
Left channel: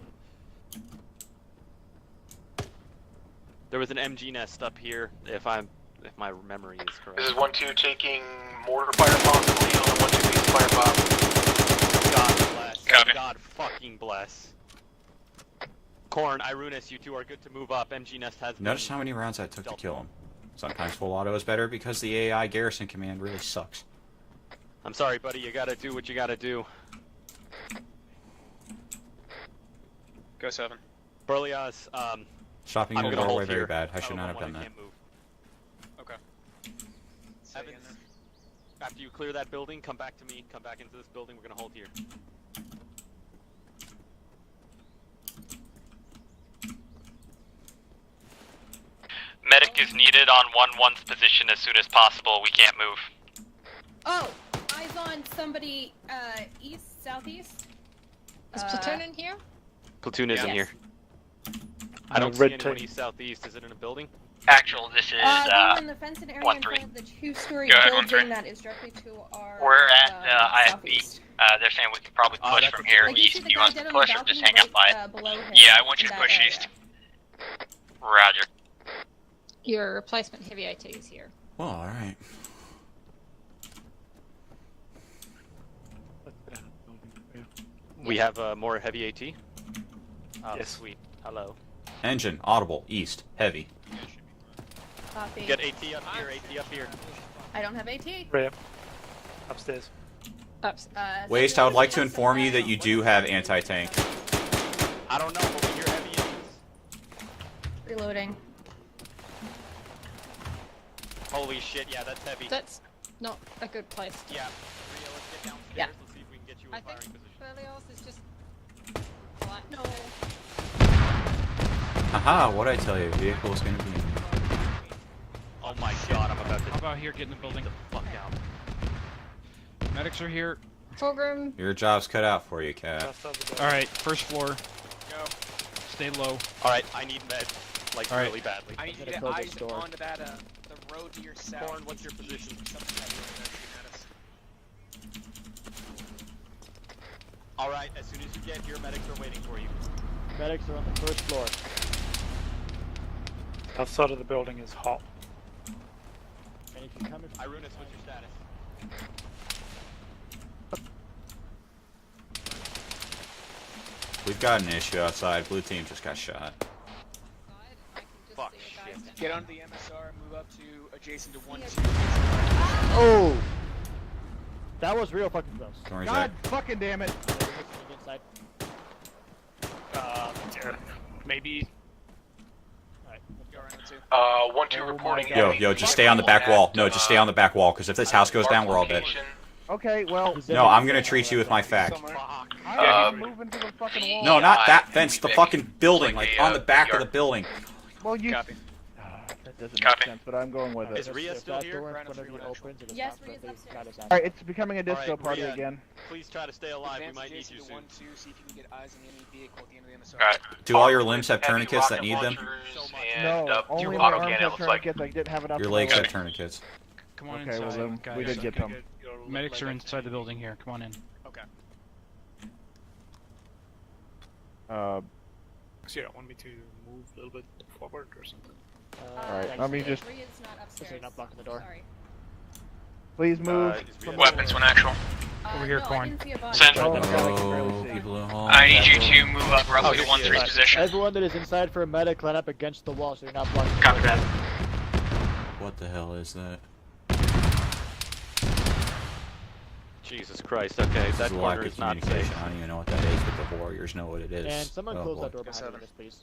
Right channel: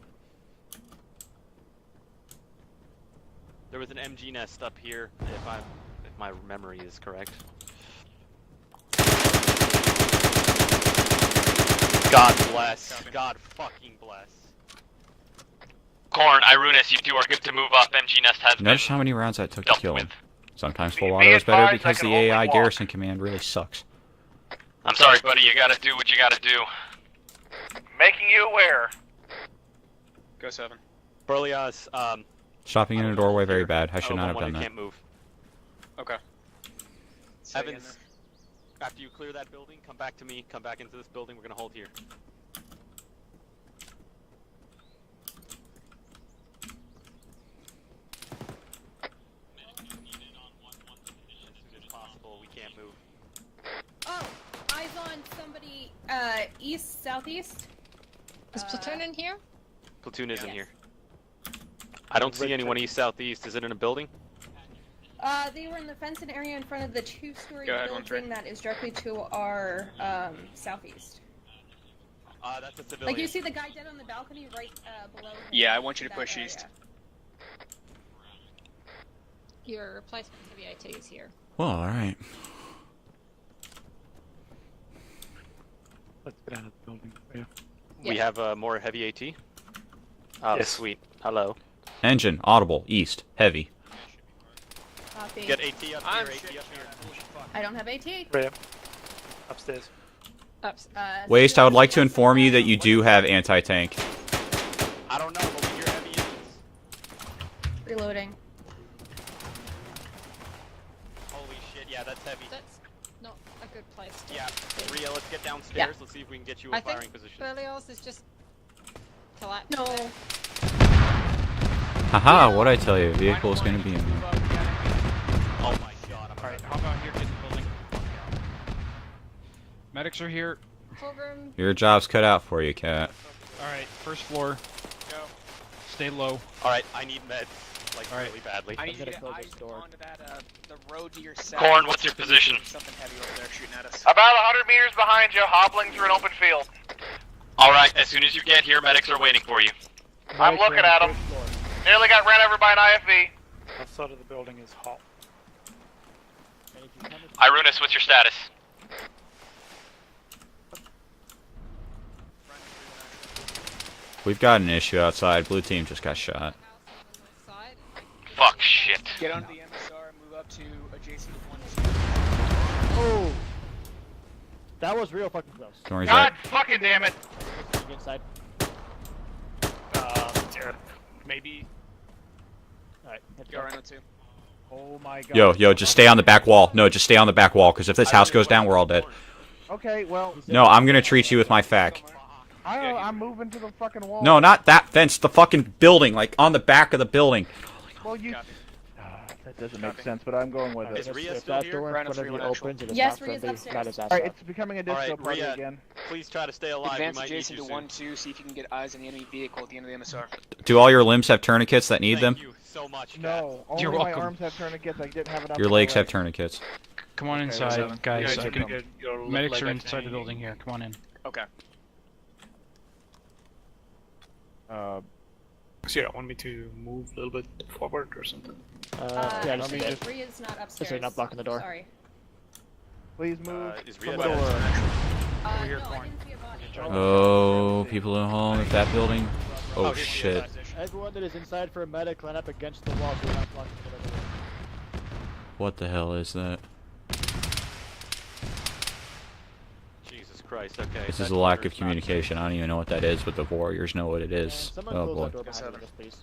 There was an MG nest up here, if my memory is correct. This is 1-2 taking mortar fire possibly on 1-2 fire pop. God bless. Copy. God fucking bless. Corn, Irunus, you two are good to move up. MG Nest has Notice how many rounds that took to kill him. Sometimes full auto is better because the AI garrison command really sucks. I'm sorry, buddy. You gotta do what you gotta do. Making you aware. Go 7. Berliaz, Stopping in I a will doorway hold very here. bad. I should not have when done I that. can't move. Okay. Evans, after you clear that building, come back to me. Come back into this building. We're gonna hold here. Medic is needed on 1-1's position as soon as possible. We can't move. Oh, eyes on somebody east, southeast. Is platoon in here? Platoon isn't Yes. here. I don't see anyone east southeast. Is it in a building? Actual, this is they're on the fenced area in 1-3. front of the two-story Go ahead, building 1-3. that is directly to our We're at IFB. southeast. They're saying we could probably push that's from a here I do east. see Do the you guy want us dead to on the push or just balcony hang out by right, it? below him. Yeah, I want you to That push area. east. Roger. Your replacement heavy AT is here. Well, alright. Let's get out of the building. Yeah. We have more heavy AT. Oh, Yes. sweet. Hello. Engine, audible, east, heavy. Copy. Get AT up here. AT up here. I don't have AT. Right. Upstairs. Waste, I would like to inform you that you do have anti-tank. I don't know, but we hear heavy engines. Reloading. Holy shit! Yeah, that's heavy. That's not a good place. Yeah, Ria, let's get downstairs. Yeah. Let's see if we can get you I a think firing position. Berlioz is just flat. No. Haha, what'd I tell you? Vehicle is going to be in here. Oh my god, I'm about I'll go out here, get in the building. Medics are here. Program. Your job's cut out for you, Cat. Alright, first floor. Go. Stay low. Alright, I need med. Like, Alright. really badly. I need to get eyes onto that, the road to your south. Corn, what's your position? Something heavy over there shooting at us. About 100 meters behind you, hobbling through an open field. Alright, as soon as you get here, medics are waiting for you. I'm looking at him. Nearly got ran over by an IFV. That side of the building is hot. Irunus, what's your status? We've got an issue outside. Blue team just got shot. Fuck shit. Get onto the MSR and move up to adjacent to 1. Oh! That was real fucking close. Don't worry, God Zach. fucking damn it! Inside. Maybe. Alright. Go around the 2. 1-2 reporting. Yo, just stay on the back wall. No, just stay on the back wall, because if this house goes down, we're all dead. Okay, well. No, I'm going to treat you with my fac. I'm moving to the fucking wall. No, not that fence, the fucking building, like on the back of the building. Well, you. That doesn't make sense, but I'm going with it. Is Ria still here? Yes, Ria's upstairs. Alright, it's becoming a disco Alright, party Ria, again. Please try to stay alive. Advance We might need adjacent you to soon. 1-2, see if you can get eyes on the enemy vehicle at the end of the MSR. Do all your limbs have tourniquets that need them? No, only my arms have tourniquets. I didn't have enough. Your legs have tourniquets. Come on Okay, inside, well, then guys. you get them. Medics are inside the building here. Come on in. Okay. So yeah, want me to move a little bit forward or something? Yeah, let me just. Ria's not upstairs. not blocking the door. Sorry. Please move. Weapons when actual. Over here, no, I Corn. didn't see a body. Central. Oh, people at home. I need That you to building. move up roughly to 1-3's position. Everyone that is inside for a medic, line up against the wall so we're not blocking. Copy that. What the hell is that? Jesus Christ, okay. This is a lack of communication. I don't even know what that is, but the warriors know what it And is. someone Oh close boy. that door behind us, please.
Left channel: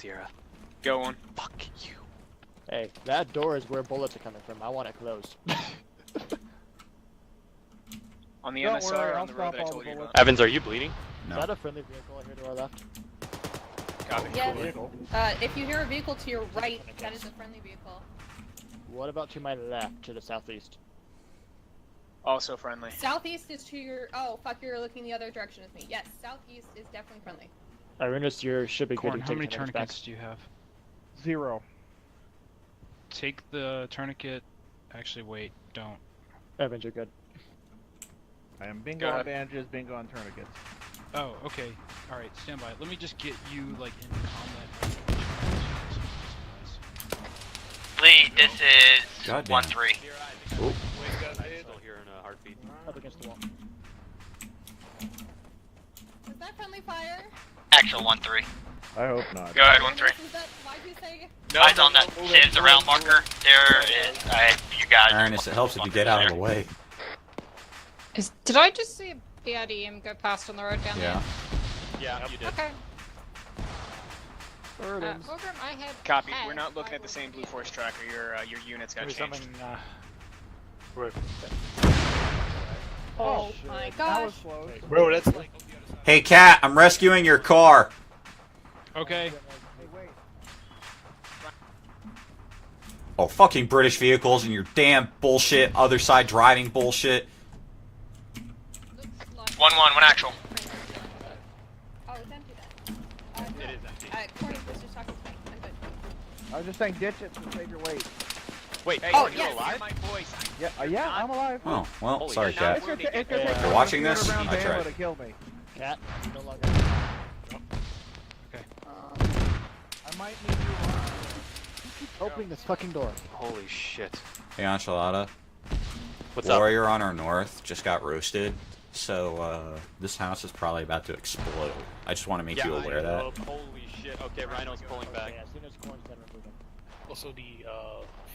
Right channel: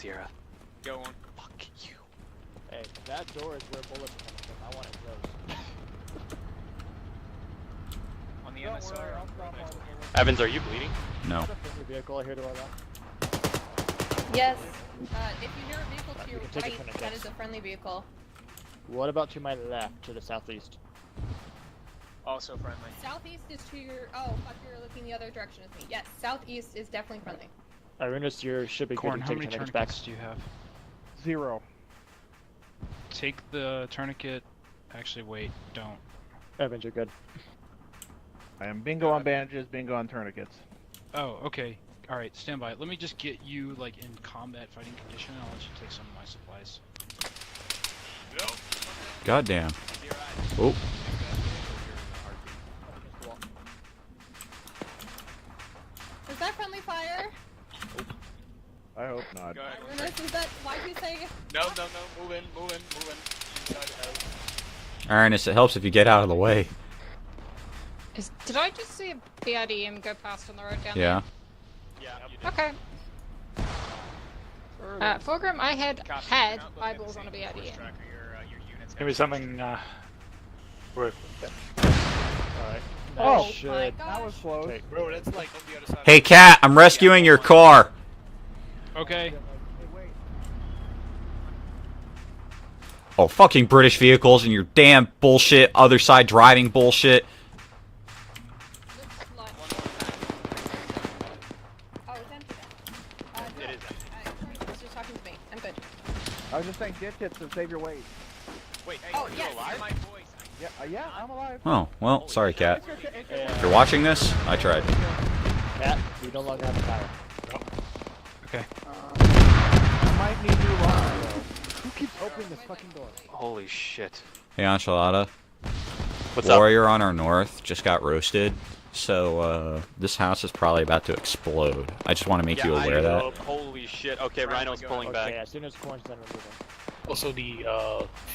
Sierra. Go on. Fuck you. Hey, that door is where bullets are coming from. I want it closed. On the Don't MSR worry, or I'll on the road stop that I all told the you bullets. about? Evans, are you bleeding? No. Is that a friendly vehicle here to our left? Yes. If you hear a vehicle to your right, that is a friendly vehicle. What about to my left, to the southeast? Also friendly. Southeast is to your. Oh, fuck, you're looking the other direction as me. Yes, southeast is definitely friendly. Irena's, you should be Corn, good to how take many tourniquets tourniquets do you have? 0. Take the tourniquet. Actually, wait, don't. Evans, you're good. I am bingo on bandages, bingo on tourniquets. Oh, okay. Alright, stand by. Let me just get you, like, in combat fighting condition. Lee, this is Goddamn. 1-3. Oh. Up against the wall. Is that friendly fire? Actual 1-3. I hope not. Go ahead, Why'd you say? Eyes on that Sims around marker. There is. You guys. Ernest, it helps if you get out of the way. Did I just see a BRDM go past on the road down Yeah. Yeah, you there? did. Okay. Fulgrim, I had. Copy. Had We're not looking at the same eyeballed on D-Force BRDM. tracker. Your unit's got Give me changed. something, Alright. Oh, shit. my that was close. Okay. Bro, that's like on the other side. Hey, Cat, I'm rescuing your car. Okay. Hey, wait. Oh, fucking British vehicles and your damn bullshit, other side driving bullshit. 1-1, one actual. Oh, it's empty then. No. It is empty. Corny was just talking to me. I'm good. I was just saying ditch it to save your weight. Wait, hey, Oh, are you yes. alive? My voice. Yeah, I'm alive. Oh, well, Holy sorry, shit. Cat. It's If you're watching this, I tried. Cat, you no longer have Okay. I might need you alive. Who keeps opening this fucking door? Holy shit. Hey, Enchilada. What's up? Warrior on our north just got roasted, so this house is probably about to explode. I just want to make you aware of that. Holy shit. Okay, Rhino's pulling back. Okay, as soon as Corn's done, we're moving. Also, the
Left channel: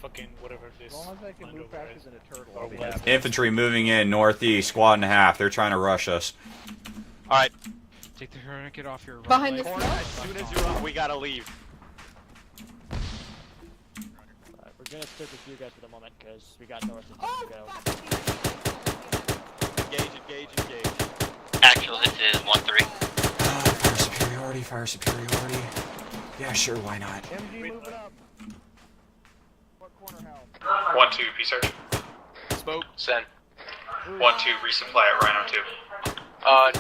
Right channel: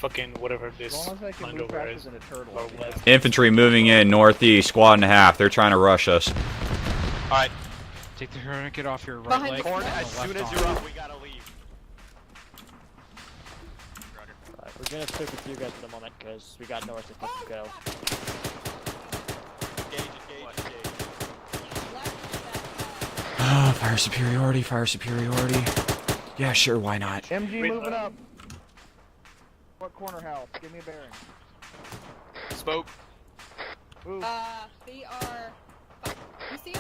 fucking whatever As this long as I can land move over faster is. than a turtle. Or I'll be was. happy. Infantry moving in northeast, squad and a half. They're trying to rush us. Alright, Take the tourniquet off your right Behind leg. the Corn, smoke? as soon as you're up, we gotta leave. Alright, we're gonna stick with you guys for the moment, because we got nowhere to go. Engage. Actual, this is 1-3. Fire superiority, fire superiority. Yeah, sure, why not? MG moving up. What corner house? 1-2, P-Search. Smoke. Send. Ooh. 1-2, resupply at Rhino 2.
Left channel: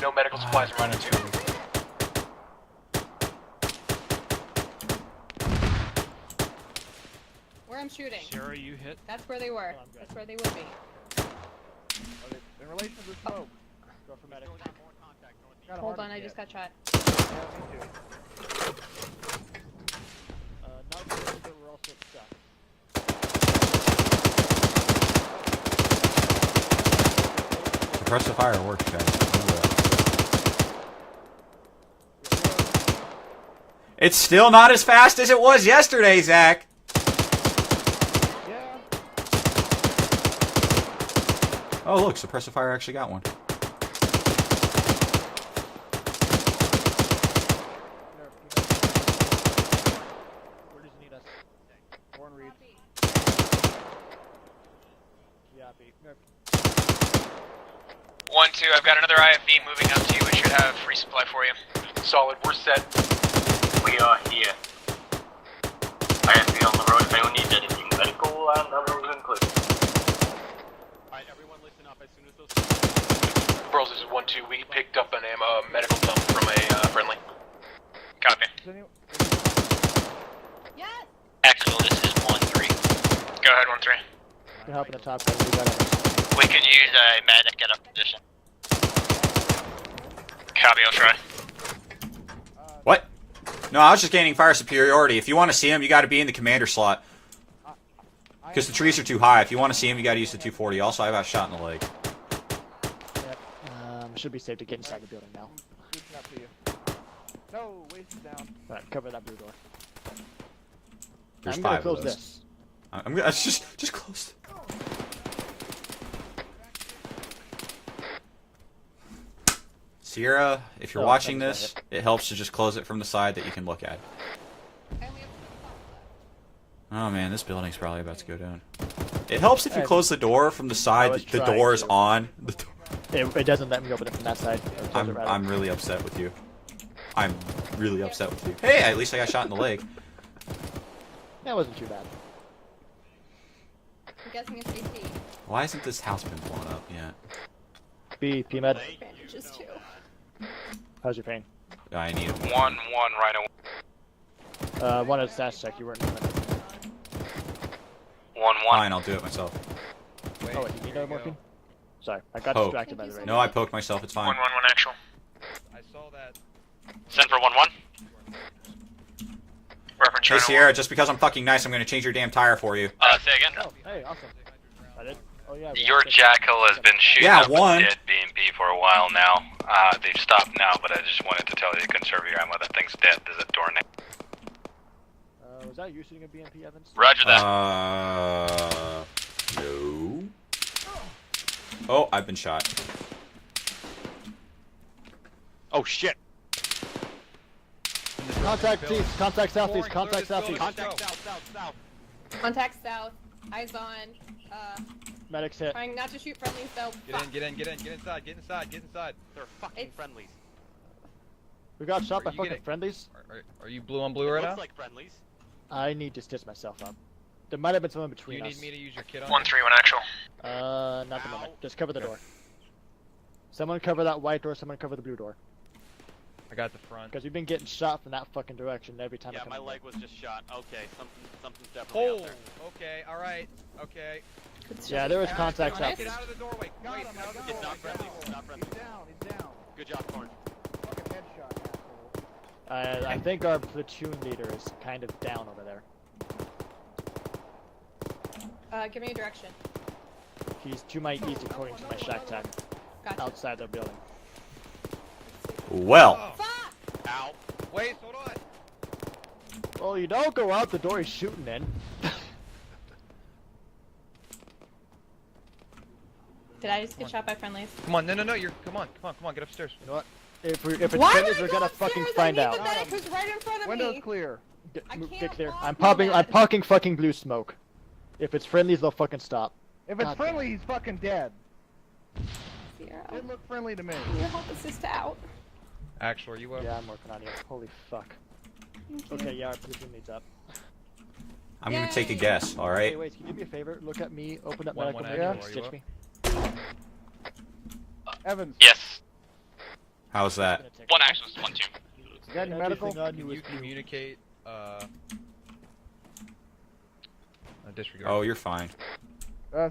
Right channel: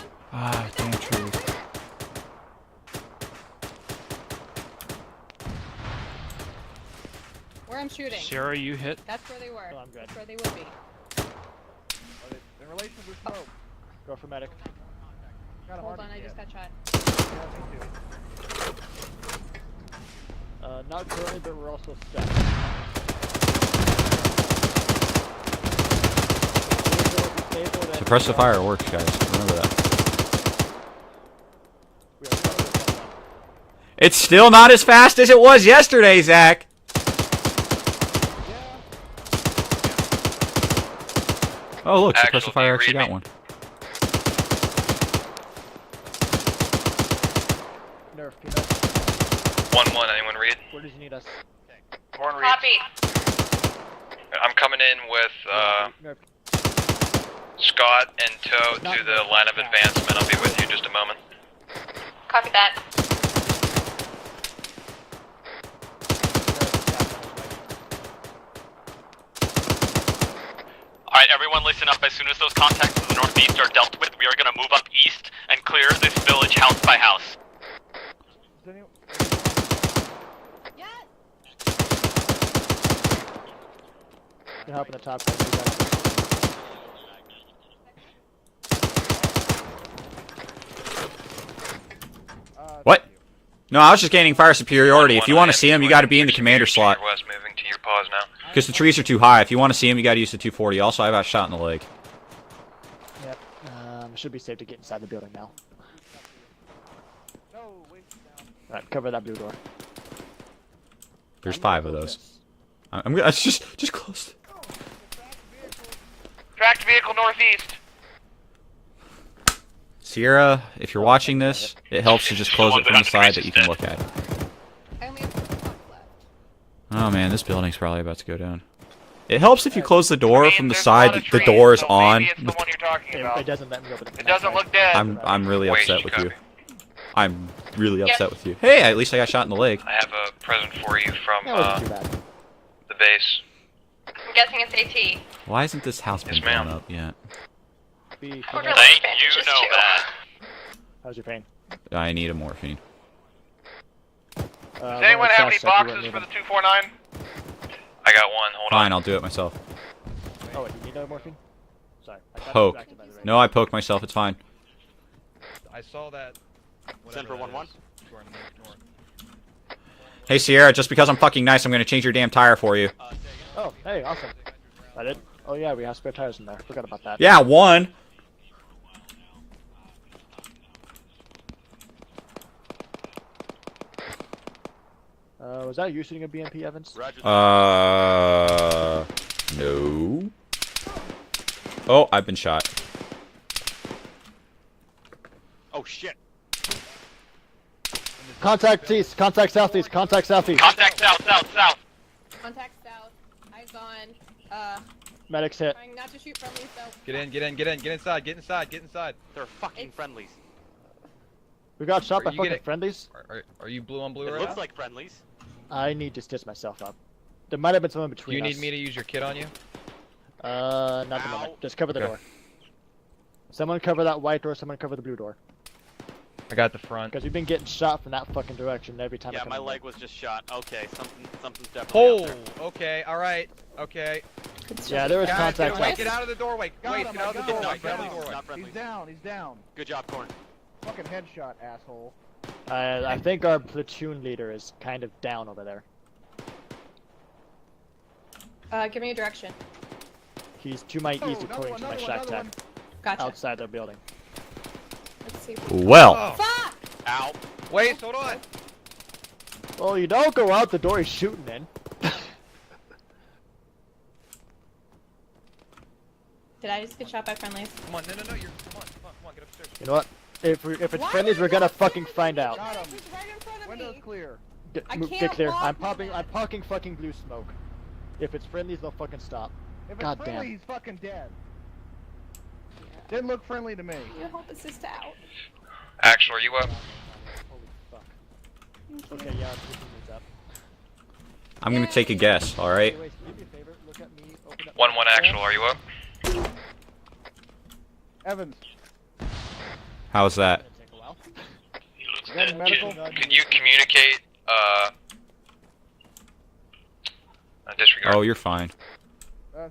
No medical supplies. Rhino 2. Where I'm shooting. Sarah, you hit. That's where they were. Oh, I'm good. That's where they would be. In relation to the smoke. Go for medic. Got a Hold heart on, I yet. just got shot. Yeah, me too. Not currently, but we're also stuck. Suppressive fire works, guys. Remember that. It's still not as fast as it was yesterday, Zach. Yeah. Oh, look, Actual, suppressive fire do you actually read got me? one. Nerf, peanut. 1-1, anyone read? Where does he need us? Corn read. Copy. I'm coming in with Nerf. Scott and 1-2, Toe. I've got another line of IFV. advancement. I'll be with you in just a Resupply moment. for you. Solid, Copy we're that. set. We are here. I have been on the road. If anyone needs anything medical, and that will include. Alright, everyone listen up. As soon as those contacts in the northeast are dealt with, we are going to move up east and clear this village house by house. Copy. Yeah. Actual, this is 1-3. Go ahead, 1-3. You can help in the top right. We got it. We could use a medic at a position. Copy, I'll try. What? No, I was just gaining fire superiority. If you want to see him, you got to be in the commander slot. West moving to your pause now. Because the trees are too high. If you want to see him, you got to use the 240. Also, I got shot in the leg. Yep. Should be safe to get inside the building now. No, waist down. Alright, cover that blue door. There's I'm gonna 5 of close those. this. I'm gonna just close. Tracked vehicle northeast. Sierra, if you're watching this, it helps to just close it from the side that you can look at. Oh man, this building's probably about to go down. It helps if you close the door from the side. The door is on. It doesn't let me open it. It doesn't look dead. I'm really upset with you. I'm really upset with you. Hey, at least I got shot in the leg. I have a present for you from That wasn't too bad. the base. I'm guessing it's AT. Why hasn't this house been blown up yet? Peanuts. Thank you, know that. How's your pain? I need a more. 1-1 right away. Does anyone have any boxes for the 249? I got one. Fine, I'll do it myself. Oh, wait, you need another morphine? Sorry, I got Poke. distracted by the radio. No, I poked myself. It's fine. 1-1 actual. I saw that. Send for 1-1. Reference Hey Sierra, just because I'm fucking nice, I'm gonna change your damn tire for you. Say again. Oh, hey, awesome. I did. Oh yeah. We Your jackal has been shooting Yeah, up one. dead B&B for a while now. They've stopped now, but I just wanted to tell you to conserve your ammo. That thing's dead. There's a door next. Was that you shooting a BMP, Evans? Roger that. No. Oh, I've been shot. Oh shit. Contact east. Contact southeast. Contact southeast. Contact south. Contact south. Eyes on. Medics hit. Trying not to shoot from yourself. Get inside. They're fucking friendlies. We got shot by you fucking getting- friendlies. Are you blue on blue It right looks now? like friendlies. I need to stitch myself up. There might have been someone Do between you us. need me to use your kit on 1-3 you? when actual. Not the moment. Just cover the Okay. door. Someone cover that white door. Someone cover the blue door. I got the front. Because we've been getting shot from that fucking direction every time. I Yeah, come my in leg was just shot. Okay, something's definitely. Oh, out okay, alright, okay. there. Yeah, there was Guys, contact get south. out of the doorway. Wait, get out of the there. doorway. Not Get out of friendly. the doorway. Not friendly. He's down. Good job, Corn. Fucking headshot, asshole. I think our platoon leader is kind of down over there. Give me a direction. He's to my east according to my shack tab. Gotcha. Outside their building. Let's see. Well. Fuck! Ow. Wait, hold on. Oh, you don't go out the door he's shooting in. Did I just get shot by friendlies? Come on, no, you're, come on, get upstairs. You know what? If it's Why friendlies, are we're you gonna upstairs? fucking I find need out. the medic who's right in front of Window's me. clear. I Get can't clear. walk I'm through popping. that. I'm parking fucking blue smoke. If it's friendlies, they'll fucking stop. If it's God friendly, damn. he's fucking dead. Yeah. Didn't look friendly to me. Can you help assist out? Actual, are you Yeah, up? I'm working on it. Holy fuck. Okay, yeah, our platoon leads up. I'm gonna take a guess. All right. Hey, wait, can you do me a favor? Look at me. Open up. 1-1 actual, are you up? Evans. Yes. How's that? 1 actual. 1-2. Red medical. Could you communicate, disregard? Oh, you're fine.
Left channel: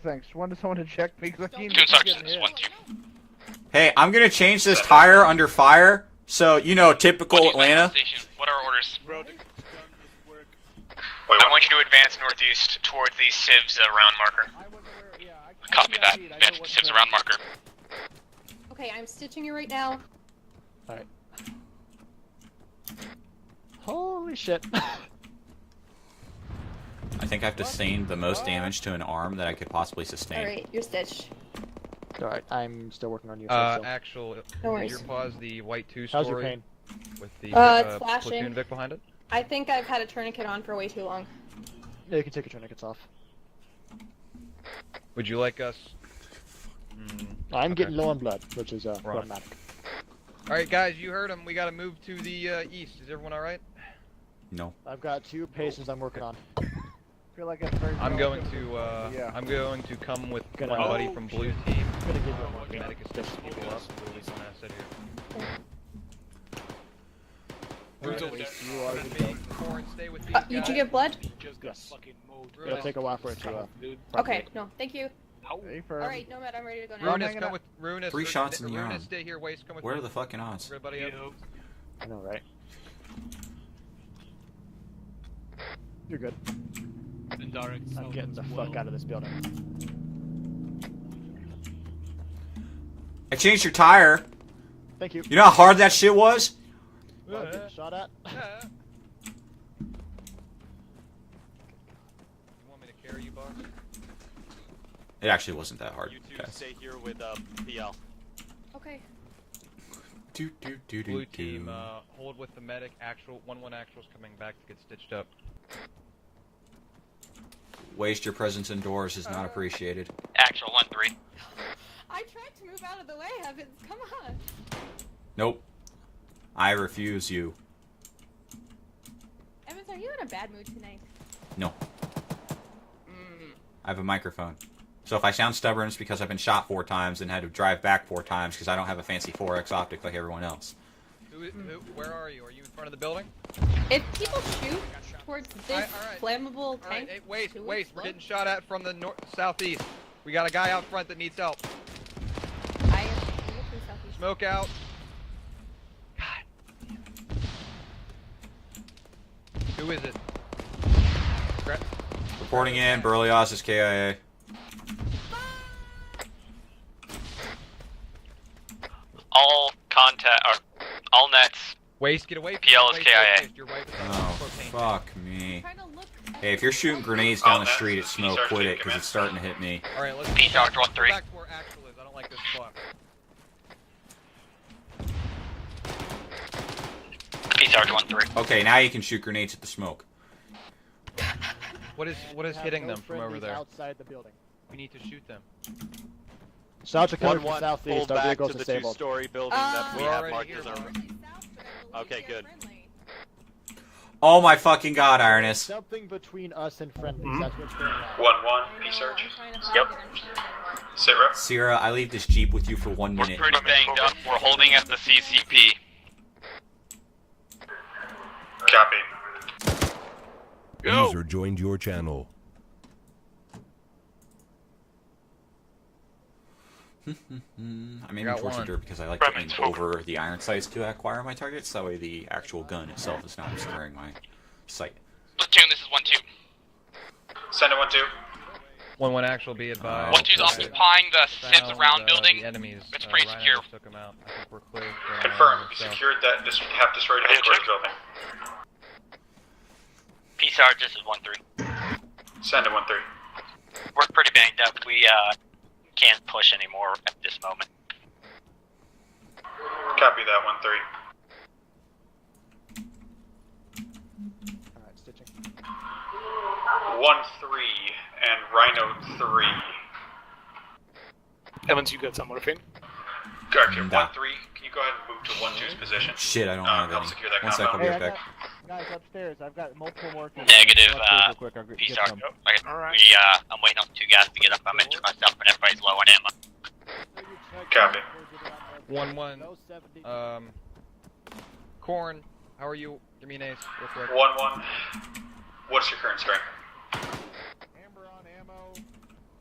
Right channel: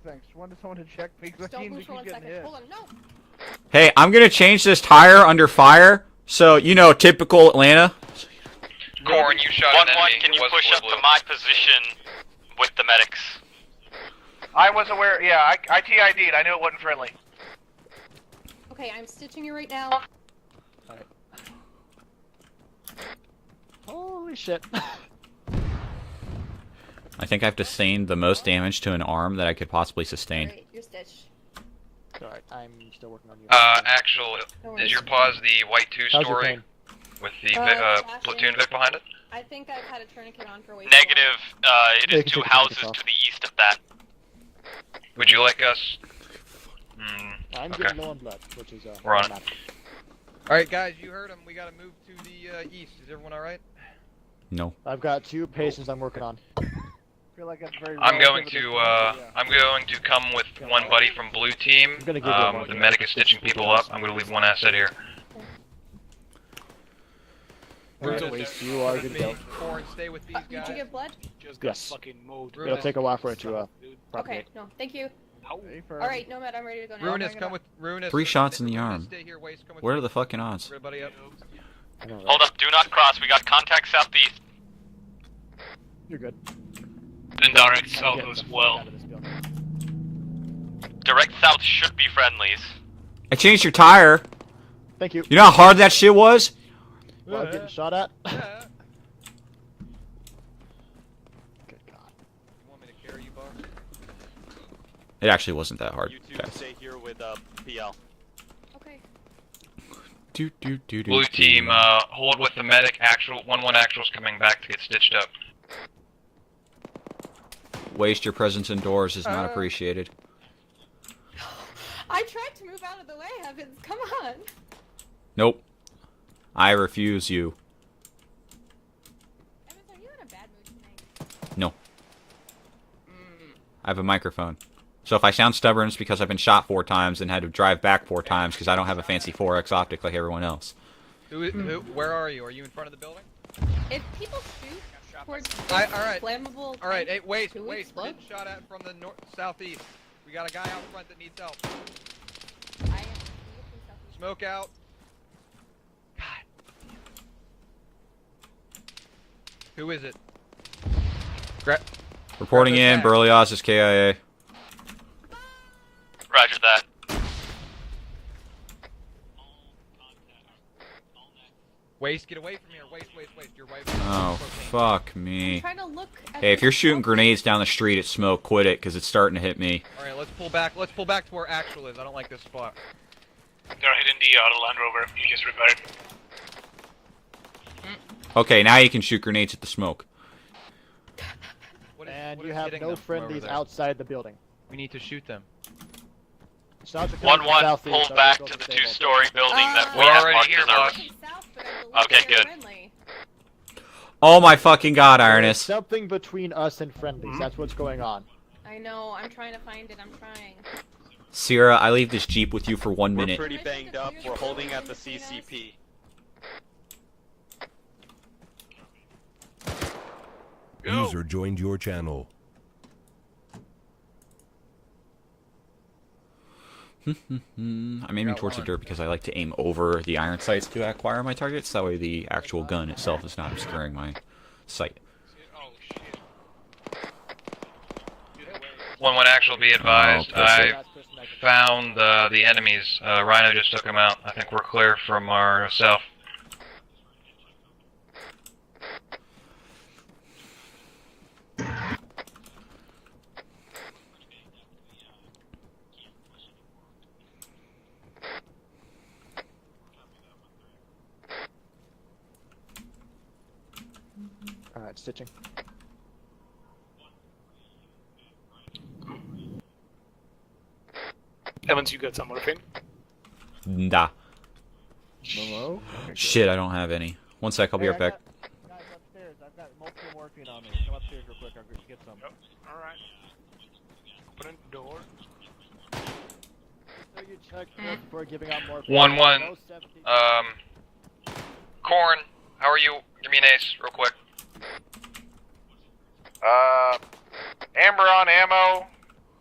Thanks. Wanted someone to check me because I Don't need Two to sergeants. get hit. 1-2. Hey, I'm gonna change this tire under fire. So you know, typical Atlanta. What are orders? Corn, you shot an 1-1. enemy. Can It you was push up blue. to my I want you to position? advance northeast with the towards medics. these civs round marker. I was aware. Yeah, I TID'd. I know it wasn't Civs friendly. round marker. Okay, I'm stitching you right now. Alright. Holy shit. I think I've sustained the most damage to an arm that I could possibly sustain. Alright, you're stitched. Alright, I'm still working on you. Actual, No worries. is your pause the white 2 How's your story pain? with the Flashing. platoon Vic behind it? I think I've had a tourniquet on for way too long. Negative. It Yeah, you is can 2 take the houses blankets to the east of that. Would you like us? I'm okay. getting low on blood, which is We're on it. problematic. Alright, guys, you heard him. We gotta move to the east. Is everyone alright? No. I've got 2 patients I'm working on. I feel like that's very. I'm going relative. to Yeah. I'm going to come with one buddy from blue team. Gonna give you one. The medic is stitching people up. I'm gonna leave one asset here. You are good to go. Corn, stay with these Did you guys. get blood? Yes. It'll take a while for it to Okay, propagate. no, thank you. Stay firm. Alright, Nomad, I'm ready to go now. Ruinous, come with Ruinous. 3 shots in the Ruinous, arm. Stay here, Waste, come with What are the fucking odds? everybody up. I know, right? Hold up. Do not cross. We got contact southeast. You're good. And direct I'm south getting as the fuck well. out of this building. Direct south should be friendlies. I changed your tire. Thank you. You know how hard that shit was? Well, I'm getting shot at. You want me to carry you, boss? It actually wasn't that hard, You two guys. stay here with PL. Okay. Blue team, hold with the medic. Actual 1-1 actual's coming back to get stitched up. Waste your presence indoors is not appreciated. Actual 1-3. I tried to move out of the way, Evans. Come on. Nope. I refuse you. Evans, are you in a bad mood tonight? No. I have a microphone. So if I sound stubborn, it's because I've been shot 4 times and had to drive back 4 times because I don't have a fancy 4X optic like everyone else. Where are you? Are you in front of the building? If people shoot towards this flammable Alright, hey, wait, we're getting shot at from the southeast. We got a guy out front that needs help. Smoke out. God. Who is it? Reporting in, Berlioz is KIA. Roger that. All all nets. Waste, get away. PL is KIA. Oh, fuck me. Hey, if you're shooting grenades down the street at smoke, quit it, because it's starting to hit me. Alright, let's pull back. Let's pull back to where actual is. I don't like this spot. They're hitting the Land Rover. You just repaired. PSR 1-3. Okay, now you can shoot grenades at the smoke. What is have hitting no them from over friendlies there? outside the building. We need to shoot them. South Dakota 1-1, pull back to the 2-story building that we have marked as ours. Okay, good. Oh my fucking god, Ironus. Something between us and friendlies. That's what's going on. 1-1, research. Yep. Xeveras. Sierra, I leave this Jeep with you for 1 minute. We're pretty banged up. We're holding at the CCP. Copy. User joined your channel. I'm aiming towards the dirt because I like to aim over the iron sights to acquire my targets. That way the actual gun itself is not obscuring my sight. Platoon, this is 1-2. Send it 1-2. 1-1 actual, be advised. I found the enemies. Rhino just took them out. I think we're clear from our cell. Secured that have destroyed headquarters building. PSR, this is 1-3. Send it 1-3. We're pretty banged up. We can't push anymore at this moment. Copy that 1-3. Alright, stitching. 1-3 and Rhino 3. Evans, you got some morphine? Gotcha. 1-3. Can you Nah. go ahead and move to 1-2's position? Shit, I don't have any. One sec, I'll be right back. Guys upstairs, I've got multiple morphine. Negative, Peace PSR. I'm waiting on 2 guys to get up. I'm injured myself and everybody's low on ammo. Copy. 1-1. Corn, how are you? Give me an ace, real quick. 1-1. What's your current strength? Amber on ammo.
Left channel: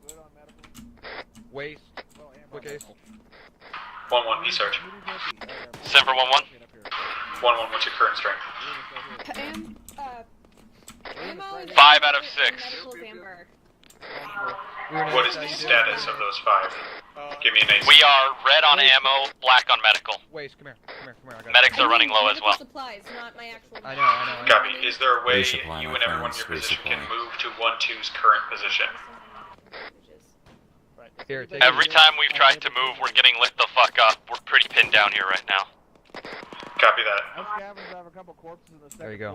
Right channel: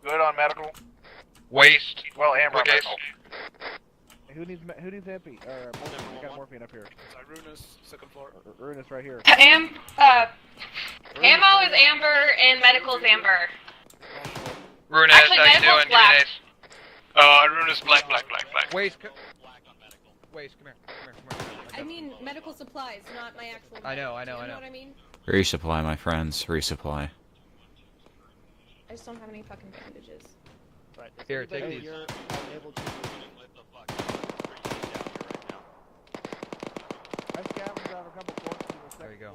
Good on medical. Waste. Well, amber on quick ace. medical. 1-1, research. Semper 1-1. 1-1, what's your current strength? Ammo is 5 out of amber 6. and medical is amber. Runez, Actually, how you medical's doing? black. That was 5. We are red on ammo, black on medical. Waste, come here. Medics are running low as Medical well. supplies, not my actual. I know. Copy. Is there a way Resupply, you my and everyone in friends, your position resupply. can move to 1-2's current position? I just don't have any fucking bandages. Here, take Every time we've tried to move, we're getting lit the fuck up. We're pretty pinned down here right now. Copy that. There you go.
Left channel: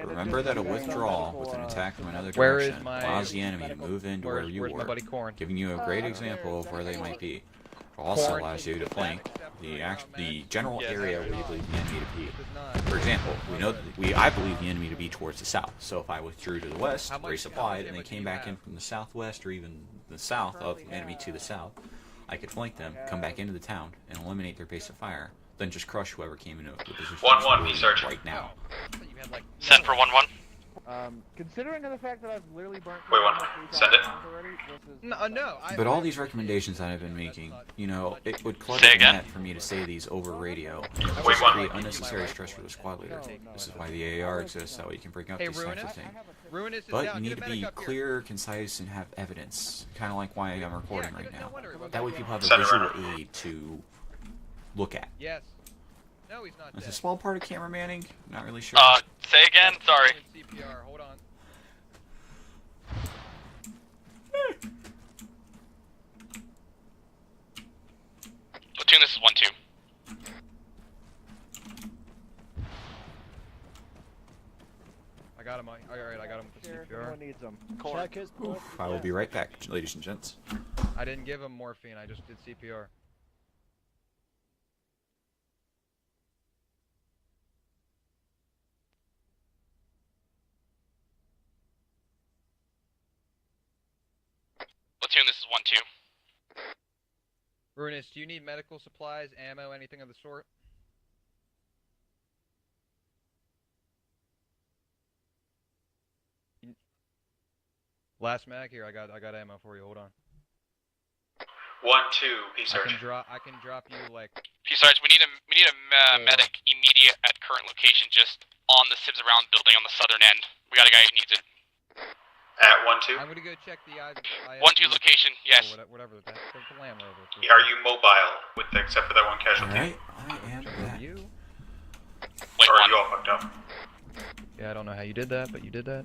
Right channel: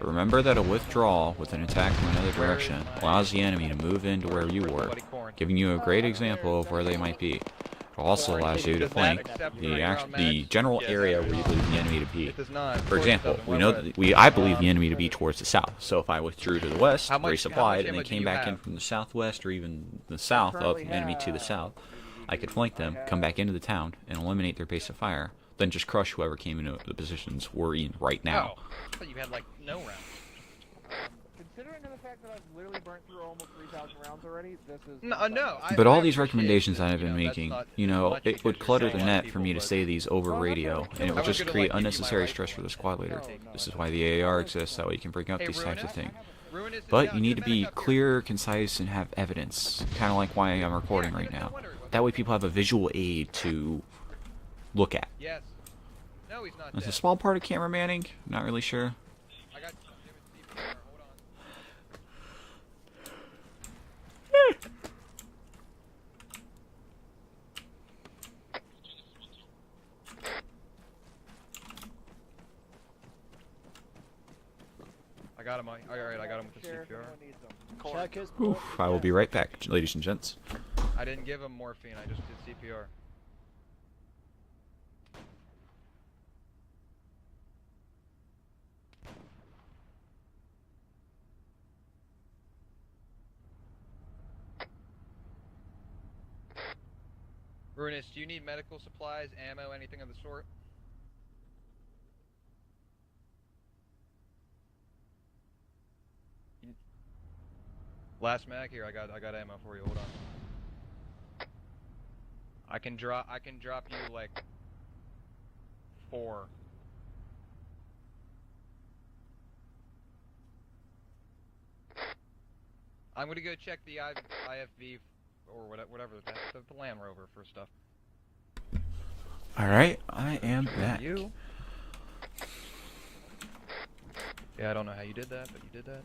Remember that a withdrawal with an attack from another Where is direction my- allows the enemy to move into where you Where's my were, buddy Corn? giving you a great example of where they might be. It also allows you to flank the general area where you believe the enemy to be. For example, I believe the enemy to be towards the south. So if I withdrew to the west, resupplied, and then came back in from the southwest or even the south of the enemy to the south, I could flank them, come back into the town, and eliminate their base of fire. Then just crush whoever came into the position we're in right now. Send for 1-1. Considering the fact that I've literally burnt Wait, 1-1. Send it. already, this is No. But all these recommendations that I've been making, you know, it would clutter the net for me to say these over radio, and it would just create unnecessary stress for the squad leader. This is why the AAR exists, that way you can bring up these types of things. But you need to be clear, concise, and have evidence, kind of like why I'm recording right now. That way people have a visual aid to look at. Yes. No, he's not It's a dead. small part of camera manning, not really sure. Say again? Sorry. Hold on. Platoon, this is 1-2. I got got him. Alright, I got him with the CPR. Check his Oof, I will be right back, ladies and gents. I didn't give him morphine, I just did CPR. Platoon, this is 1-2. Ruinous, do you need medical supplies, ammo, anything of the sort? Last mag here, I got ammo for you. Hold on. 1-2, P I Sarge. can drop you like. P Sarge, we need a medic immediate at current location, just on the Sibs around building on the southern end. We got a guy who needs it. At 1-2. I'm gonna go check the 1-2 location, yes. Whatever. That's the Land Rover. Are you mobile, except for that one casualty? Alright, I am back. You? Or are you all fucked up? Yeah, I don't know how you did that, but you did that.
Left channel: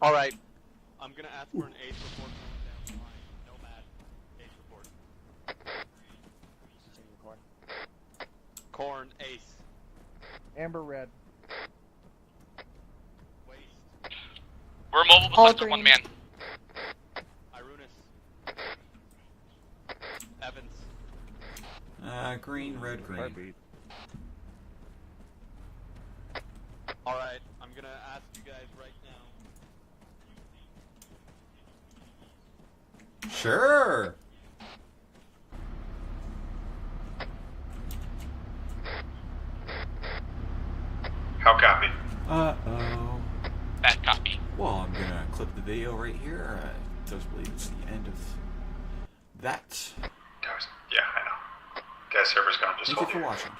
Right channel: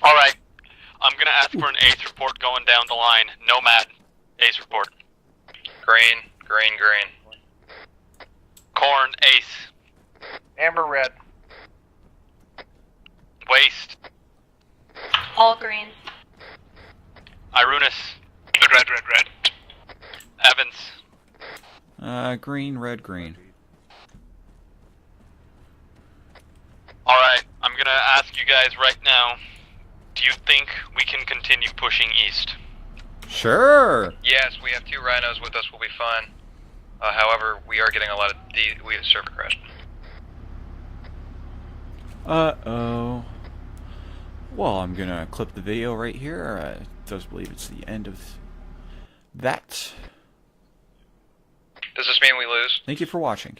Alright. I'm gonna ask for an ACE report going down the line. Nomad, ACE report. Green. Corn, ACE. Amber red. Waste. We're mobile All for one green. man. Irunus. Red. Evans. Green, red, green. Alright, I'm gonna ask you guys right now, do you think we can continue pushing east? Sure! Yes, we have 2 rhinos with us, we'll be fine. However, we are getting a lot of we have server crash. How copy? Uh-oh. Bad copy. Well, I'm gonna clip the video right here. I don't believe it's the end of that. Yeah, I know. Does this mean we lose? Thank you for watching.